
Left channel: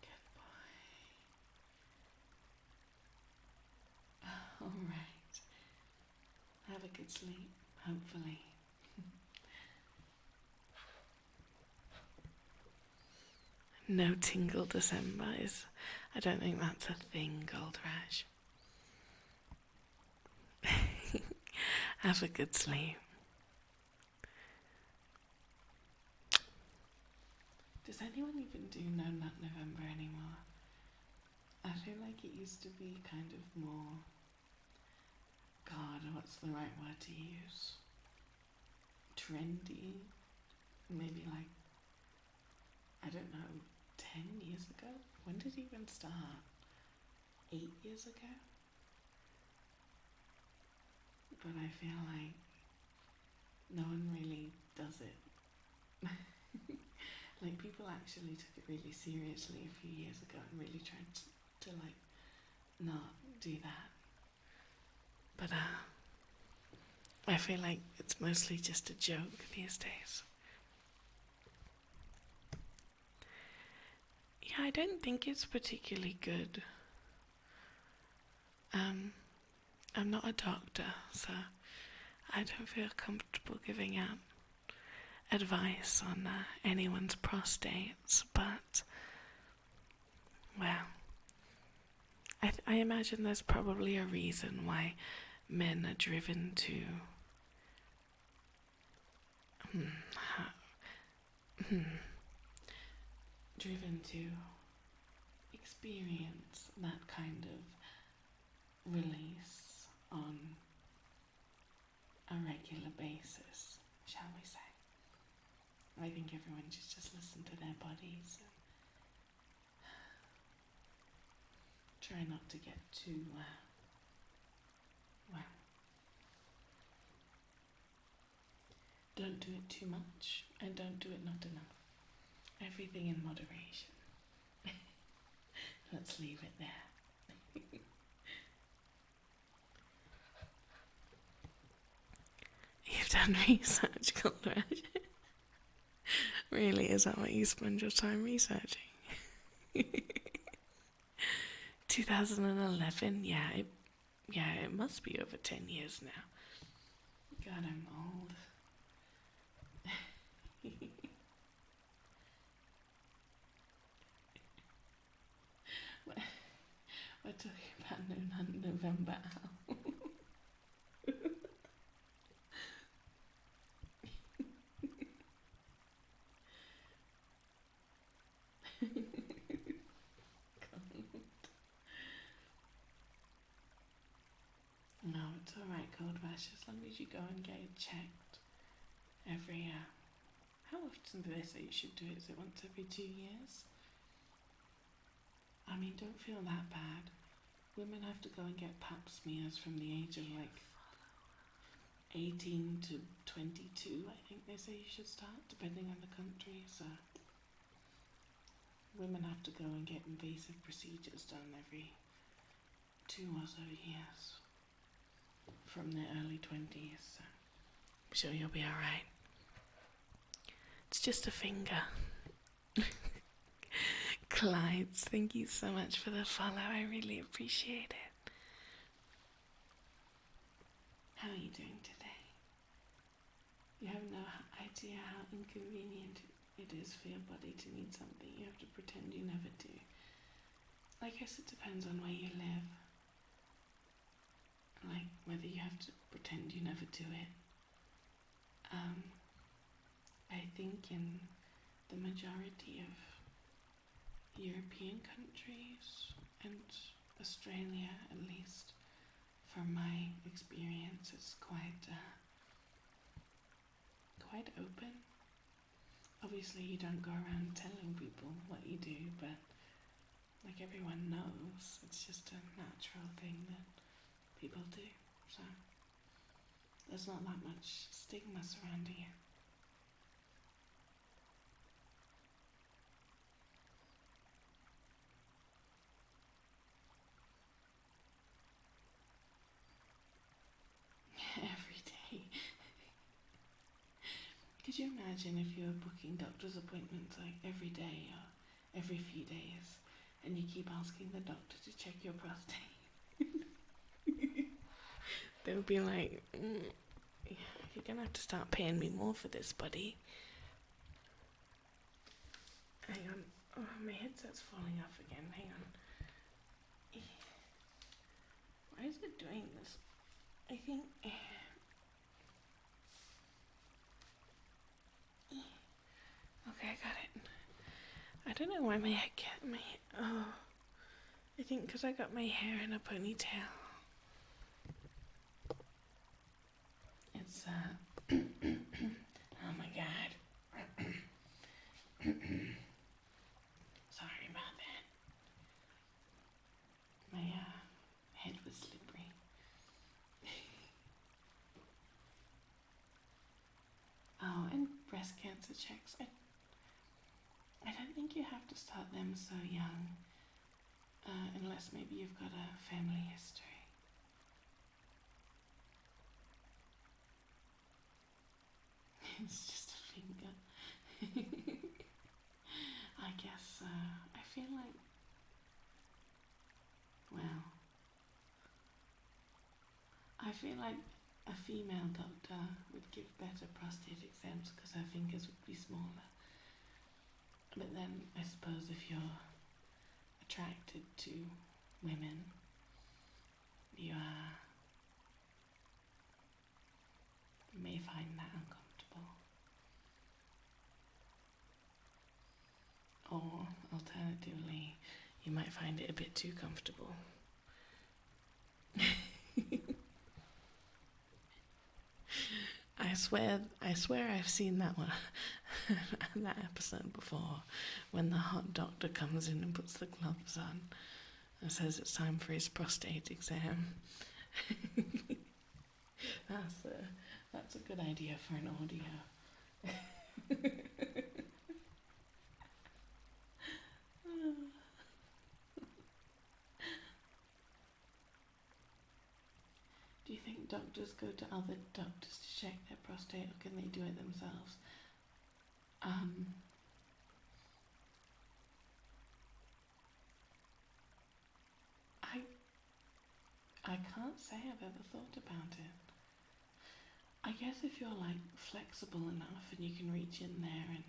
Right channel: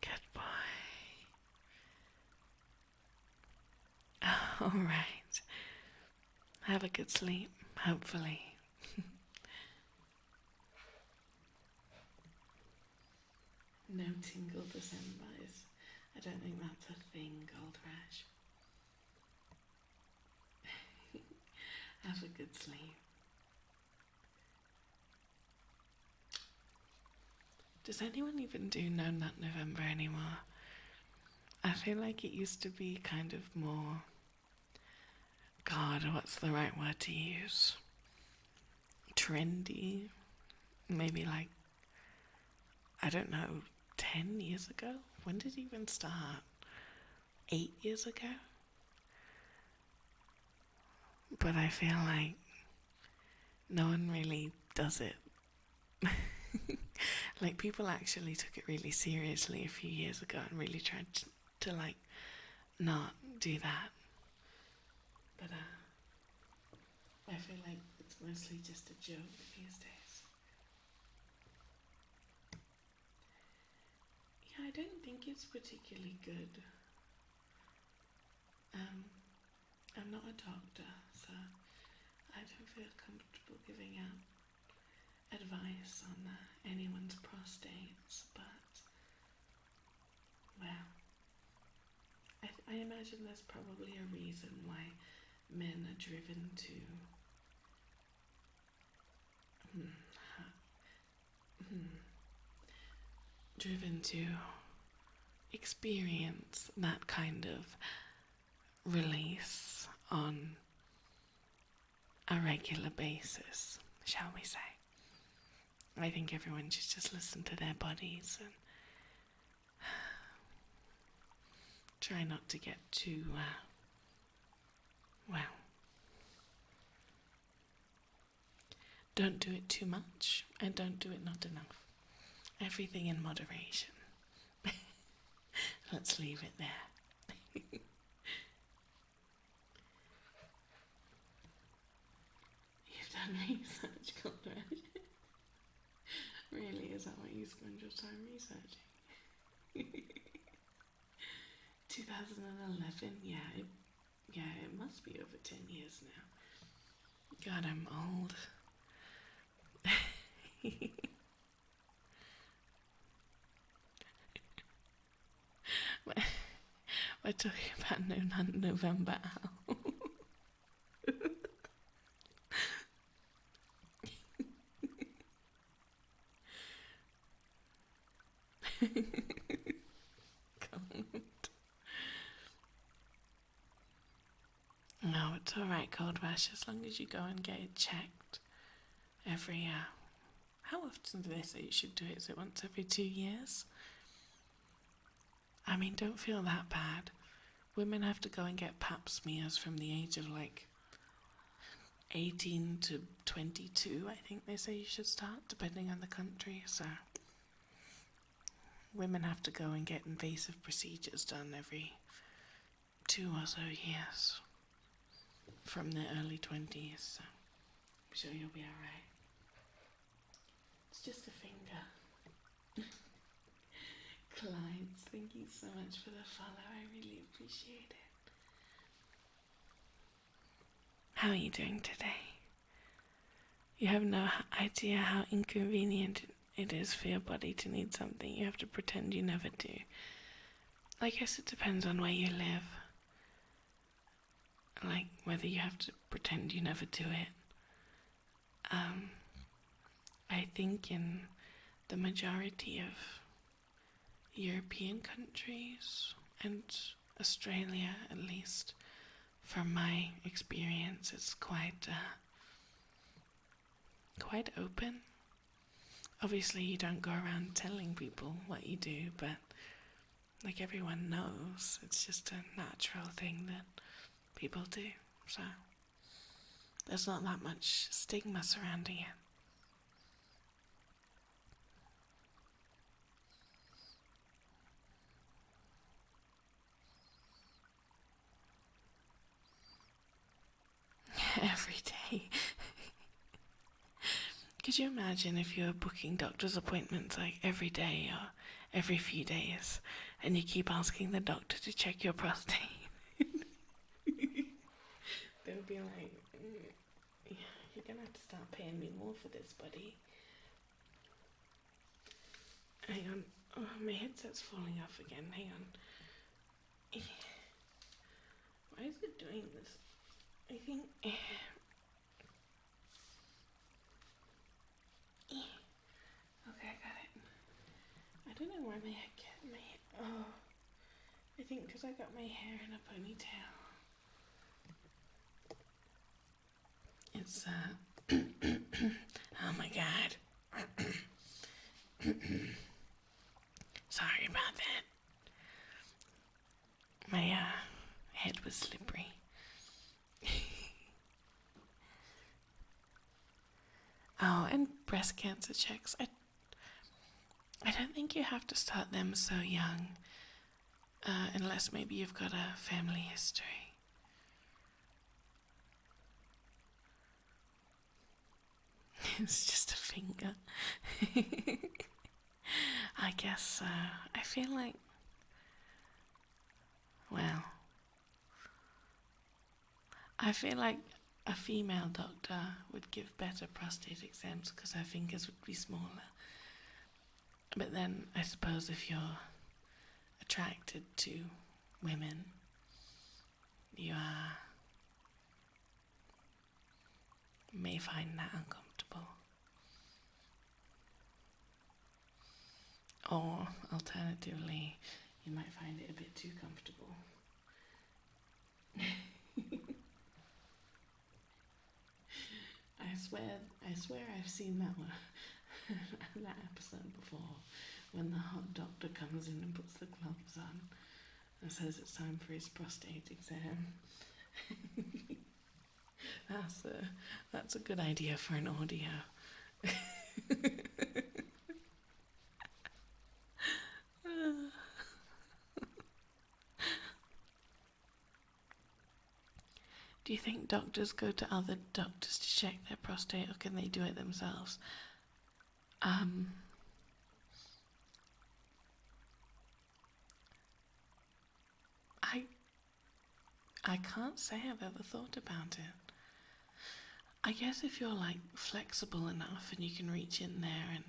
Good boy. All right. Have a good sleep, hopefully. No tingle December is... I don't think that's a thing, Gold Rush. Have a good sleep. Does anyone even do No Nut November anymore? I feel like it used to be kind of more... God, what's the right word to use? Trendy? Maybe like, I don't know, 10 years ago? When did it even start? 8 years ago? But I feel like no one really does it. Like, people actually took it really seriously a few years ago and really tried to like, not do that. But I feel like it's mostly just a joke these days. Yeah, I don't think it's particularly good. I'm not a doctor, so I don't feel comfortable giving out advice on anyone's prostates, but, well, I imagine there's probably a reason why men are driven to experience that kind of release on a regular basis, shall we say. I think everyone should just listen to their bodies and try not to get too, well, don't do it too much and don't do it not enough. Everything in moderation. Let's leave it there. You've done done research, cold rash? Really, is that what you spend your time researching? 2011, yeah, it must be over 10 years now. God, I'm old. We're talking about November Owl. No, it's alright, Cold Rash, as long as you go and get it checked every year. How often do they say you should do it? Is it once every 2 years? I mean, don't feel that bad. Women have to go and get pap smears from the age of like 18 to 22, I think they say you should start, depending on the country. So women have to go and get invasive procedures done every 2 or so years from their early 20s. So I'm sure you'll be alright. It's just a finger. Clyde, thank you so much for the follow. I really appreciate it. How are you doing today? You have no idea how inconvenient it is for your body to need something you have to pretend you never do. I guess it depends on where you live. Like, whether you have to pretend you never do it. I think in the majority of European countries, and Australia at least, from my experience, it's quite open. Obviously you don't go around telling people what you do, but like everyone knows, it's just a natural thing that people do, so there's not that much stigma surrounding it. Every day. Could you imagine if you were booking doctor's appointments like every day or every few days, and you keep asking the doctor to check your prostate? They would be like, you're gonna have to start paying me more for this, buddy. Hang on. Oh, my headset's falling off again. Hang on. Why is it doing this? I think... Okay, I got it. I don't know why my I think because I got my hair in a ponytail. It's oh my god. Sorry about that. My head was slippery. Oh, and breast cancer checks. I don't think you have to start them so young, unless maybe you've got a family history. It's just a finger. I guess I feel like, well, I feel like a female doctor would give better prostate exams because her fingers would be smaller. But then I suppose if you're attracted to women, you may find that uncomfortable. Or alternatively, you might find it a bit too comfortable. I swear I've seen that one, that episode before, when the hot doctor comes in and puts the gloves on and says it's time for his prostate exam. That's a good idea for an audio. Do you think doctors go to other doctors to check their prostate, or can they do it themselves? I I can't say I've ever thought about it. I guess if you're like flexible enough and you can reach in there and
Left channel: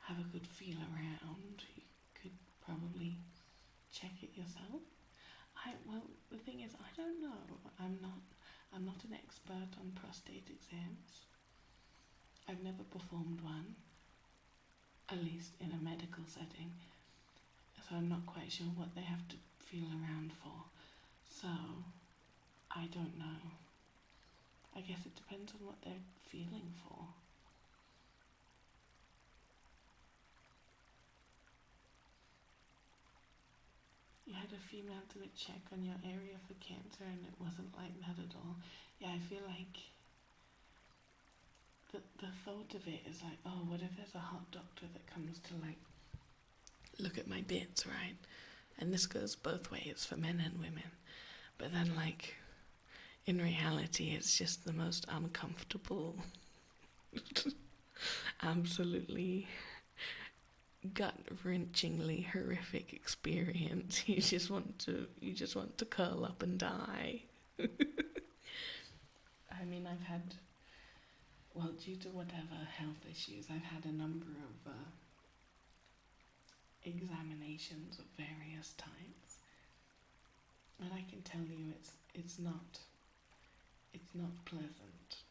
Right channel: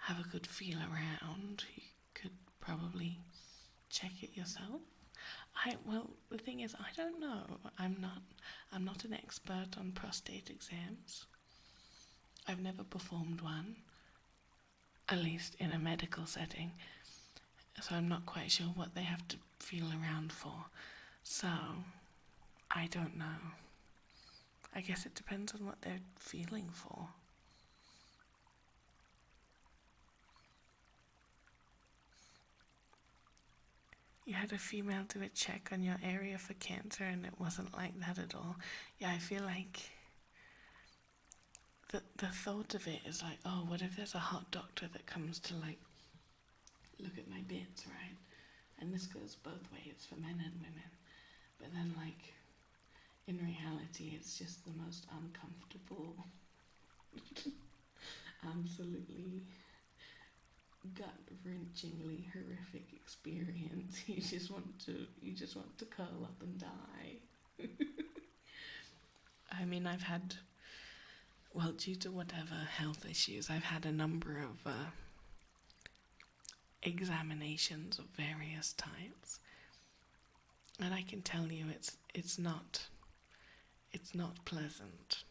have a good feel around, you could probably check it yourself. Well, the thing is, I don't know. I'm not an expert on prostate exams. I've never performed one, at least in a medical setting, so I'm not quite sure what they have to feel around for. So, I don't know. I guess it depends on what they're feeling for. You had a female do a check on your area for cancer and it wasn't like that at all. Yeah, I feel like the thought of it is like, oh, what if there's a hot doctor that comes to like look at my bits, right? And this goes both ways for men and women. But then like in reality it's just the most uncomfortable absolutely gut-wrenchingly horrific experience. You just want to curl up and die. I mean, I've had, well, due to whatever health issues, I've had a number of examinations of various types, and I can tell you it's not pleasant.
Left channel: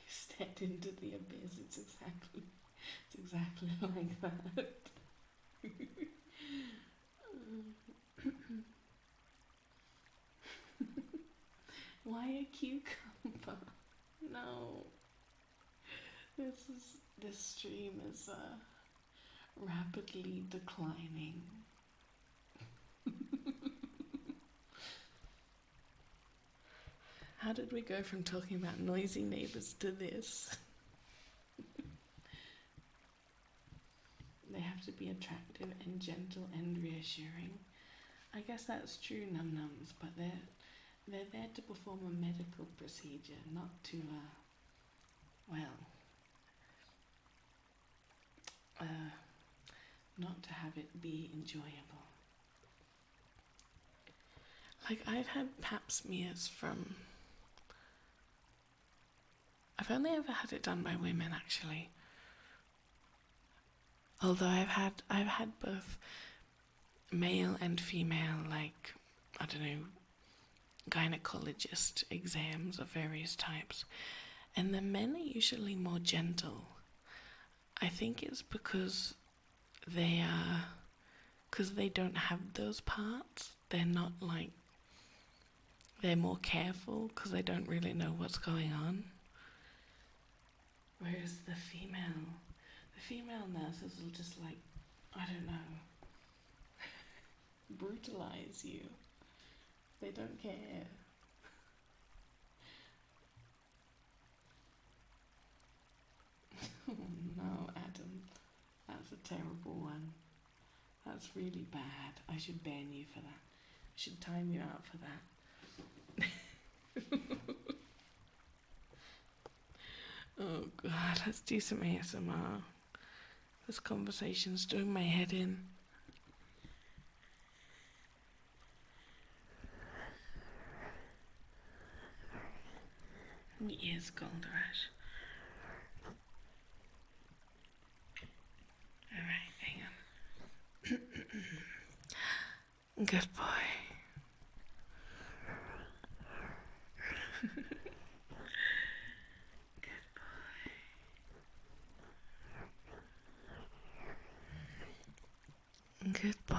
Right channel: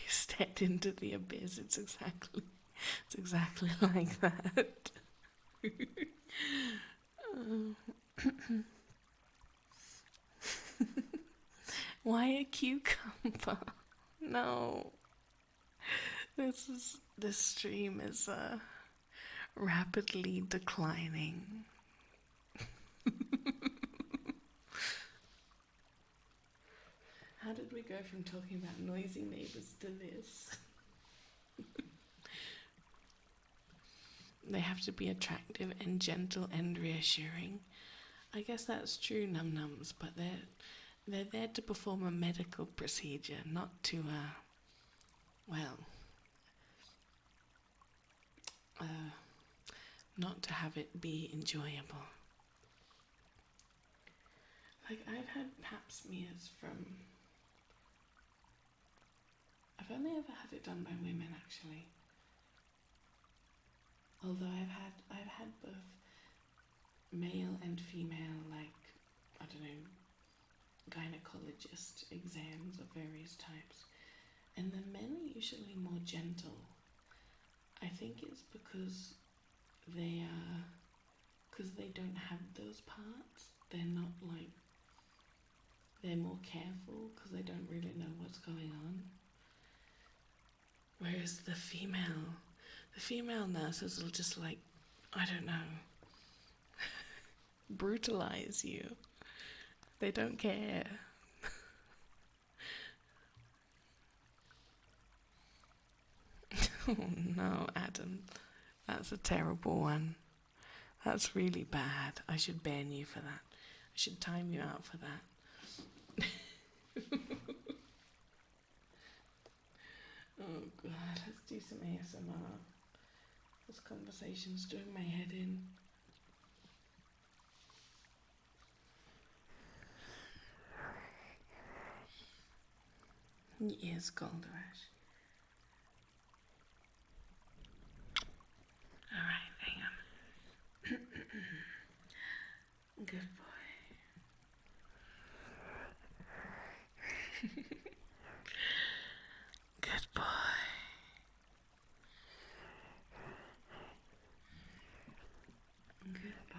You stepped into the abyss. It's exactly like that. Why a cucumber? No. This stream is rapidly declining. How did we go from talking about noisy neighbors to this? They have to be attractive and gentle and reassuring. I guess that's true, num-nums, but they're there to perform a medical procedure, not to, not to have it be enjoyable. Like, I've had pap smears from... I've only ever had it done by women, actually. Although I've had both male and female, like, I don't know, gynecologist exams of various types. And the men are usually more gentle. I think it's because they don't have those parts. They're not like, they're more careful because they don't really know what's going on. Whereas the female nurses will just like, I don't know, brutalize you. They don't care. Oh no, Adam. That's a terrible one. That's really bad. I should ban you for that. I should time you out for that. Oh god, let's do some ASMR. This conversation's doing my head in. Yes, Gold Rush. Alright, hang on. Good boy. Good boy. Good boy.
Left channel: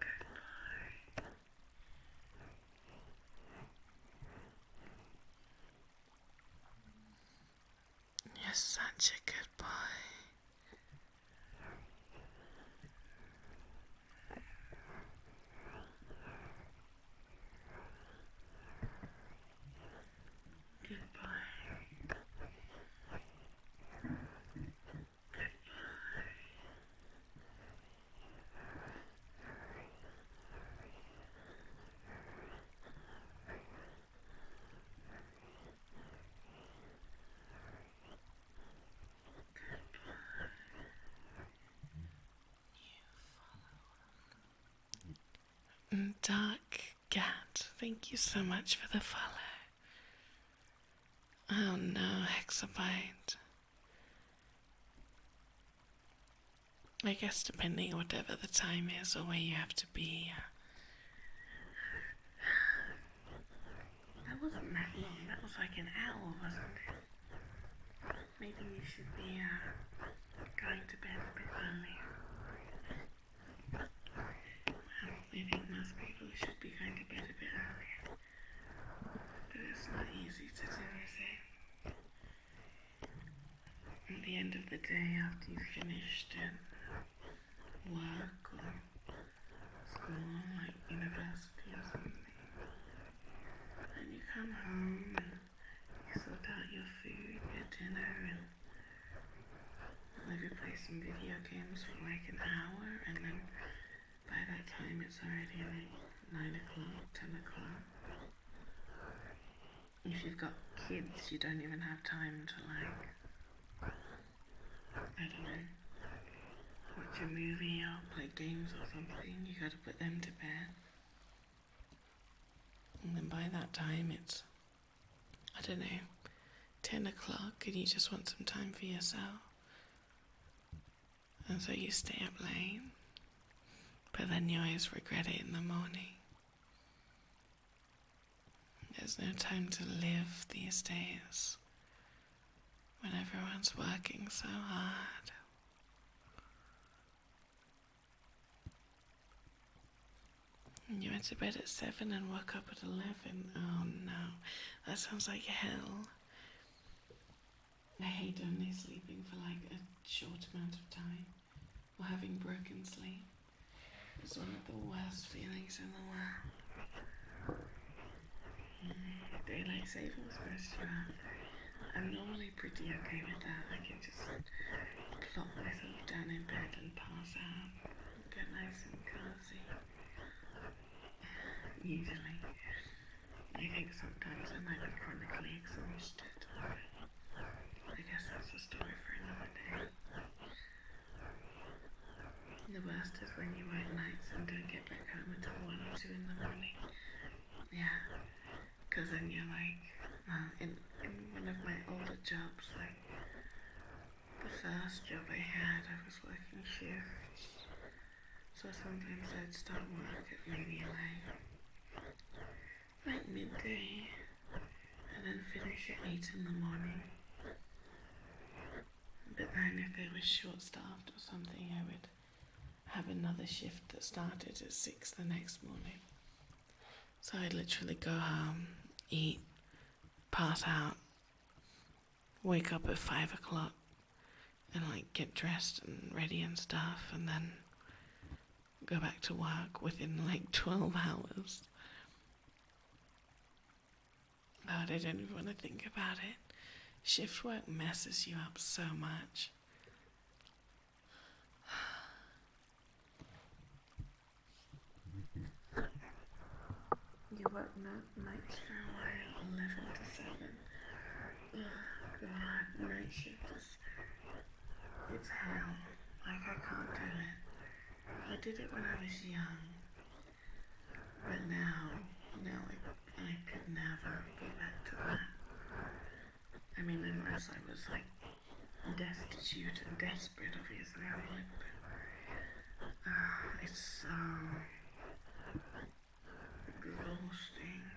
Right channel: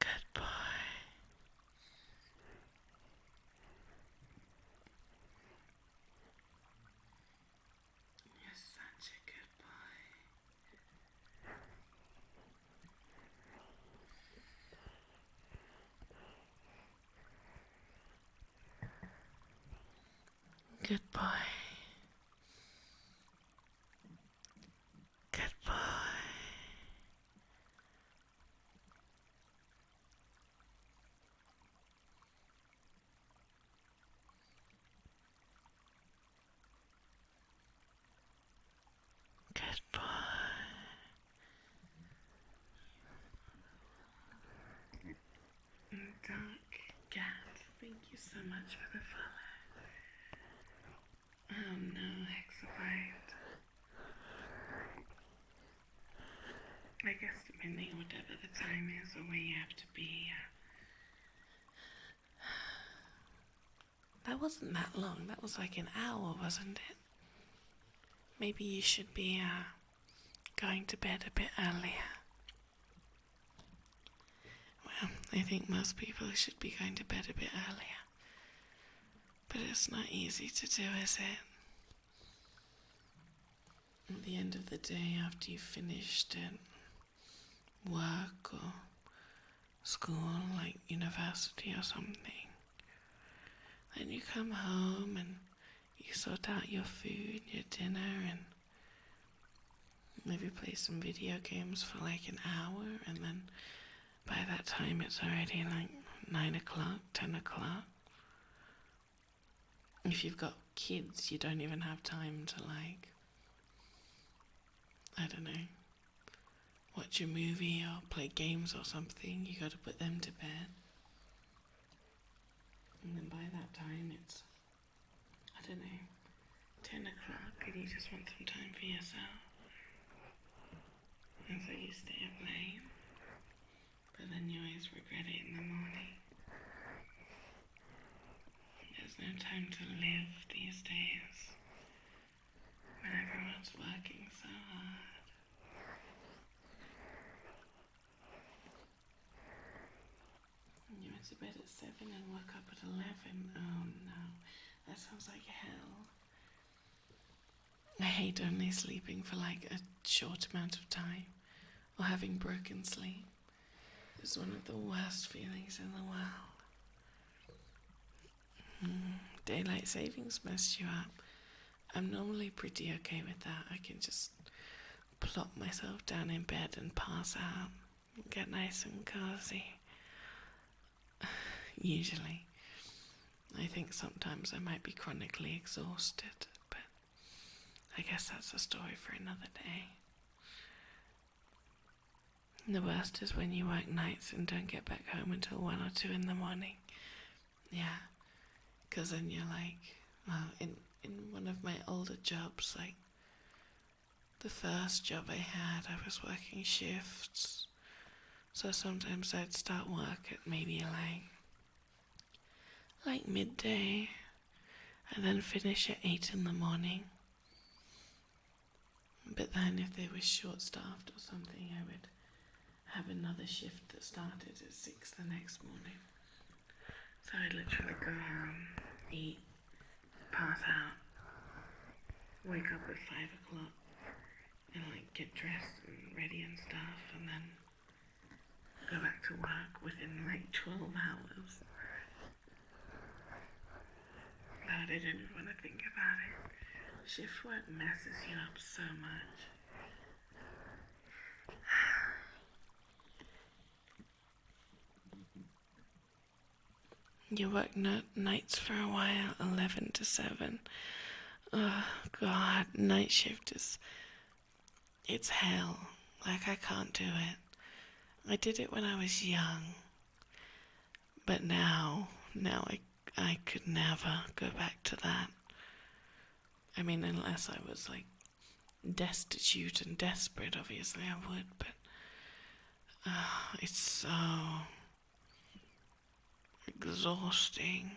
Good boy. You're such a good boy. Dark Cat, thank you so much for the follow. Oh no, Hexabyte. I guess depending on whatever the time is or where you have to be. That wasn't that long, that was like an hour, wasn't it? Maybe you should be going to bed a bit earlier. Well, I think most people should be going to bed a bit earlier. But it's not easy to do, is it? At the end of the day, after you've finished work or school, like university or something, then you come home and you sort out your food, your dinner, and maybe play some video games for like an hour, and then by that time it's already like 9 o'clock, 10 o'clock. If you've got kids, you don't even have time to like, I don't know, watch a movie or play games or something. You gotta put them to bed. And then by that time it's, I don't know, 10 o'clock and you just want some time for yourself. And so you stay up late, but then you always regret it in the morning. There's no time to live these days when everyone's working so hard. And you went to bed at 7 and woke up at 11. Oh no, that sounds like hell. I hate only sleeping for like a short amount of time or having broken sleep. It's one of the worst feelings in the world. Daylight savings messed you up. I'm normally pretty okay with that. I can just plop myself down in bed and pass out, get nice and cozy. Usually. I think sometimes I might be chronically exhausted, but I guess that's a story for another day. And the worst is when you work nights and don't get back home until 1 or 2 in the morning. Yeah. Because then you're like, in one of my older jobs, like the first job I had, I was working shifts. So sometimes I'd start work at maybe like midday and then finish at 8 in the morning. But then if they were short-staffed or something, I would have another shift that started at 6 the next morning. So I'd literally go home, eat, pass out, wake up at 5 o'clock and like get dressed and ready and stuff, and then go back to work within like 12 hours. God, I don't even want to think about it. Shift work messes you up so much. You work nights for a while, 11 to 7. Oh God, night shift it's hell. Like I can't do it. I did it when I was young. But now I could never go back to that. I mean, unless I was like destitute and desperate, obviously I would, but it's so exhausting.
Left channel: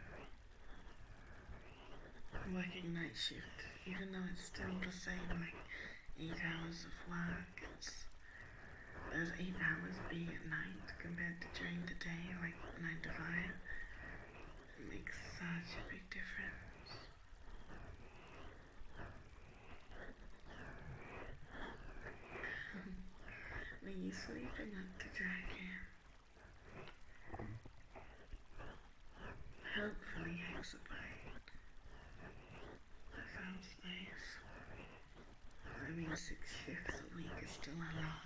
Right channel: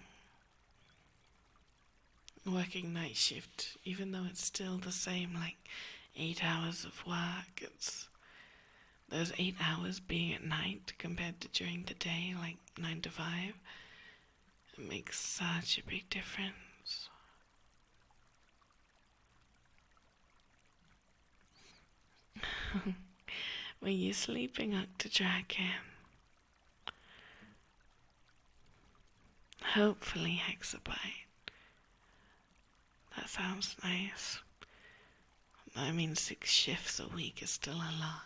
Working night shift, even though it's still the same, like 8 hours of work, it's those 8 hours being at night compared to during the day, like 9 to 5, it makes such a big difference. Were you sleeping up to Dragon? Hopefully Hexabyte. That sounds nice. I mean, 6 shifts a week is still a lot.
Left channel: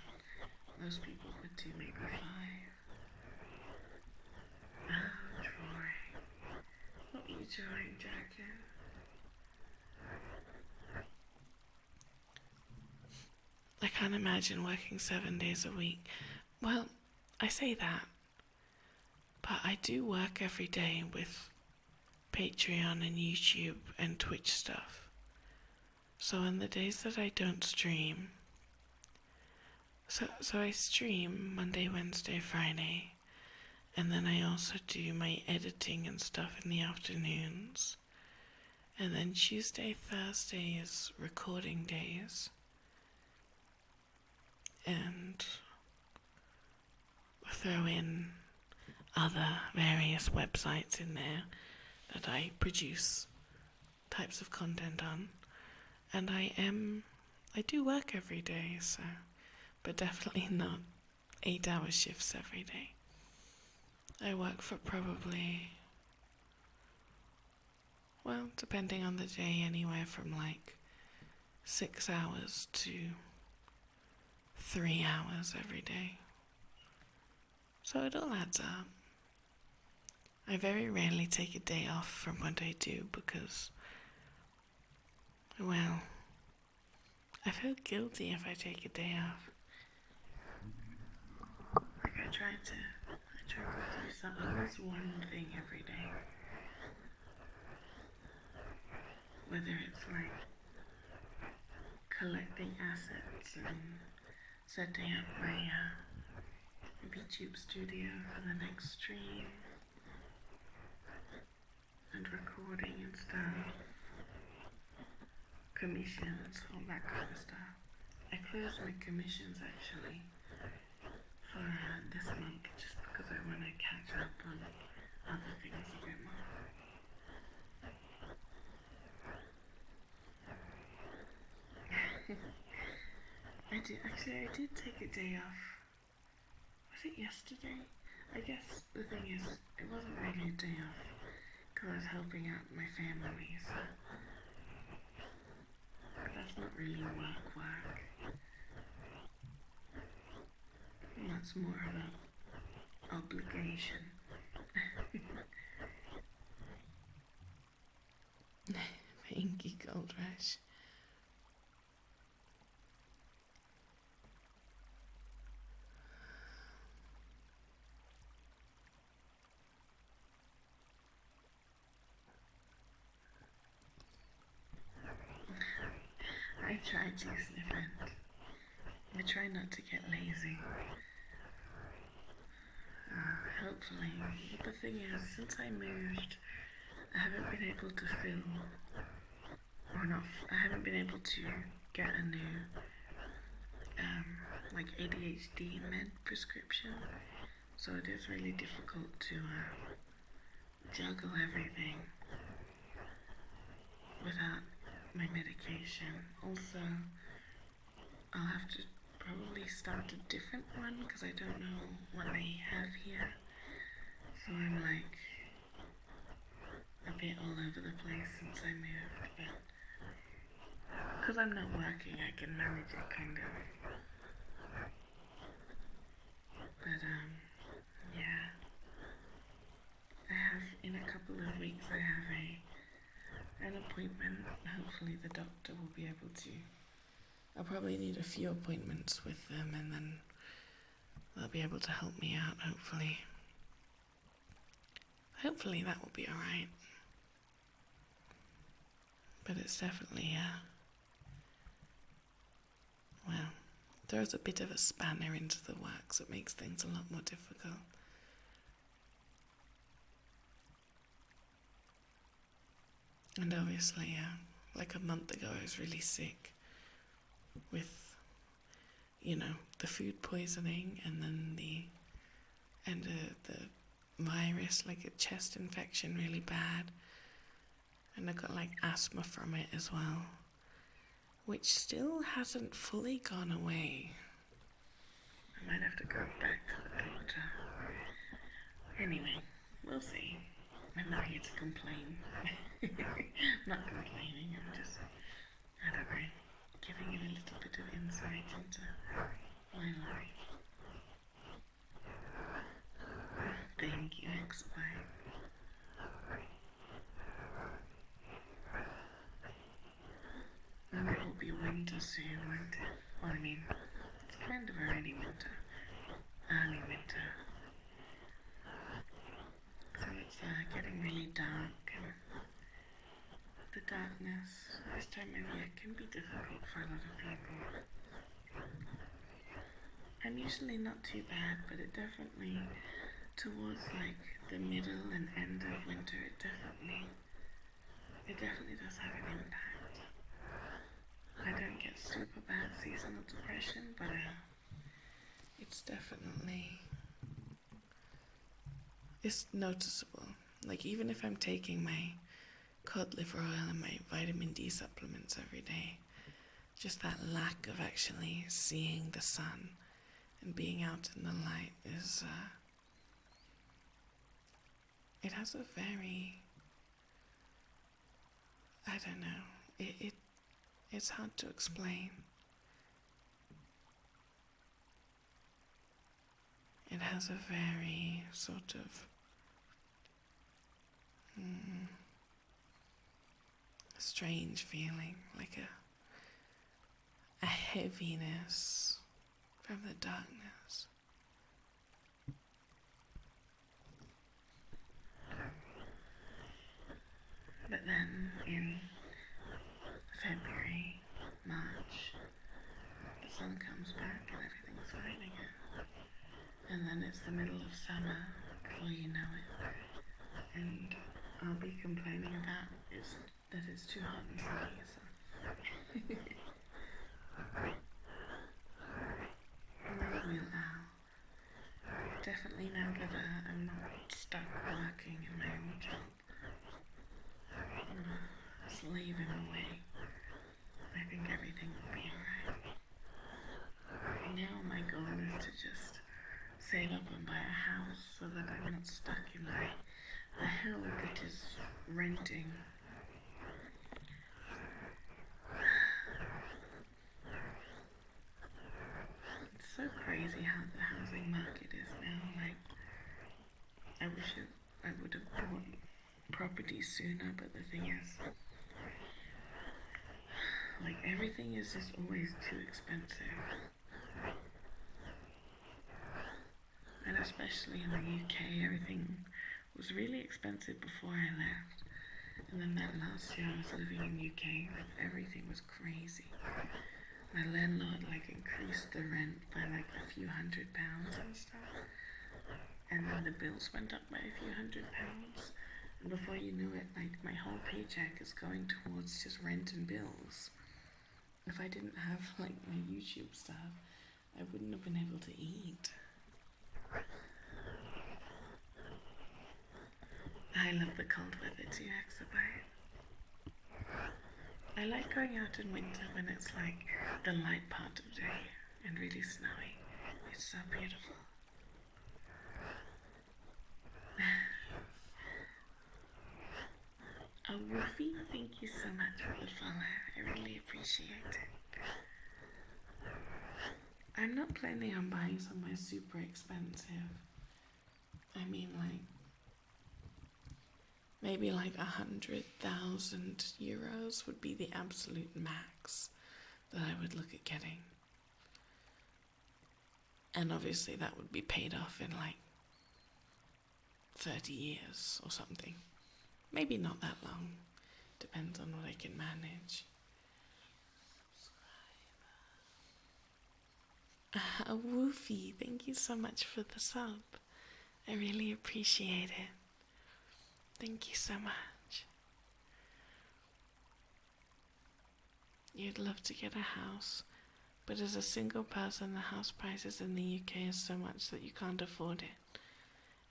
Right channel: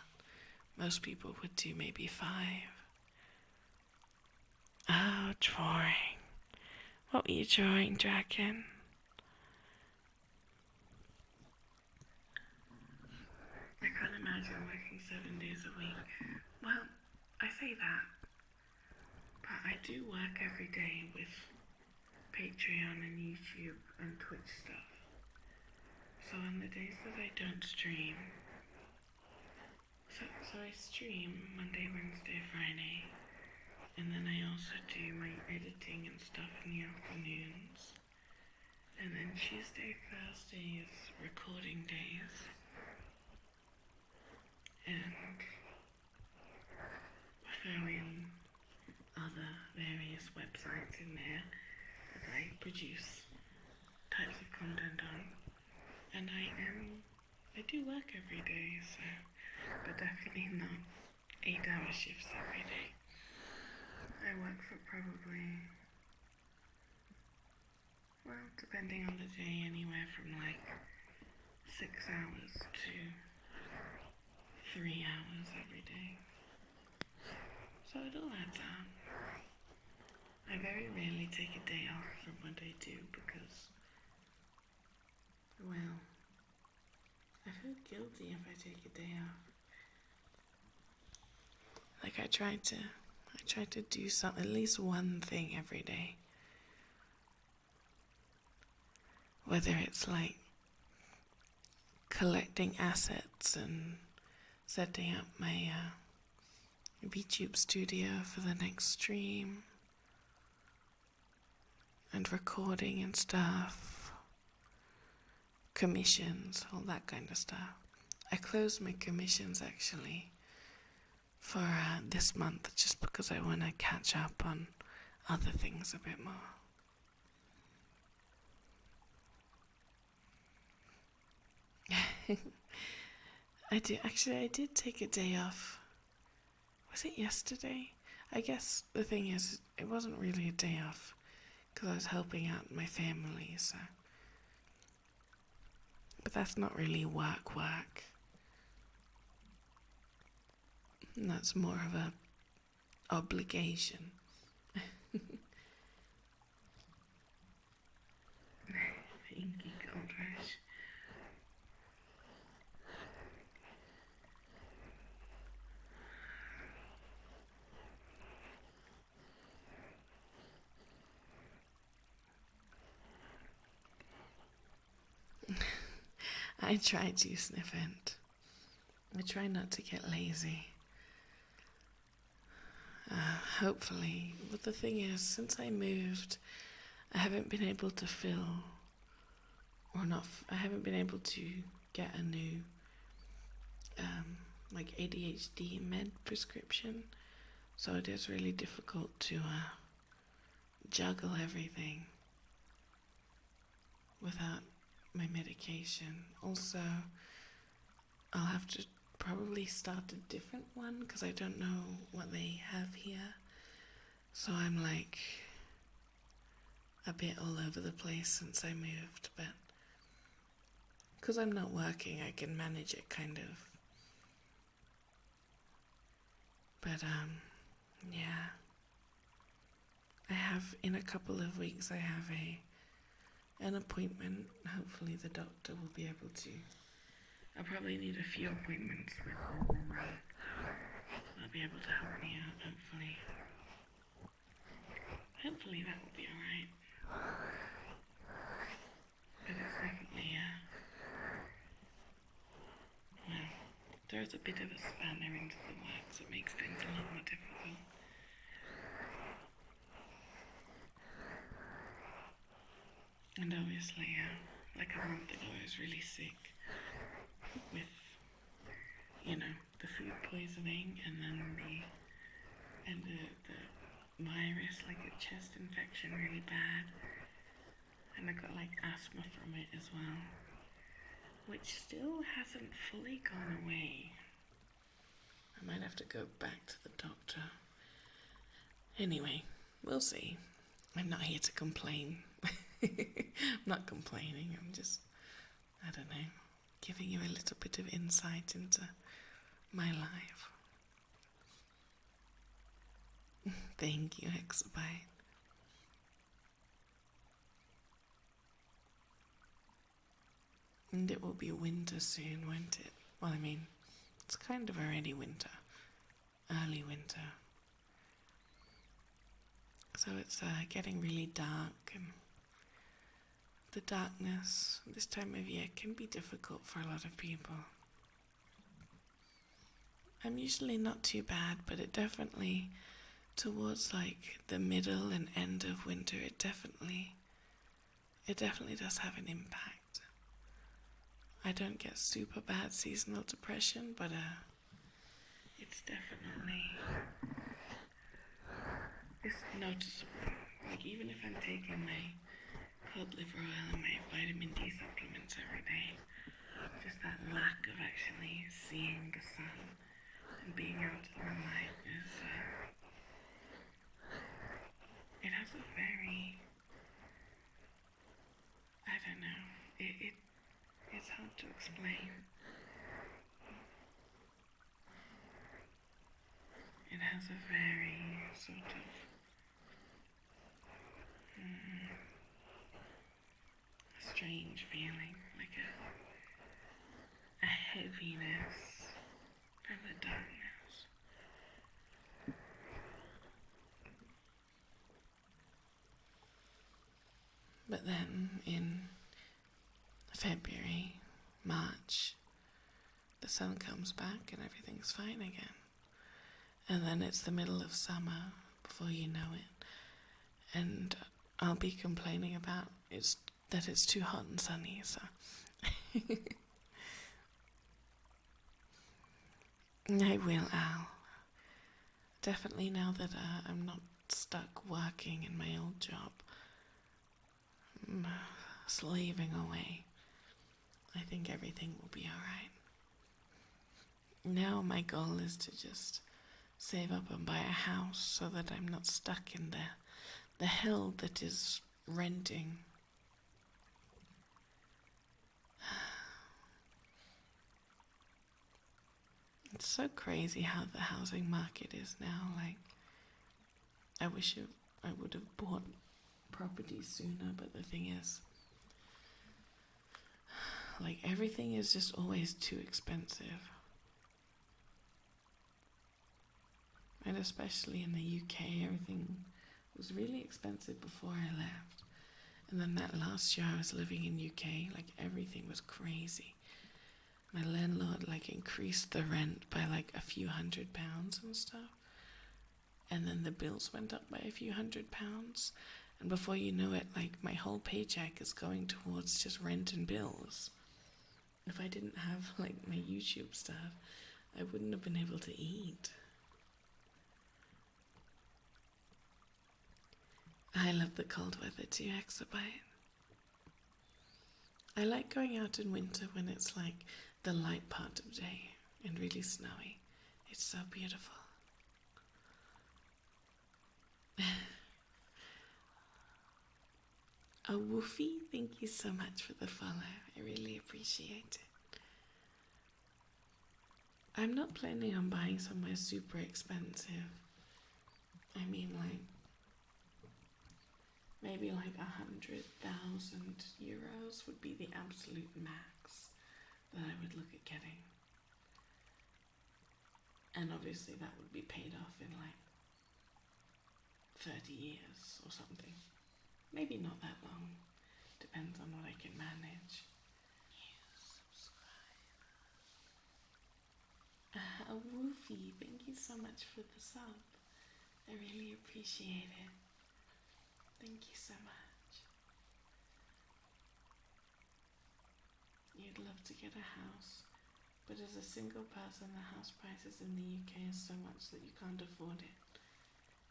Most people would do maybe 5. Oh, drawing. What were you drawing, Dragon? I can't imagine working 7 days a week. Well, I say that, but I do work every day with Patreon and YouTube and Twitch stuff. So on the days that I don't stream, so I stream Monday, Wednesday, Friday, and then I also do my editing and stuff in the afternoons. And then Tuesday, Thursday is recording days. And throw in other various websites in there that I produce types of content on. And I do work every day, so, but definitely not 8-hour shifts every day. I work for probably, well, depending on the day, anywhere from like 6 hours to 3 hours every day. So it all adds up. I very rarely take a day off from what I do because, well, I feel guilty if I take a day off. Like I try to do at least one thing every day. Whether it's like collecting assets and setting up my VTuber studio for the next stream and recording and stuff, commissions, all that kind of stuff. I closed my commissions actually for this month just because I want to catch up on other things a bit more. I did take a day off. Was it yesterday? I guess the thing is, it wasn't really a day off because I was helping out my family, so. But that's not really work. And that's more of a obligation. Thank you, Gold Rush. I try to sniff it. I try not to get lazy. Hopefully. But the thing is, since I moved, I haven't been able to I haven't been able to get a new, like ADHD med prescription. So it is really difficult to juggle everything without my medication. Also, I'll have to probably start a different one because I don't know what they have here. So I'm like a bit all over the place since I moved, but because I'm not working, I can manage it kind of. But yeah. I have, in a couple of weeks, I have an appointment. Hopefully the doctor will be able to. I'll probably need a few appointments with them and then they'll be able to help me out, hopefully. Hopefully that will be alright. But it's definitely, well, throws a bit of a spanner into the works. It makes things a lot more difficult. And obviously, like a month ago, I was really sick with, the food poisoning and then the virus, like a chest infection really bad. And I got like asthma from it as well, which still hasn't fully gone away. I might have to go back to the doctor. Anyway, we'll see. I'm not here to complain. I'm not complaining, I'm just, I don't know, giving you a little bit of insight into my life. Thank you, Exabyte. And it will be winter soon, won't it? Well, I mean, it's kind of already winter. Early winter. So it's getting really dark, and the darkness this time of year can be difficult for a lot of people. I'm usually not too bad, but it definitely, towards like the middle and end of winter, it definitely does have an impact. I don't get super bad seasonal depression, but it's noticeable. Like, even if I'm taking my cod liver oil and my vitamin D supplements every day, just that lack of actually seeing the sun and being out in the light is, it has a very, I don't know, it's hard to explain. It has a very sort of strange feeling, like a heaviness from the darkness. But then in February, March, the sun comes back and everything's fine again. And then it's the middle of summer before you know it. And I'll be complaining about that it's too hot and sunny, so. I will, Al. Definitely now that I'm not stuck working in my old job. I'm slaving away. I think everything will be alright. Now my goal is to just save up and buy a house so that I'm not stuck in the hell that is renting. It's so crazy how the housing market is now. Like, I wish I would have bought property sooner, but the thing is, like, everything is just always too expensive. And especially in the UK, everything was really expensive before I left. And then that last year I was living in UK, like, everything was crazy. My landlord, like, increased the rent by, like, a few £100 and stuff. And then the bills went up by a few £100. And before you know it, like, my whole paycheck is going towards just rent and bills. If I didn't have, like, my YouTube stuff, I wouldn't have been able to eat. I love the cold weather too, Exabyte. I like going out in winter when it's like the light part of day and really snowy. It's so beautiful. Oh, Woofy, thank you so much for the follow. I really appreciate it. I'm not planning on buying somewhere super expensive. I mean, like, maybe like 100,000 euros would be the absolute max that I would look at getting. And obviously that would be paid off in like 30 years or something. Maybe not that long. Depends on what I can manage. Woofy, thank you so much for the sub. I really appreciate it. Thank you so much. You'd love to get a house, but as a single person, the house prices in the UK is so much that you can't afford it.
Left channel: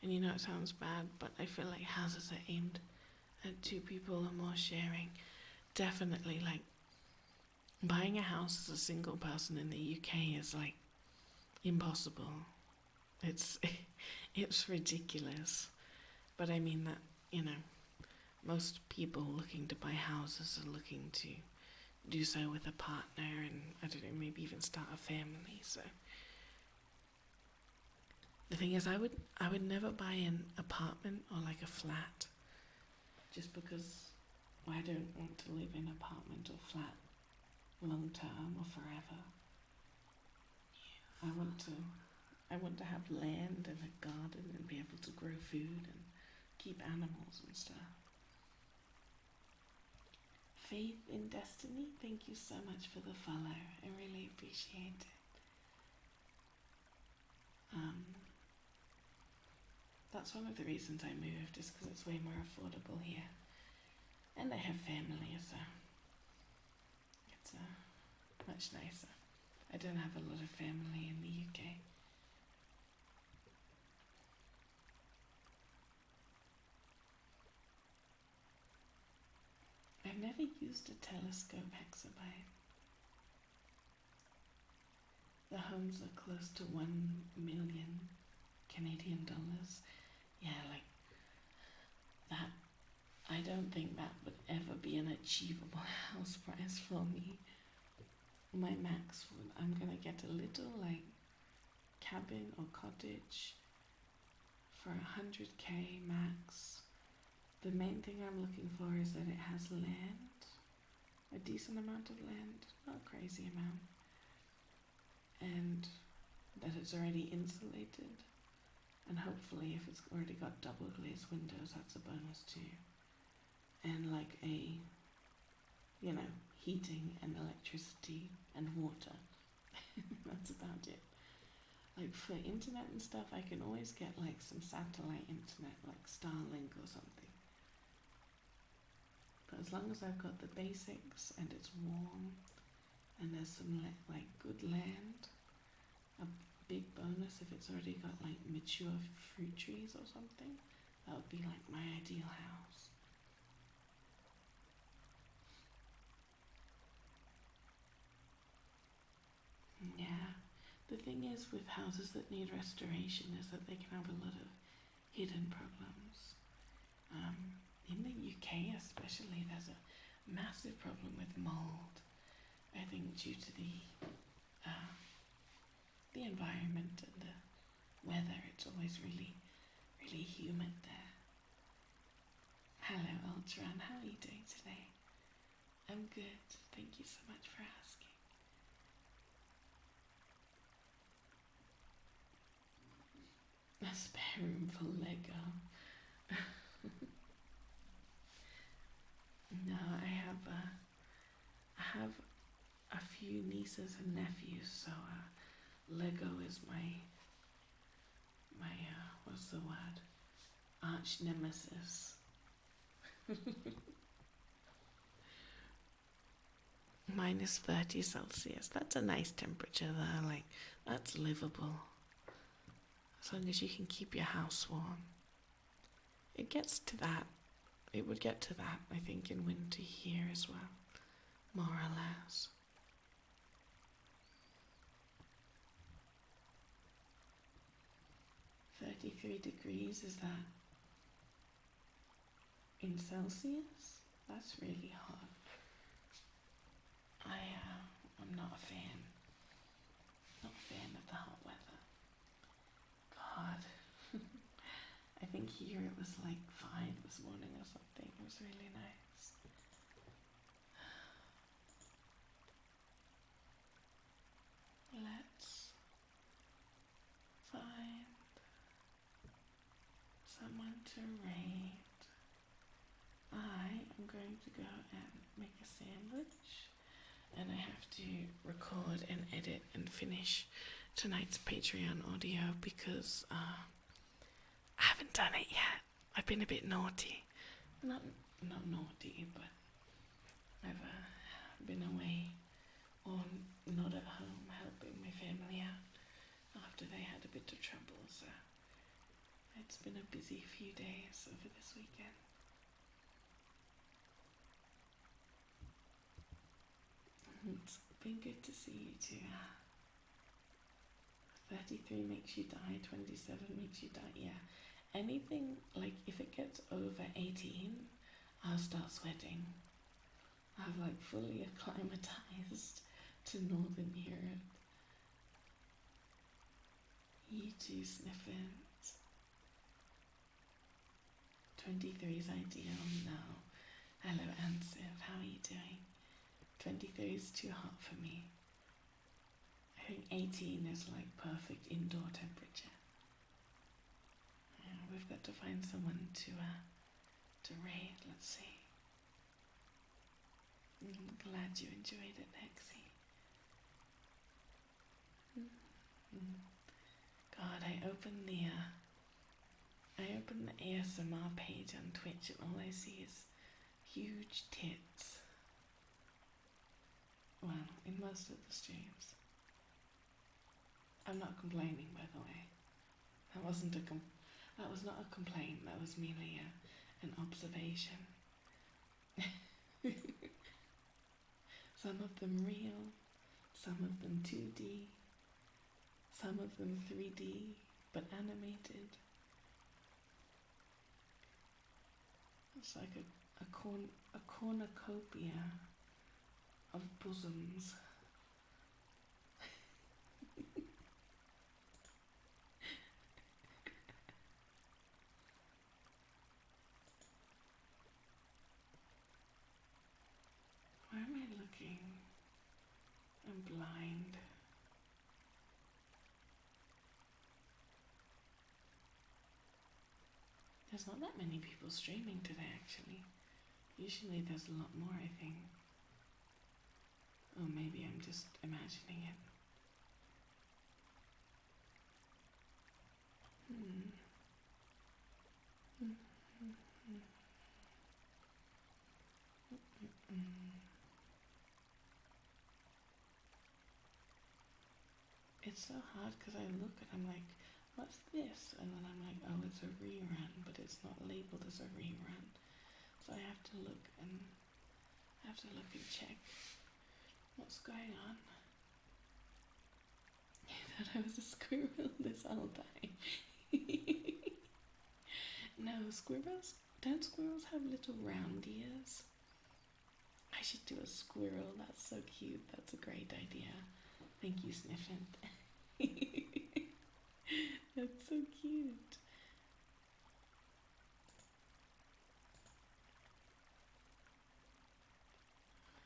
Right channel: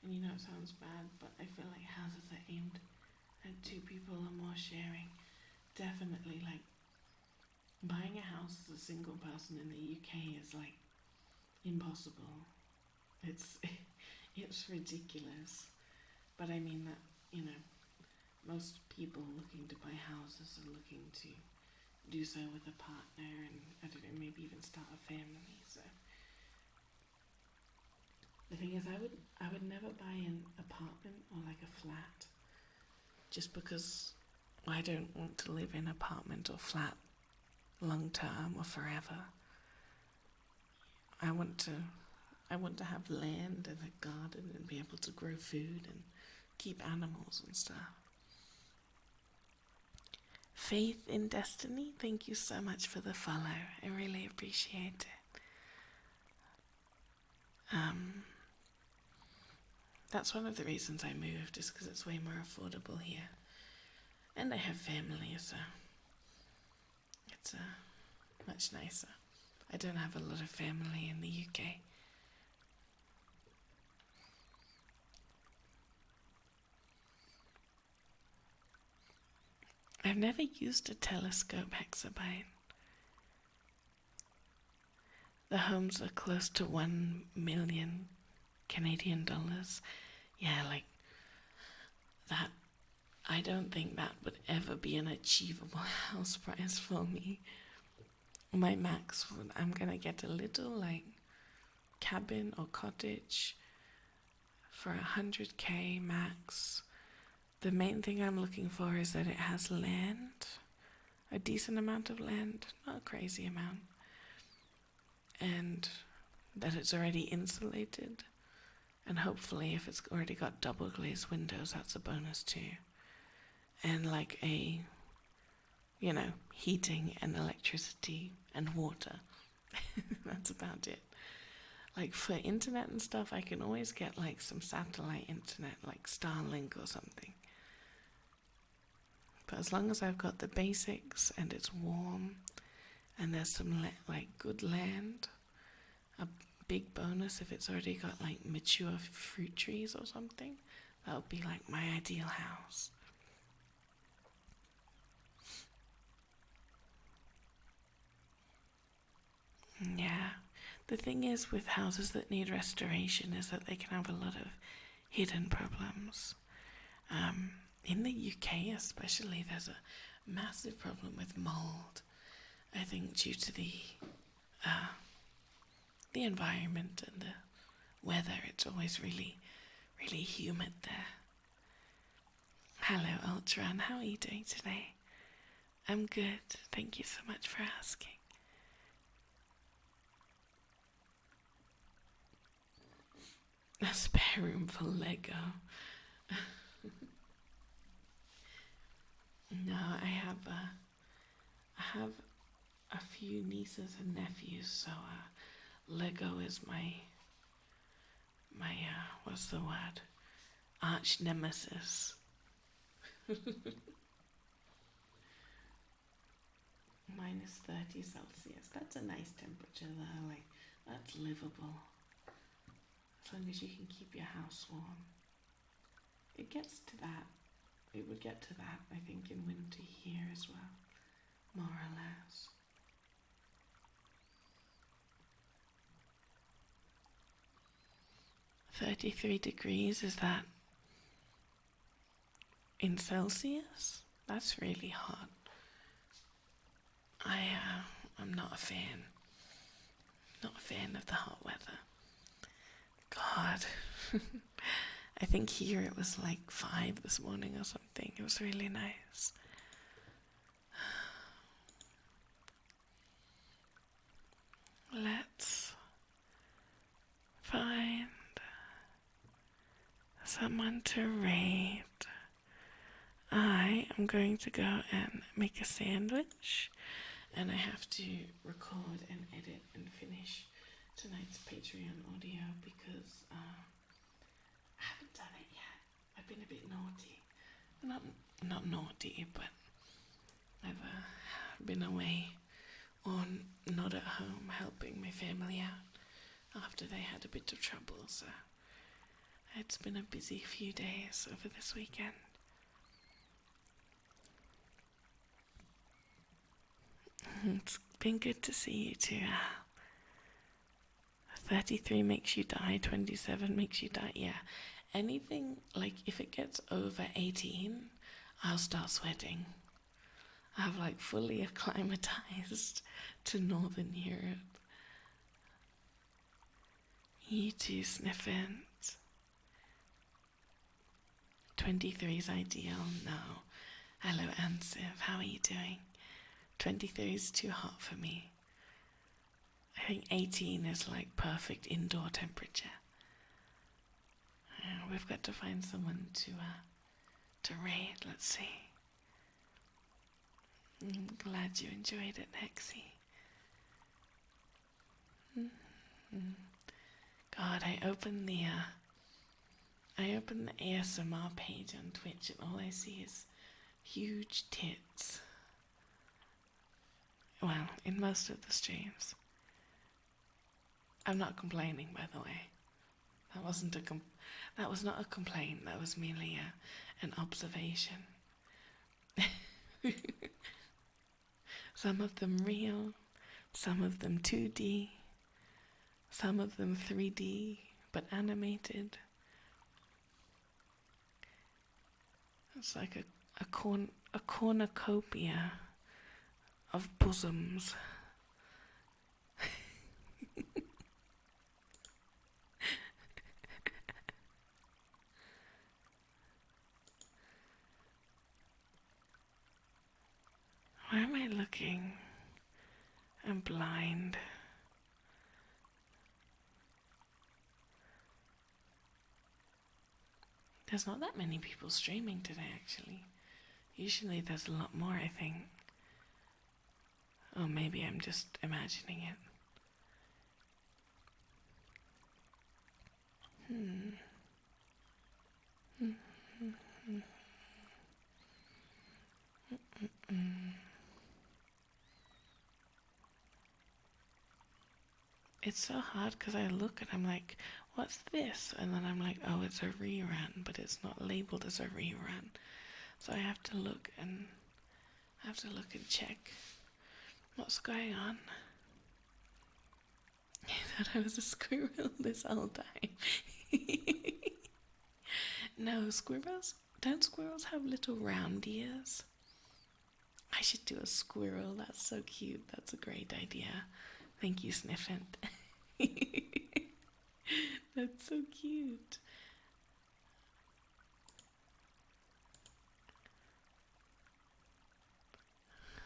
And you know it sounds bad, but I feel like houses are aimed at two people or more sharing. Definitely, like, buying a house as a single person in the UK is like impossible. It's ridiculous. But I mean that, you know, most people looking to buy houses are looking to do so with a partner and, I don't know, maybe even start a family. So the thing is, I would never buy an apartment or like a flat just because I don't want to live in an apartment or flat long term or forever. I want to have land and a garden and be able to grow food and keep animals and stuff. Faith in Destiny, thank you so much for the follow. I really appreciate it. That's one of the reasons I moved, is because it's way more affordable here. And I have family, so it's much nicer. I don't have a lot of family in the UK. I've never used a telescope hexabyte. The homes are close to 1 million Canadian dollars. Yeah, like that. I don't think that would ever be an achievable house price for me. My max would, I'm gonna get a little like cabin or cottage for 100k max. The main thing I'm looking for is that it has land, a decent amount of land, not a crazy amount, and that it's already insulated, and hopefully if it's already got double glazed windows, that's a bonus too, and like a, you know, heating and electricity and water. That's about it. Like for internet and stuff, I can always get like some satellite internet, like Starlink or something. But as long as I've got the basics and it's warm and there's some like good land, a big bonus if it's already got like mature fruit trees or something, that would be like my ideal house. Yeah, the thing is with houses that need restoration is that they can have a lot of hidden problems. In the UK especially, there's a massive problem with mold. I think due to the environment and the weather, it's always really, really humid there. Hello Ultron, how are you doing today? I'm good, thank you so much for asking. A spare room for Lego. No, I have a few nieces and nephews, so Lego is my what's the word? Arch nemesis. Minus 30 Celsius. That's a nice temperature though, like that's livable. As long as you can keep your house warm. It gets to that. It would get to that, I think, in winter here as well. More or less. $33, is that in Celsius? That's really hot. I'm not a fan. Not a fan of the hot weather. God. I think here it was like 5 this morning or something. It was really nice. Let's find someone to raid. I am going to go and make a sandwich, and I have to record and edit and finish tonight's Patreon audio because I haven't done it yet. I've been a bit naughty. Not naughty, but I've been away or not at home helping my family out after they had a bit of trouble, so it's been a busy few days over this weekend. It's been good to see you too. 33 makes you die, 27 makes you die. Yeah, anything, like if it gets over 18, I'll start sweating. I've like fully acclimatized to Northern Europe. You too, Sniffins. 23 is ideal. No. Hello, Ansif. How are you doing? 23 is too hot for me. I think 18 is like perfect indoor temperature. we've got to find someone to raid. Let's see. I'm glad you enjoyed it, Hexie. God, I opened the ASMR page on Twitch and all I see is huge tits. Well, in most of the streams. I'm not complaining, by the way. That was not a complaint. That was merely an observation. Some of them real, some of them 2D, some of them 3D, but animated. It's like a cornucopia of bosoms. Why am I looking? I'm blind. There's not that many people streaming today, actually. Usually there's a lot more, I think. Or maybe I'm just imagining it. It's so hard because I look and I'm like, what's this? And then I'm like, oh, it's a rerun, but it's not labeled as a rerun. So I have to look and check what's going on. I thought I was a squirrel this whole time. No, don't squirrels have little round ears? I should do a squirrel. That's so cute. That's a great idea. Thank you, Sniffant. That's so cute.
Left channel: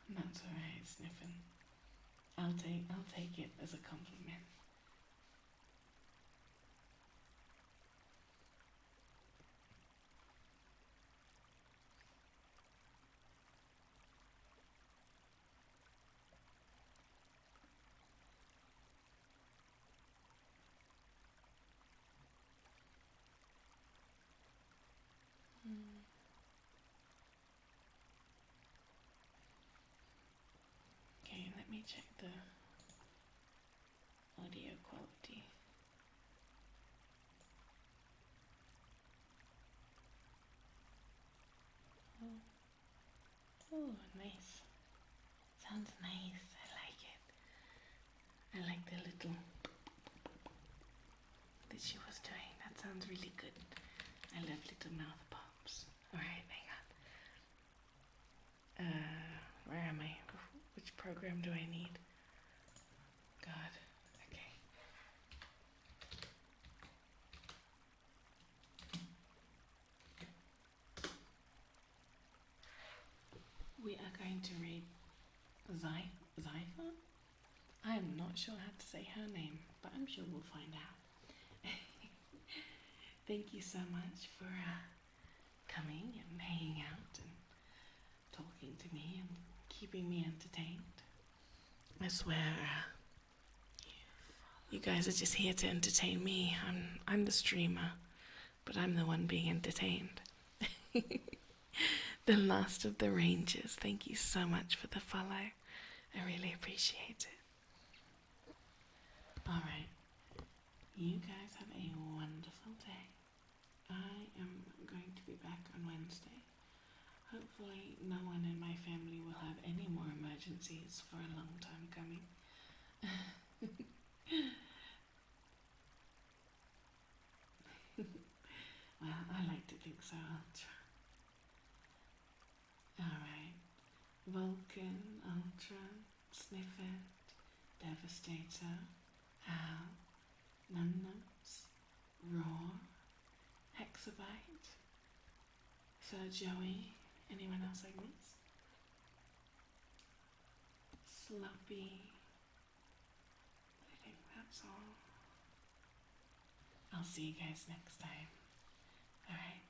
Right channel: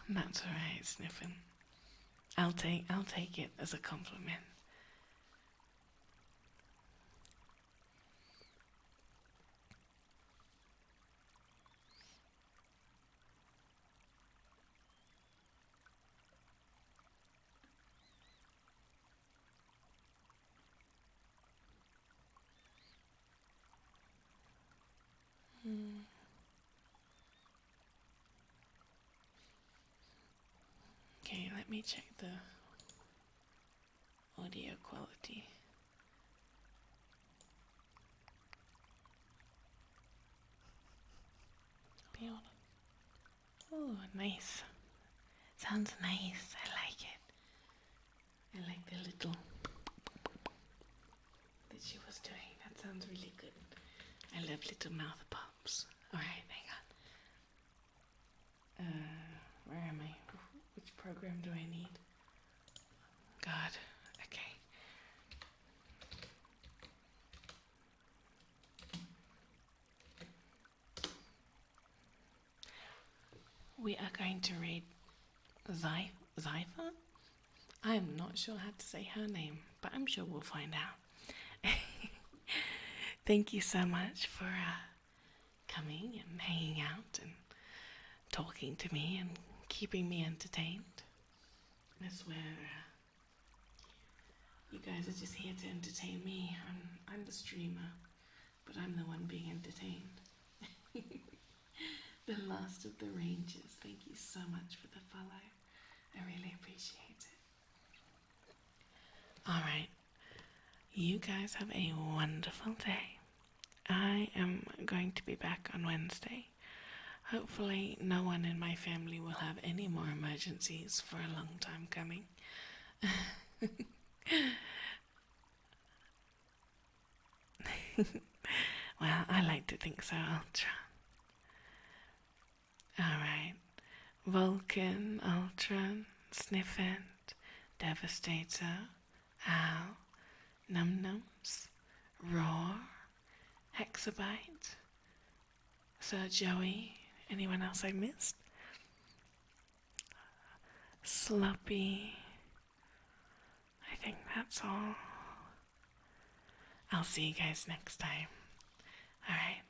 That's alright, Sniffant. I'll take it as a compliment. Okay, let me check the audio quality. Oh, nice. Sounds nice. I like it. I like the little that she was doing. That sounds really good. I love little mouth pops. Alright, hang on. Where am I? Which program do I need? God. Okay. We are going to read Zypha? I'm not sure how to say her name, but I'm sure we'll find out. Thank you so much for coming and hanging out and talking to me and keeping me entertained. I swear, you guys are just here to entertain me. I'm the streamer, but I'm the one being entertained. The last of the Rangers, thank you so much for the follow. I really appreciate it. Alright, you guys have a wonderful day. I am going to be back on Wednesday. Hopefully no one in my family will have any more emergencies for a long time coming. Well, I like to think so, Ultra. Alright. Vulcan, Ultron, Sniffant, Devastator, Al, Num Nums, Roar, Hexabyte, Sir Joey, anyone else I missed? Sloppy. I think that's all. I'll see you guys next time. Alright.